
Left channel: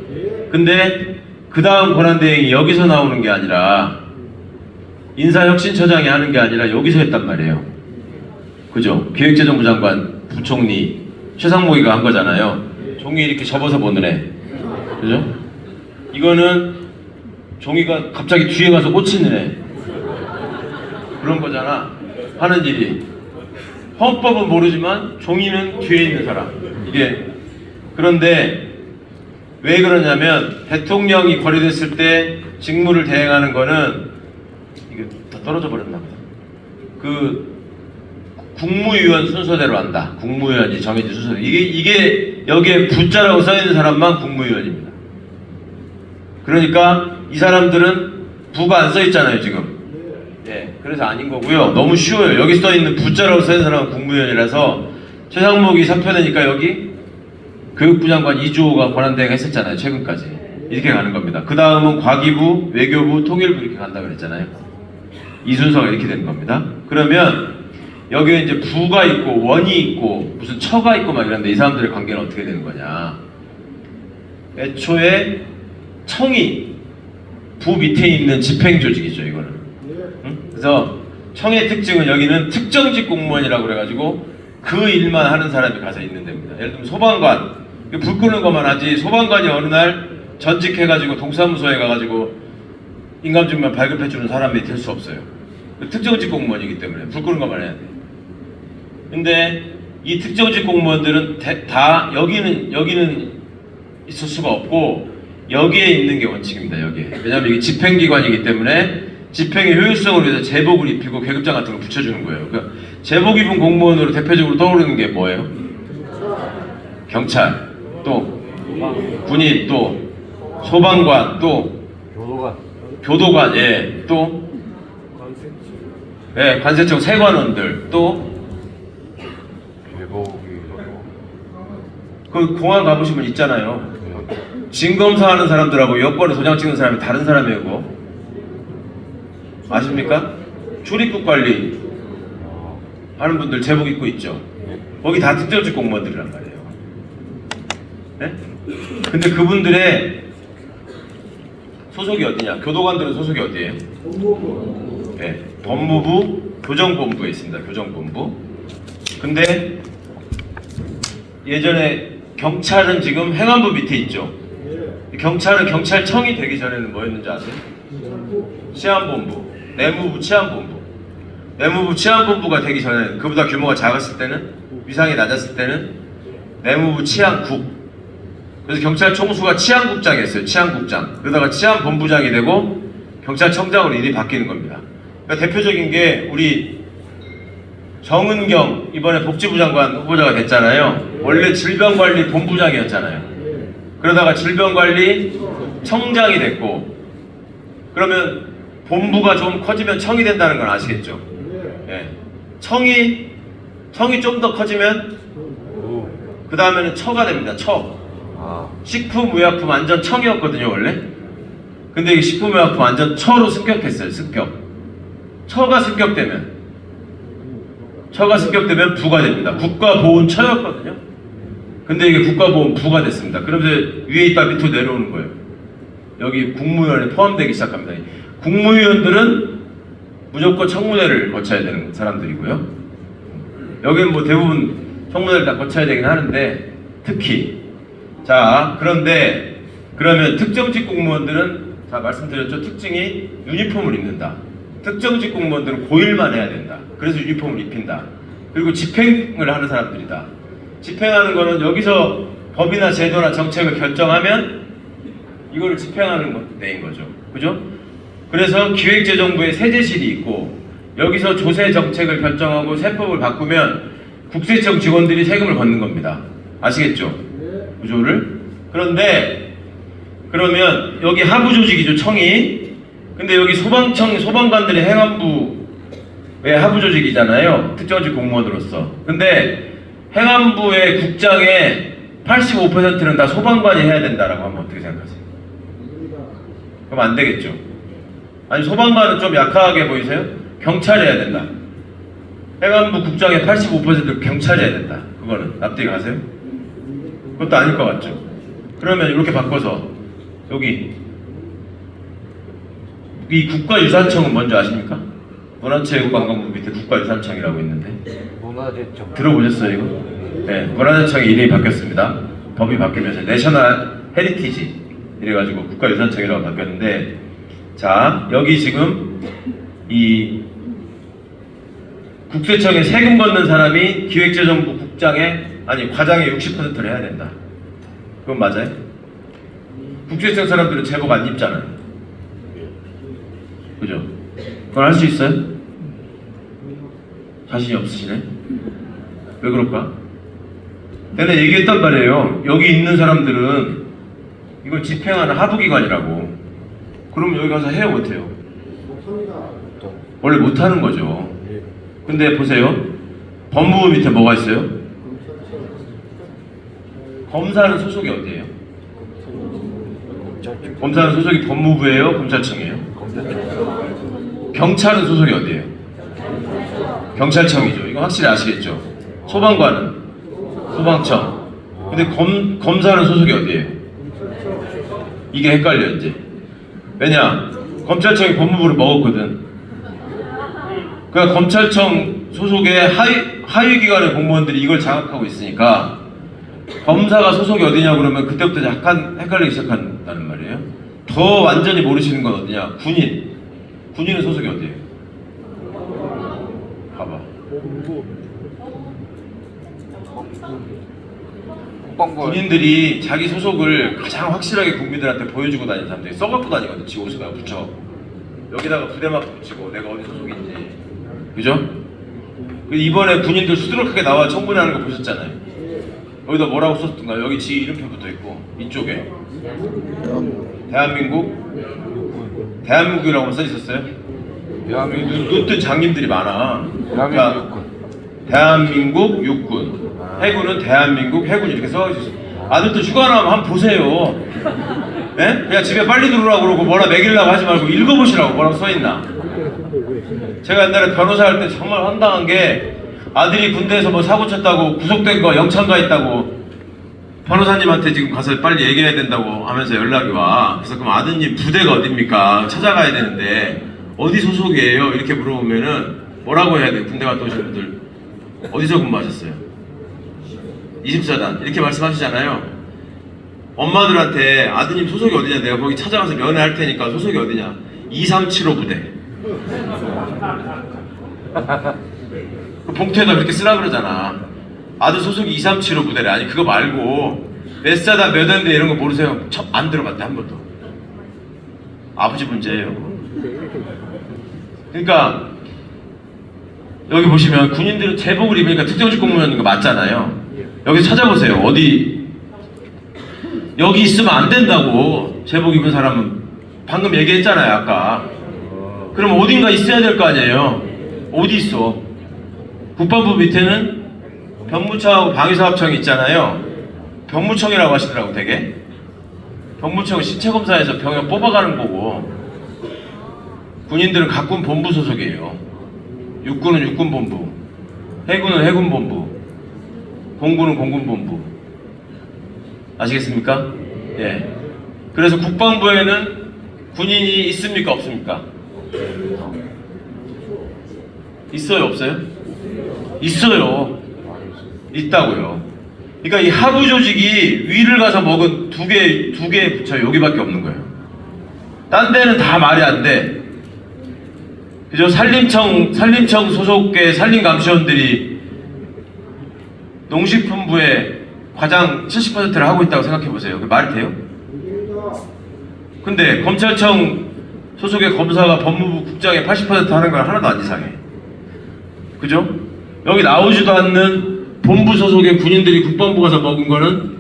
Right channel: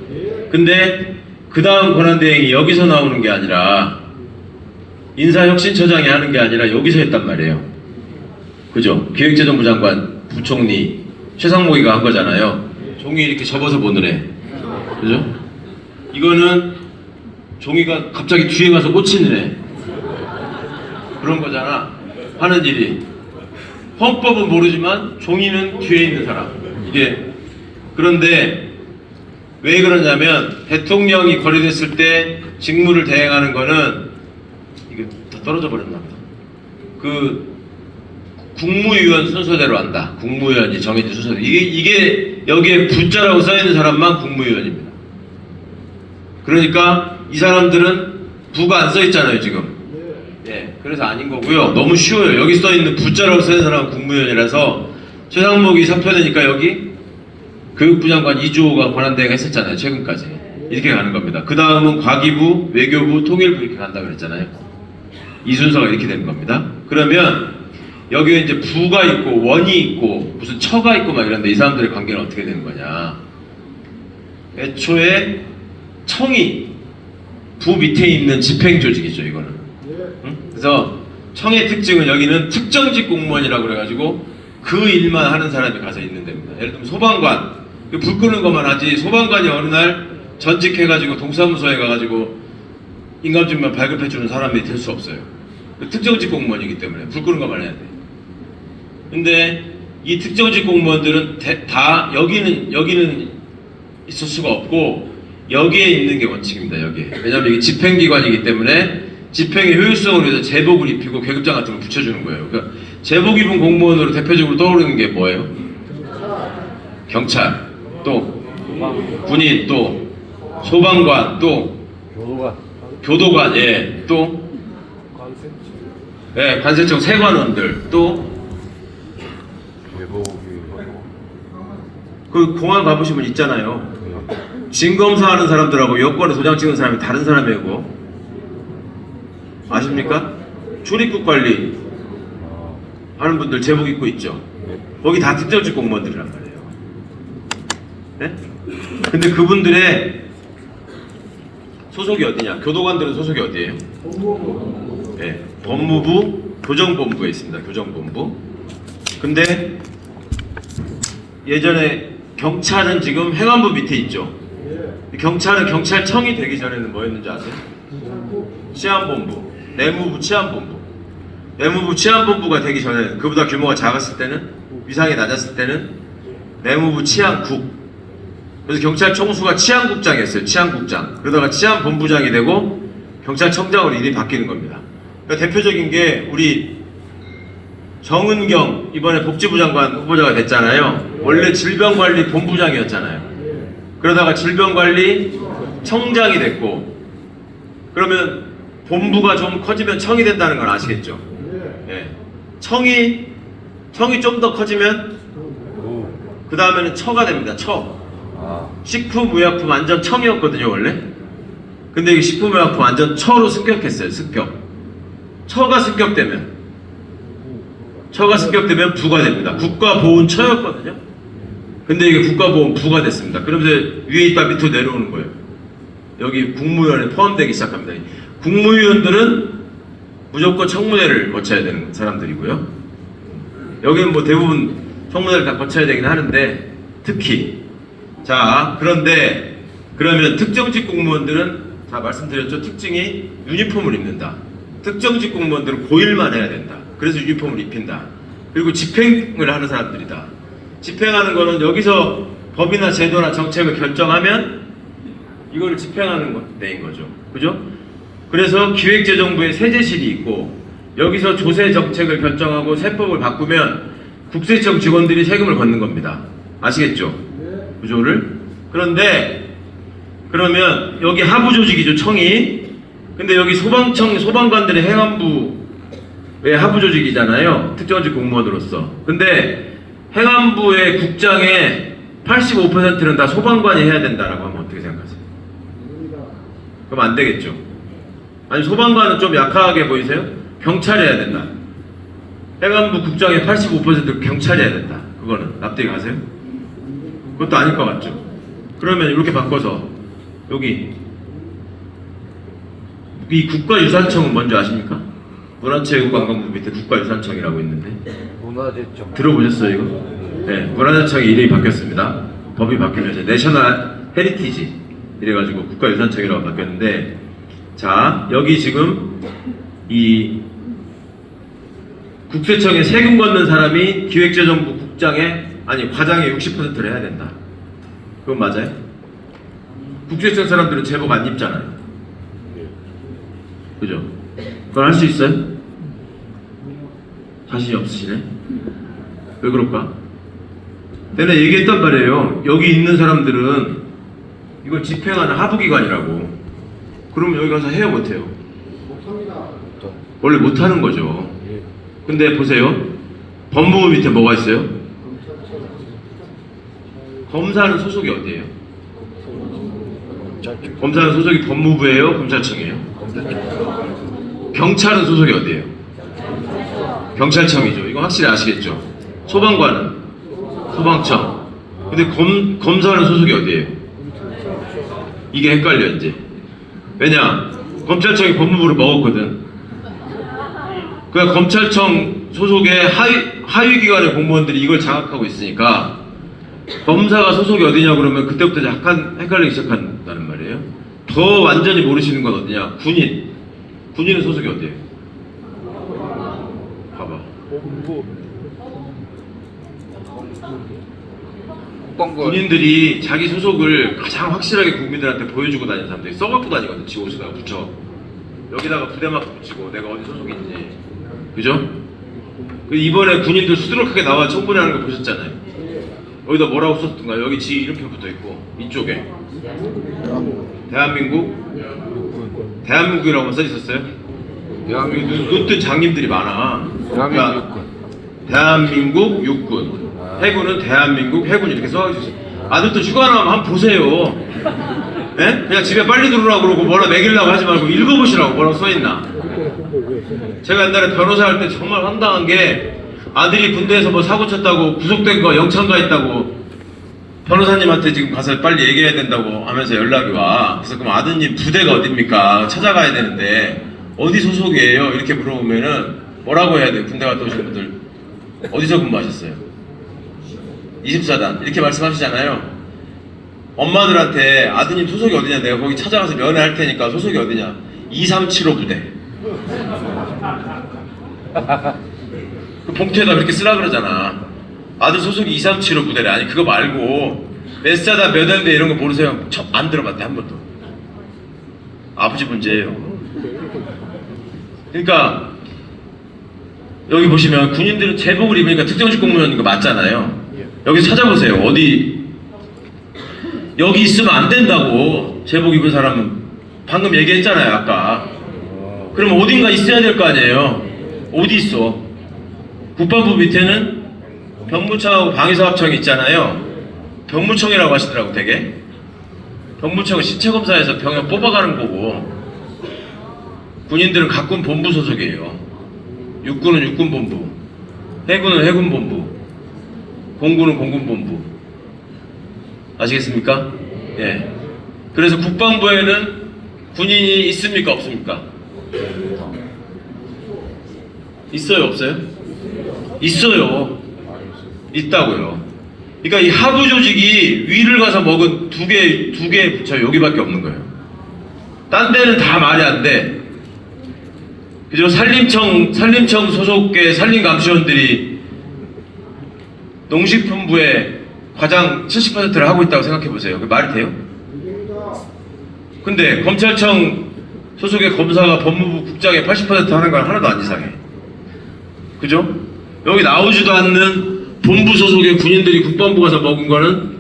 근데 그 다음 권한대행이 여기서 나오는 게 아니라 인사혁신처장이 하는 게 아니라 여기서 했단 말이에요. 그죠? 기획재정부 장관, 부총리 최상목이가 한 거잖아요. 종이 이렇게 접어서 보는 애. 그죠? 이거는 종이가 갑자기 뒤에 가서 꽂히는 애. 그런 거잖아. 하는 일이. 헌법은 모르지만 종이는 뒤에 있는 사람. 이게 그런데 왜 그러냐면 대통령이 거래됐을 때 직무를 대행하는 거는 이게 다 떨어져 버렸나 보다. 그 국무위원 순서대로 한다. 국무위원이 정해진 순서대로. 이게 여기에 부자라고 써 있는 사람만 국무위원입니다. 그러니까 이 사람들은 부가 안 써 있잖아요 지금. 네, 그래서 아닌 거고요. 너무 쉬워요. 여기 써 있는 부자라고 써 있는 사람은 국무위원이라서 최상목이 사표되니까 여기 교육부 장관 2조가 권한대행 했었잖아요 최근까지. 이렇게 가는 겁니다. 그 다음은 과기부, 외교부, 통일부 이렇게 간다 그랬잖아요. 이 순서가 이렇게 되는 겁니다. 그러면 여기에 이제 부가 있고 원이 있고 무슨 처가 있고 막 이런데 이 사람들의 관계는 어떻게 되는 거냐? 애초에 청이 부 밑에 있는 집행조직이죠 이거는. 응? 그래서 청의 특징은 여기는 특정직 공무원이라고 그래가지고 그 일만 하는 사람이 가서 있는 데입니다. 예를 들면 소방관, 불 끄는 것만 하지 소방관이 어느 날 전직해가지고 동사무소에 가가지고 인감증명 발급해주는 사람이 될 수 없어요. 특정직 공무원이기 때문에 불 끄는 것만 해야 돼. 근데 이 특정직 공무원들은 다 여기는 있을 수가 없고 여기에 있는 게 원칙입니다. 여기에. 왜냐하면 이게 집행기관이기 때문에 집행의 효율성을 위해서 제복을 입히고 계급장 같은 걸 붙여주는 거예요. 그러니까 제복 입은 공무원으로 대표적으로 떠오르는 게 뭐예요? 경찰, 또 군인, 또 소방관, 또 교도관, 예, 또 예, 관세청 세관원들, 또 그 공항 가보시면 있잖아요. 진검사하는 사람들하고 여권에 도장 찍는 사람이 다른 사람이에요. 그거. 아십니까? 출입국 관리 하는 분들 제복 입고 있죠. 거기 다 특정직 공무원들이란 말이에요. 네? 근데 그분들의 소속이 어디냐? 교도관들은 소속이 어디예요? 네, 법무부 교정본부에 있습니다. 교정본부. 근데 예전에 경찰은 지금 행안부 밑에 있죠. 경찰은 경찰청이 되기 전에는 뭐였는지 아세요? 치안본부, 내무부 치안본부. 내무부 치안본부가 되기 전에는 그보다 규모가 작았을 때는 위상이 낮았을 때는 내무부 치안국. 그래서 경찰 총수가 치안국장이었어요. 치안국장. 그러다가 치안본부장이 되고 경찰청장으로 일이 바뀌는 겁니다. 그러니까 대표적인 게 우리 정은경 이번에 복지부 장관 후보자가 됐잖아요. 원래 질병관리본부장이었잖아요. 그러다가 질병관리청장이 됐고, 그러면 본부가 좀 커지면 청이 된다는 건 아시겠죠? 네. 청이 좀 더 커지면 그 다음에는 처가 됩니다. 처. 식품의약품 안전 청이었거든요 원래. 근데 이 식품의약품 안전 처로 승격했어요. 승격. 처가 승격되면 부가 됩니다. 국가보훈처였거든요. 근데 이게 국가보훈부가 됐습니다. 그러면서 위에 있다 밑으로 내려오는 거예요. 여기 국무위원에 포함되기 시작합니다. 국무위원들은 무조건 청문회를 거쳐야 되는 사람들이고요. 여기는 뭐 대부분 청문회를 다 거쳐야 되긴 하는데 특히 자 그런데 그러면 특정직 공무원들은 다 말씀드렸죠. 특징이 유니폼을 입는다. 특정직 공무원들은 고일만 해야 된다. 그래서 유니폼을 입힌다. 그리고 집행을 하는 사람들이다. 집행하는 거는 여기서 법이나 제도나 정책을 결정하면 이거를 집행하는 데인 거죠. 그죠? 그래서 기획재정부에 세제실이 있고 여기서 조세 정책을 결정하고 세법을 바꾸면 국세청 직원들이 세금을 받는 겁니다. 아시겠죠? 구조를. 그런데 그러면 여기 하부 조직이죠. 청이. 근데 여기 소방관들이 행안부의 하부 조직이잖아요. 특정직 공무원으로서. 근데 행안부의 국장의 85%는 다 소방관이 해야 된다라고 하면 어떻게 생각하세요? 그럼 안 되겠죠. 아니 소방관은 좀 약하게 보이세요? 경찰이 해야 된다. 행안부 국장의 85% 경찰이 해야 된다. 그거는 납득이 가세요? 그것도 아닐 것 같죠. 그러면 이렇게 바꿔서 여기 이 국가유산청은 뭔지 아십니까? 문화체육관광부 밑에 국가유산청이라고 있는데 문화재청 들어보셨어요 이거? 네, 문화재청의 이름이 바뀌었습니다. 법이 바뀌면서 내셔널 헤리티지 이래가지고 국가유산청이라고 바뀌었는데 자 여기 지금 이 국세청에 세금 걷는 사람이 기획재정부 국장의 아니 과장의 60%를 해야 된다. 그건 맞아요? 국세청 사람들은 제복 안 입잖아요. 그죠? 그걸 할 수 있어요? 자신이 없으시네? 왜 그럴까? 내가 얘기했단 말이에요. 여기 있는 사람들은 이걸 집행하는 하부기관이라고. 그러면 여기 가서 해요, 못해요? 원래 못하는 거죠. 근데 보세요. 법무부 밑에 뭐가 있어요? 검사는 소속이 어디예요? 검사는 소속이 법무부예요? 검찰청이에요? 경찰은 소속이 어디예요? 경찰청이죠. 이거 확실히 아시겠죠? 소방관은? 소방청. 근데 검사는 소속이 어디예요? 이게 헷갈려 이제. 왜냐? 검찰청이 법무부를 먹었거든. 그러니까 검찰청 소속의 하위 기관의 공무원들이 이걸 장악하고 있으니까 검사가 소속이 어디냐 그러면 그때부터 약간 헷갈리기 시작한다는 말이에요. 더 완전히 모르시는 건 어디냐? 군인. 군인은 소속이 어디예요? 봐봐. 군인들이 자기 소속을 가장 확실하게 국민들한테 보여주고 다니는 사람들이 써갖고 다니거든. 지옷에다가 붙여. 여기다가 부대마크 붙이고 내가 어디 소속인지. 그죠? 이번에 군인들 수두룩하게 나와 청문회하는 거 보셨잖아요. 여기다 뭐라고 썼던가? 여기 지 이름표 붙어있고 이쪽에 대한민국이라고 써있었어요? 웃든 장님들이 많아. 그러니까 대한민국 육군, 해군은 대한민국 해군 이렇게 써주세요. 아들도 휴가 나오면 한번 보세요. 예? 그냥 집에 빨리 들어오라고 그러고 뭐라 매기려고 하지 말고 읽어보시라고 뭐라고 써있나. 제가 옛날에 변호사 할 때 정말 황당한 게 아들이 군대에서 뭐 사고 쳤다고 구속된 거 영창 가 있다고 변호사님한테 지금 가서 빨리 얘기해야 된다고 하면서 연락이 와. 그래서 그럼 아드님 부대가 어딥니까? 찾아가야 되는데 어디 소속이에요? 이렇게 물어보면은 뭐라고 해야 돼요? 군대 갔다 오신 분들 어디서 근무하셨어요? 24단 이렇게 말씀하시잖아요. 엄마들한테 아드님 소속이 어디냐? 내가 거기 찾아가서 면회할 테니까 소속이 어디냐? 2375 부대. 그 봉투에다 그렇게 쓰라 그러잖아. 아들 소속이 2375 부대래. 아니 그거 말고 몇 사단 몇 원대 이런 거 모르세요? 안 들어봤대 한 번도. 아버지 문제예요. 그러니까 여기 보시면 군인들은 제복을 입으니까 특정직 공무원인 거 맞잖아요. 여기 찾아보세요. 어디 여기 있으면 안 된다고. 제복 입은 사람은 방금 얘기했잖아요 아까. 그럼 어딘가 있어야 될 거 아니에요. 어디 있어? 국방부 밑에는 병무청하고 방위사업청이 있잖아요. 병무청이라고 하시더라고 되게. 병무청은 신체검사에서 병역 뽑아가는 거고 군인들은 각군 본부 소속이에요. 육군은 육군본부, 해군은 해군본부, 공군은 공군본부. 아시겠습니까? 예. 그래서 국방부에는 군인이 있습니까? 없습니까? 있어요? 없어요? 있어요. 있다고요. 그러니까 이 하부 조직이 위를 가서 먹은 두 개 부처 여기밖에 없는 거예요. 딴 데는 다 말이 안 돼. 그죠? 산림청 소속의 산림감시원들이 농식품부의 과장 70%를 하고 있다고 생각해 보세요. 그 말이 돼요? 근데 검찰청 소속의 검사가 법무부 국장의 80% 하는 건 하나도 안 이상해. 그죠? 여기 나오지도 않는 본부 소속의 군인들이 국방부 가서 먹은 거는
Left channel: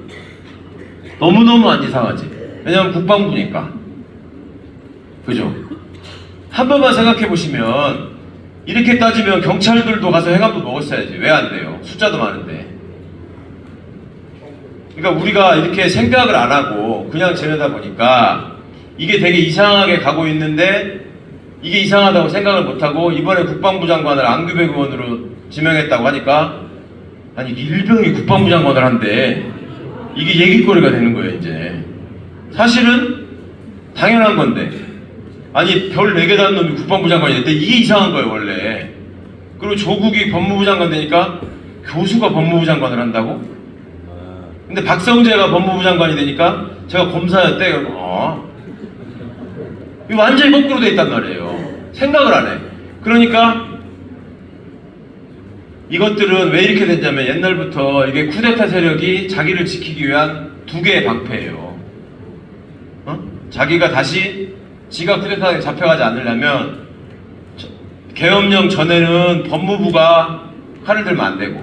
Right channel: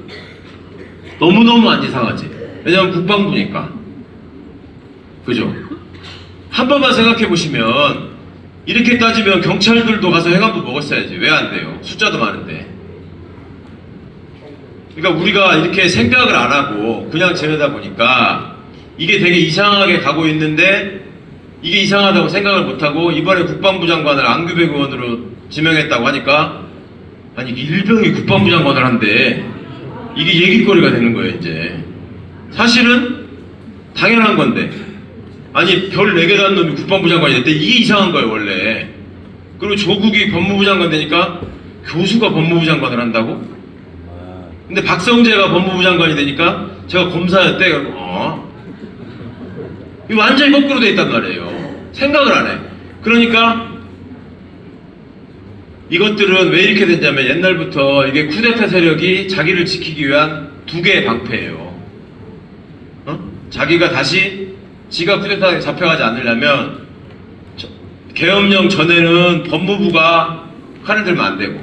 너무너무 안 이상하지. 왜냐면 국방부니까. 그죠? 한 번만 생각해 보시면 이렇게 따지면 경찰들도 가서 행안부 먹었어야지. 왜 안 돼요? 숫자도 많은데. 그러니까 우리가 이렇게 생각을 안 하고 그냥 지내다 보니까 이게 되게 이상하게 가고 있는데 이게 이상하다고 생각을 못하고 이번에 국방부 장관을 안규백 의원으로 지명했다고 하니까 아니 일병이 국방부 장관을 한대. 이게 얘기거리가 되는 거예요 이제. 사실은 당연한 건데 아니 별 4개 단 놈이 국방부 장관이 됐대. 이게 이상한 거예요 원래. 그리고 조국이 법무부 장관 되니까 교수가 법무부 장관을 한다고? 근데 박성재가 법무부 장관이 되니까 제가 검사였대. 그러고 이거 완전히 거꾸로 돼 있단 말이에요. 생각을 안 해. 그러니까 이것들은 왜 이렇게 됐냐면 옛날부터 이게 쿠데타 세력이 자기를 지키기 위한 두 개의 방패예요. 자기가 다시 지가 쿠데타에 잡혀가지 않으려면 계엄령 전에는 법무부가 칼을 들면 안 되고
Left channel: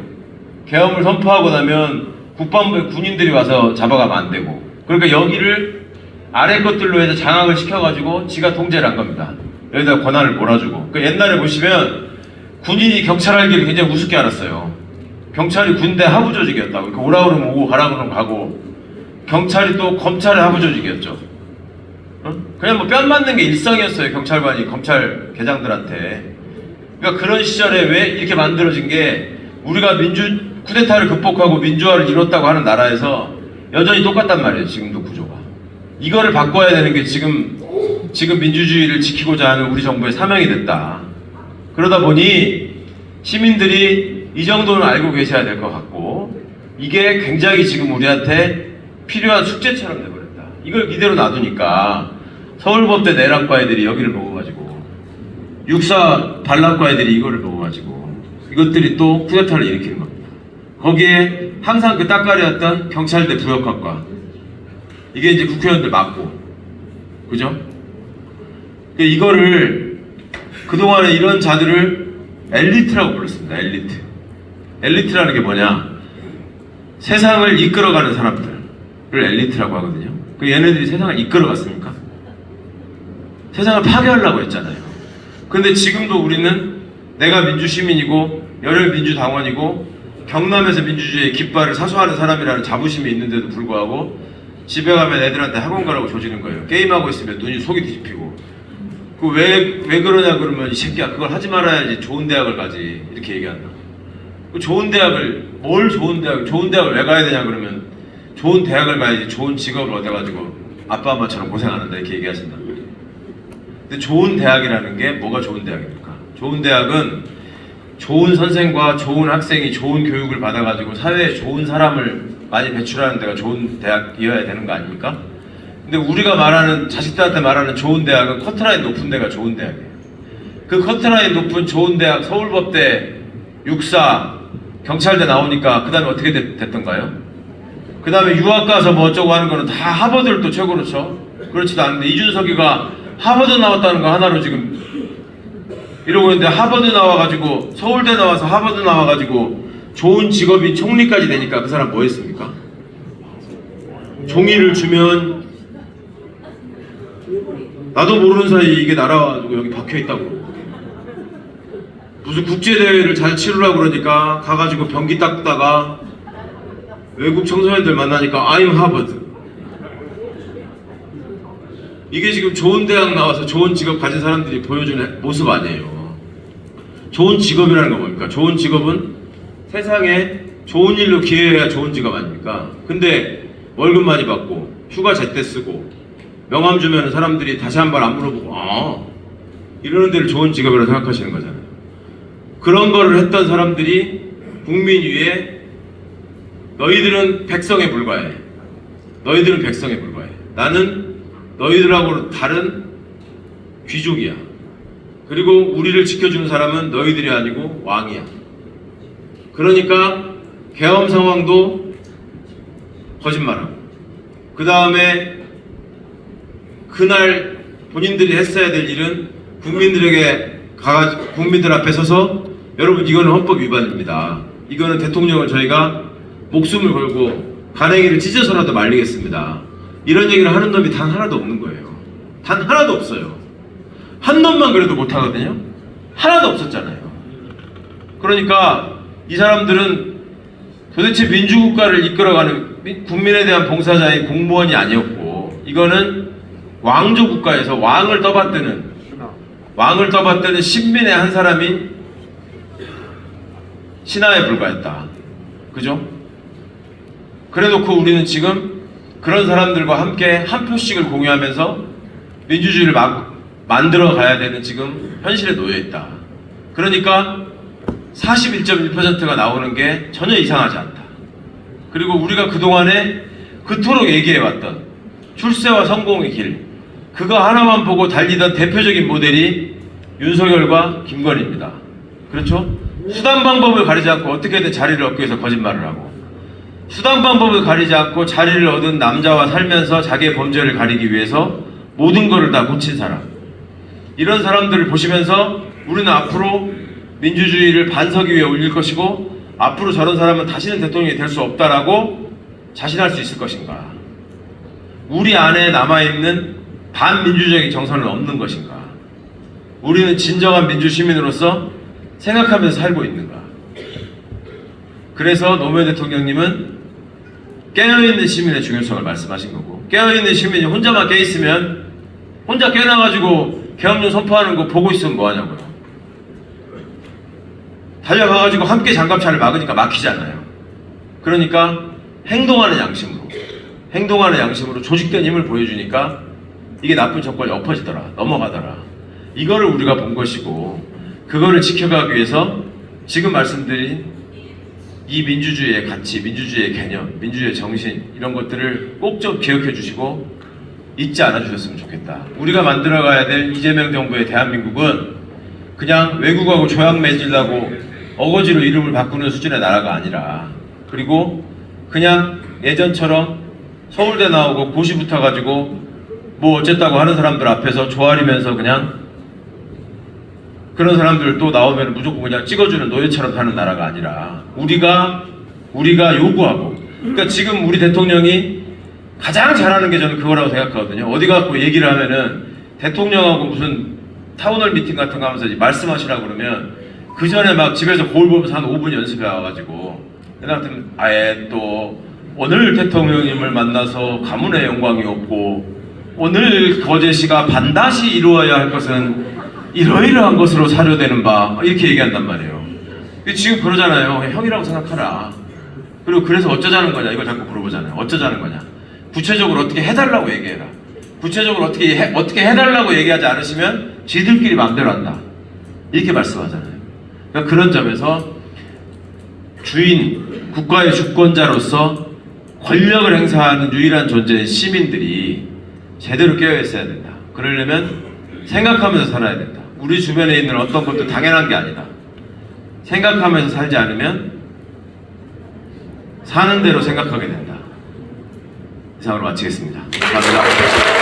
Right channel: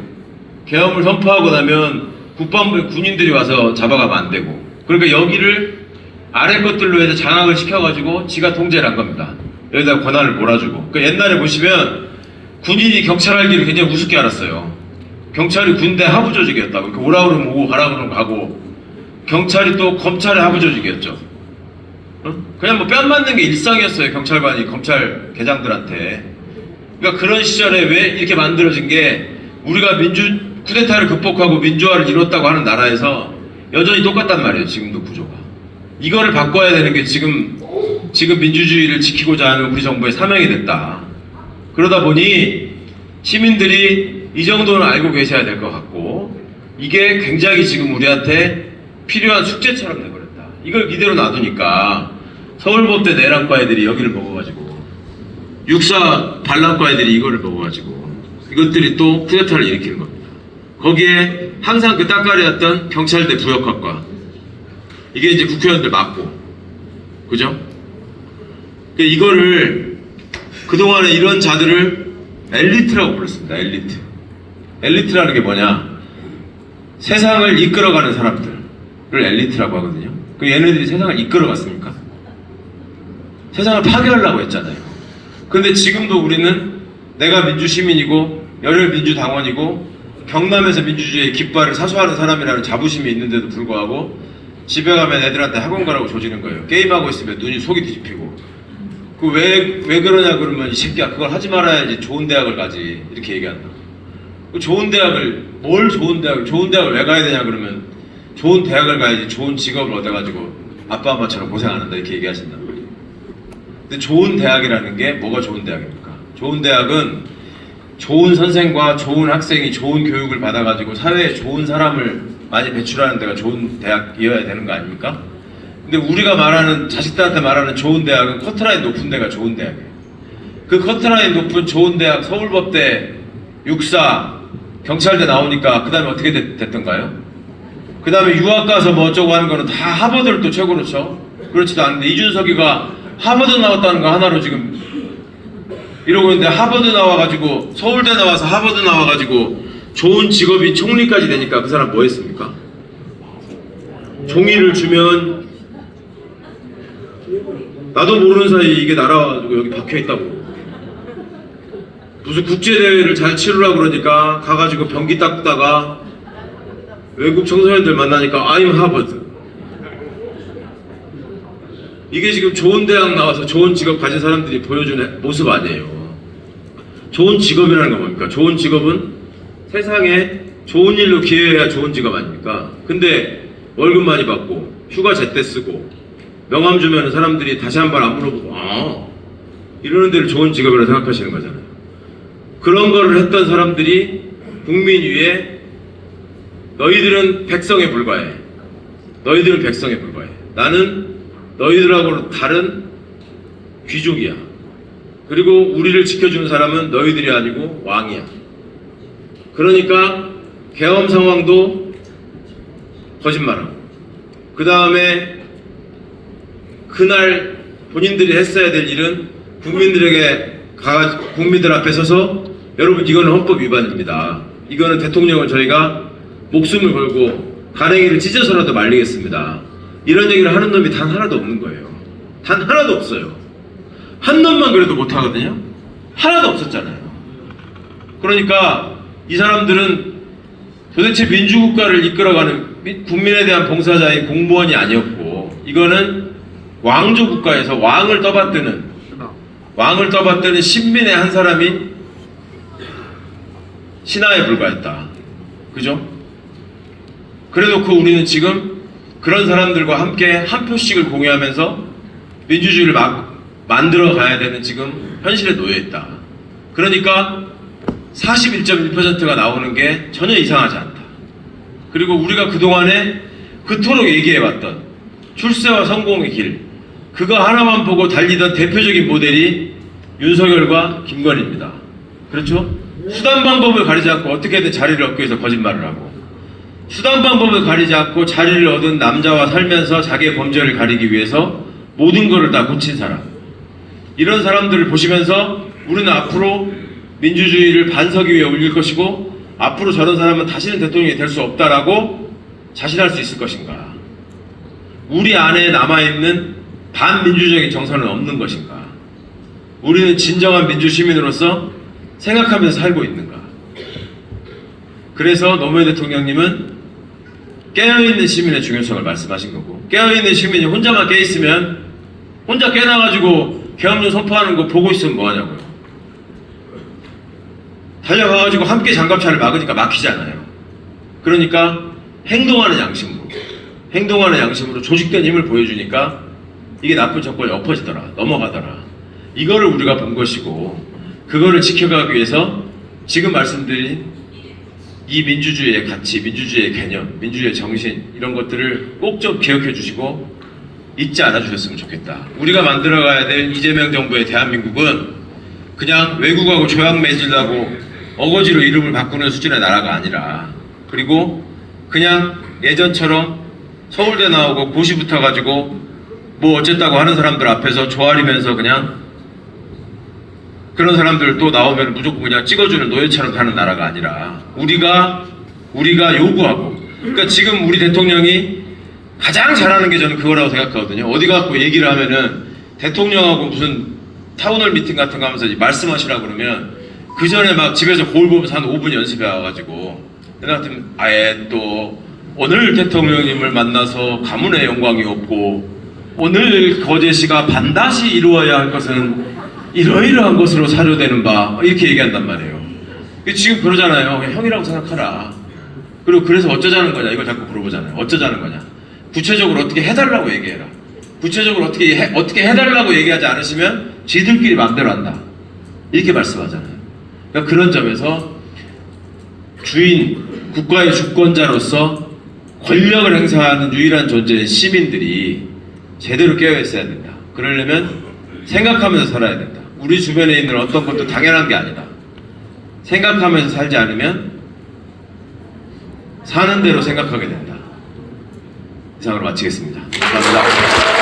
계엄을 선포하고 나면 국방부의 군인들이 와서 잡아가면 안 되고 그러니까 여기를 아래 것들로 해서 장악을 시켜가지고 지가 통제를 한 겁니다. 여기다 권한을 몰아주고 그러니까 옛날에 보시면 군인이 경찰 알기를 굉장히 우습게 알았어요. 경찰이 군대 하부 조직이었다고. 그러니까 오라 그러면 오고 가라 그러면 가고 경찰이 또 검찰의 하부 조직이었죠. 응? 그냥 뭐 뺨 맞는 게 일상이었어요. 경찰관이 검찰 계장들한테. 그러니까 그런 시절에 왜 이렇게 만들어진 게 우리가 쿠데타를 극복하고 민주화를 이뤘다고 하는 나라에서 여전히 똑같단 말이에요. 지금도 구조가. 이거를 바꿔야 되는 게 지금 민주주의를 지키고자 하는 우리 정부의 사명이 됐다. 그러다 보니 시민들이 이 정도는 알고 계셔야 될 것 같고 이게 굉장히 지금 우리한테 필요한 숙제처럼 돼버렸다. 이걸 이대로 놔두니까 서울법대 내란과 애들이 여기를 먹어가지고 육사 반란과 애들이 이거를 먹어가지고 이것들이 또 쿠데타를 일으키는 겁니다. 거기에 항상 그 따까리였던 경찰대 부역학과 이게 이제 국회의원들 맞고 그죠? 이거를 그동안에 이런 자들을 엘리트라고 불렀습니다. 엘리트라는 게 뭐냐? 세상을 이끌어가는 사람들을 엘리트라고 하거든요. 그 얘네들이 세상을 이끌어갔습니까? 세상을 파괴하려고 했잖아요. 근데 지금도 우리는 내가 민주시민이고 열혈민주당원이고 경남에서 민주주의의 깃발을 사수하는 사람이라는 자부심이 있는데도 불구하고 집에 가면 애들한테 학원 가라고 조지는 거예요. 게임하고 있으면 눈이 속이 뒤집히고 그 왜 그러냐 그러면 이 새끼야 그걸 하지 말아야지 좋은 대학을 가지 이렇게 얘기한다고. 좋은 대학을 좋은 대학을 왜 가야 되냐 그러면 좋은 대학을 가야지 좋은 직업을 얻어가지고 아빠 엄마처럼 고생 안 한다 이렇게 얘기하신단 말이에요. 근데 좋은 대학이라는 게 뭐가 좋은 대학입니까? 좋은 대학은 좋은 선생과 좋은 학생이 좋은 교육을 받아가지고 사회에 좋은 사람을 많이 배출하는 데가 좋은 대학이어야 되는 거 아닙니까? 근데 우리가 말하는 자식들한테 말하는 좋은 대학은 커트라인 높은 데가 좋은 대학이에요. 그 커트라인 높은 좋은 대학 서울법대, 육사, 경찰대 나오니까 그 다음에 어떻게 됐던가요? 그 다음에 유학 가서 뭐 어쩌고 하는 거는 다 하버드를 또 최고로 쳐. 그렇지도 않은데 이준석이가 하버드 나왔다는 거 하나로 지금 이러고 있는데 하버드 나와가지고 서울대 나와서 하버드 나와가지고 좋은 직업이 총리까지 되니까 그 사람 뭐 했습니까? 종이를 주면 나도 모르는 사이에 이게 날아가지고 여기 박혀있다고. 무슨 국제대회를 잘 치르려고 그러니까 가가지고 변기 닦다가 외국 청소년들 만나니까 I'm 하버드. 이게 지금 좋은 대학 나와서 좋은 직업 가진 사람들이 보여주는 모습 아니에요. 좋은 직업이라는 건 뭡니까? 좋은 직업은 세상에 좋은 일로 기여해야 좋은 직업 아닙니까? 근데 월급 많이 받고 휴가 제때 쓰고 명함 주면 사람들이 다시 한 번 안 물어보고 이러는 데를 좋은 직업이라고 생각하시는 거잖아요. 그런 거를 했던 사람들이 국민 위에 너희들은 백성에 불과해. 너희들은 백성에 불과해. 나는 너희들하고는 다른 귀족이야. 그리고 우리를 지켜주는 사람은 너희들이 아니고 왕이야. 그러니까 계엄 상황도 거짓말하고 그 다음에 그날 본인들이 했어야 될 일은 국민들 앞에 서서 여러분 이거는 헌법 위반입니다. 이거는 대통령을 저희가 목숨을 걸고 가랭이를 찢어서라도 말리겠습니다. 이런 얘기를 하는 놈이 단 하나도 없는 거예요. 단 하나도 없어요. 한 놈만 그래도 못하거든요. 하나도 없었잖아요. 그러니까 이 사람들은 도대체 민주국가를 이끌어가는 국민에 대한 봉사자의 공무원이 아니었고 이거는 왕조 국가에서 왕을 떠받드는 신민의 한 사람이 신하에 불과했다. 그죠? 그래놓고 우리는 지금 그런 사람들과 함께 한 표씩을 공유하면서 민주주의를 만들어 가야 되는 지금 현실에 놓여 있다. 그러니까 41.1%가 나오는 게 전혀 이상하지 않다. 그리고 우리가 그동안에 그토록 얘기해왔던 출세와 성공의 길, 그거 하나만 보고 달리던 대표적인 모델이 윤석열과 김건희입니다. 그렇죠? 수단 방법을 가리지 않고 어떻게든 자리를 얻기 위해서 거짓말을 하고 수단 방법을 가리지 않고 자리를 얻은 남자와 살면서 자기의 범죄를 가리기 위해서 모든 거를 다 고친 사람. 이런 사람들을 보시면서 우리는 앞으로 민주주의를 반석 위에 올릴 것이고 앞으로 저런 사람은 다시는 대통령이 될 수 없다라고 자신할 수 있을 것인가? 우리 안에 남아있는 반민주적인 정서는 없는 것인가? 우리는 진정한 민주시민으로서 생각하면서 살고 있는가? 그래서 노무현 대통령님은 깨어있는 시민의 중요성을 말씀하신 거고, 깨어있는 시민이 혼자만 깨있으면 혼자 깨어나가지고 계엄령 선포하는 거 보고 있으면 뭐하냐고요. 달려가가지고 함께 장갑차를 막으니까 막히잖아요. 그러니까 행동하는 양심으로 조직된 힘을 보여주니까 이게 나쁜 정권이 엎어지더라, 넘어가더라. 이거를 우리가 본 것이고, 그거를 지켜가기 위해서 지금 말씀드린 이 민주주의의 가치, 민주주의의 개념, 민주주의의 정신, 이런 것들을 꼭 좀 기억해 주시고 잊지 않아 주셨으면 좋겠다. 우리가 만들어가야 될 이재명 정부의 대한민국은 그냥 외국하고 조약 맺으려고 어거지로 이름을 바꾸는 수준의 나라가 아니라, 그리고 그냥 예전처럼 서울대 나오고 고시 붙어가지고 뭐 어쨌다고 하는 사람들 앞에서 조아리면서 그냥 그런 사람들 또 나오면 무조건 그냥 찍어주는 노예처럼 사는 나라가 아니라, 우리가 요구하고, 그러니까 지금 우리 대통령이 가장 잘하는 게 저는 그거라고 생각하거든요. 어디 가서 얘기를 하면은 대통령하고 무슨 타운홀 미팅 같은 거 하면서 말씀하시라 그러면 그 전에 막 집에서 거울 보면서 한 5분 연습해 와가지고, 내가 같으면 아예 또 오늘 대통령님을 만나서 가문의 영광이 없고 오늘 거제시가 반드시 이루어야 할 것은 이러이러한 것으로 사료되는 바, 이렇게 얘기한단 말이에요. 지금 그러잖아요. 형이라고 생각하라. 그리고 그래서 어쩌자는 거냐 이걸 자꾸 물어보잖아요. 어쩌자는 거냐. 구체적으로 어떻게 해달라고 얘기해라. 구체적으로 어떻게 해달라고 얘기하지 않으시면 지들끼리 마음대로 한다, 이렇게 말씀하잖아요. 그러니까 그런 점에서 주인, 국가의 주권자로서 권력을 행사하는 유일한 존재인 시민들이 제대로 깨어있어야 된다. 그러려면 생각하면서 살아야 된다. 우리 주변에 있는 어떤 것도 당연한 게 아니다. 생각하면서 살지 않으면 사는 대로 생각하게 된다. 이상으로 마치겠습니다. 감사합니다.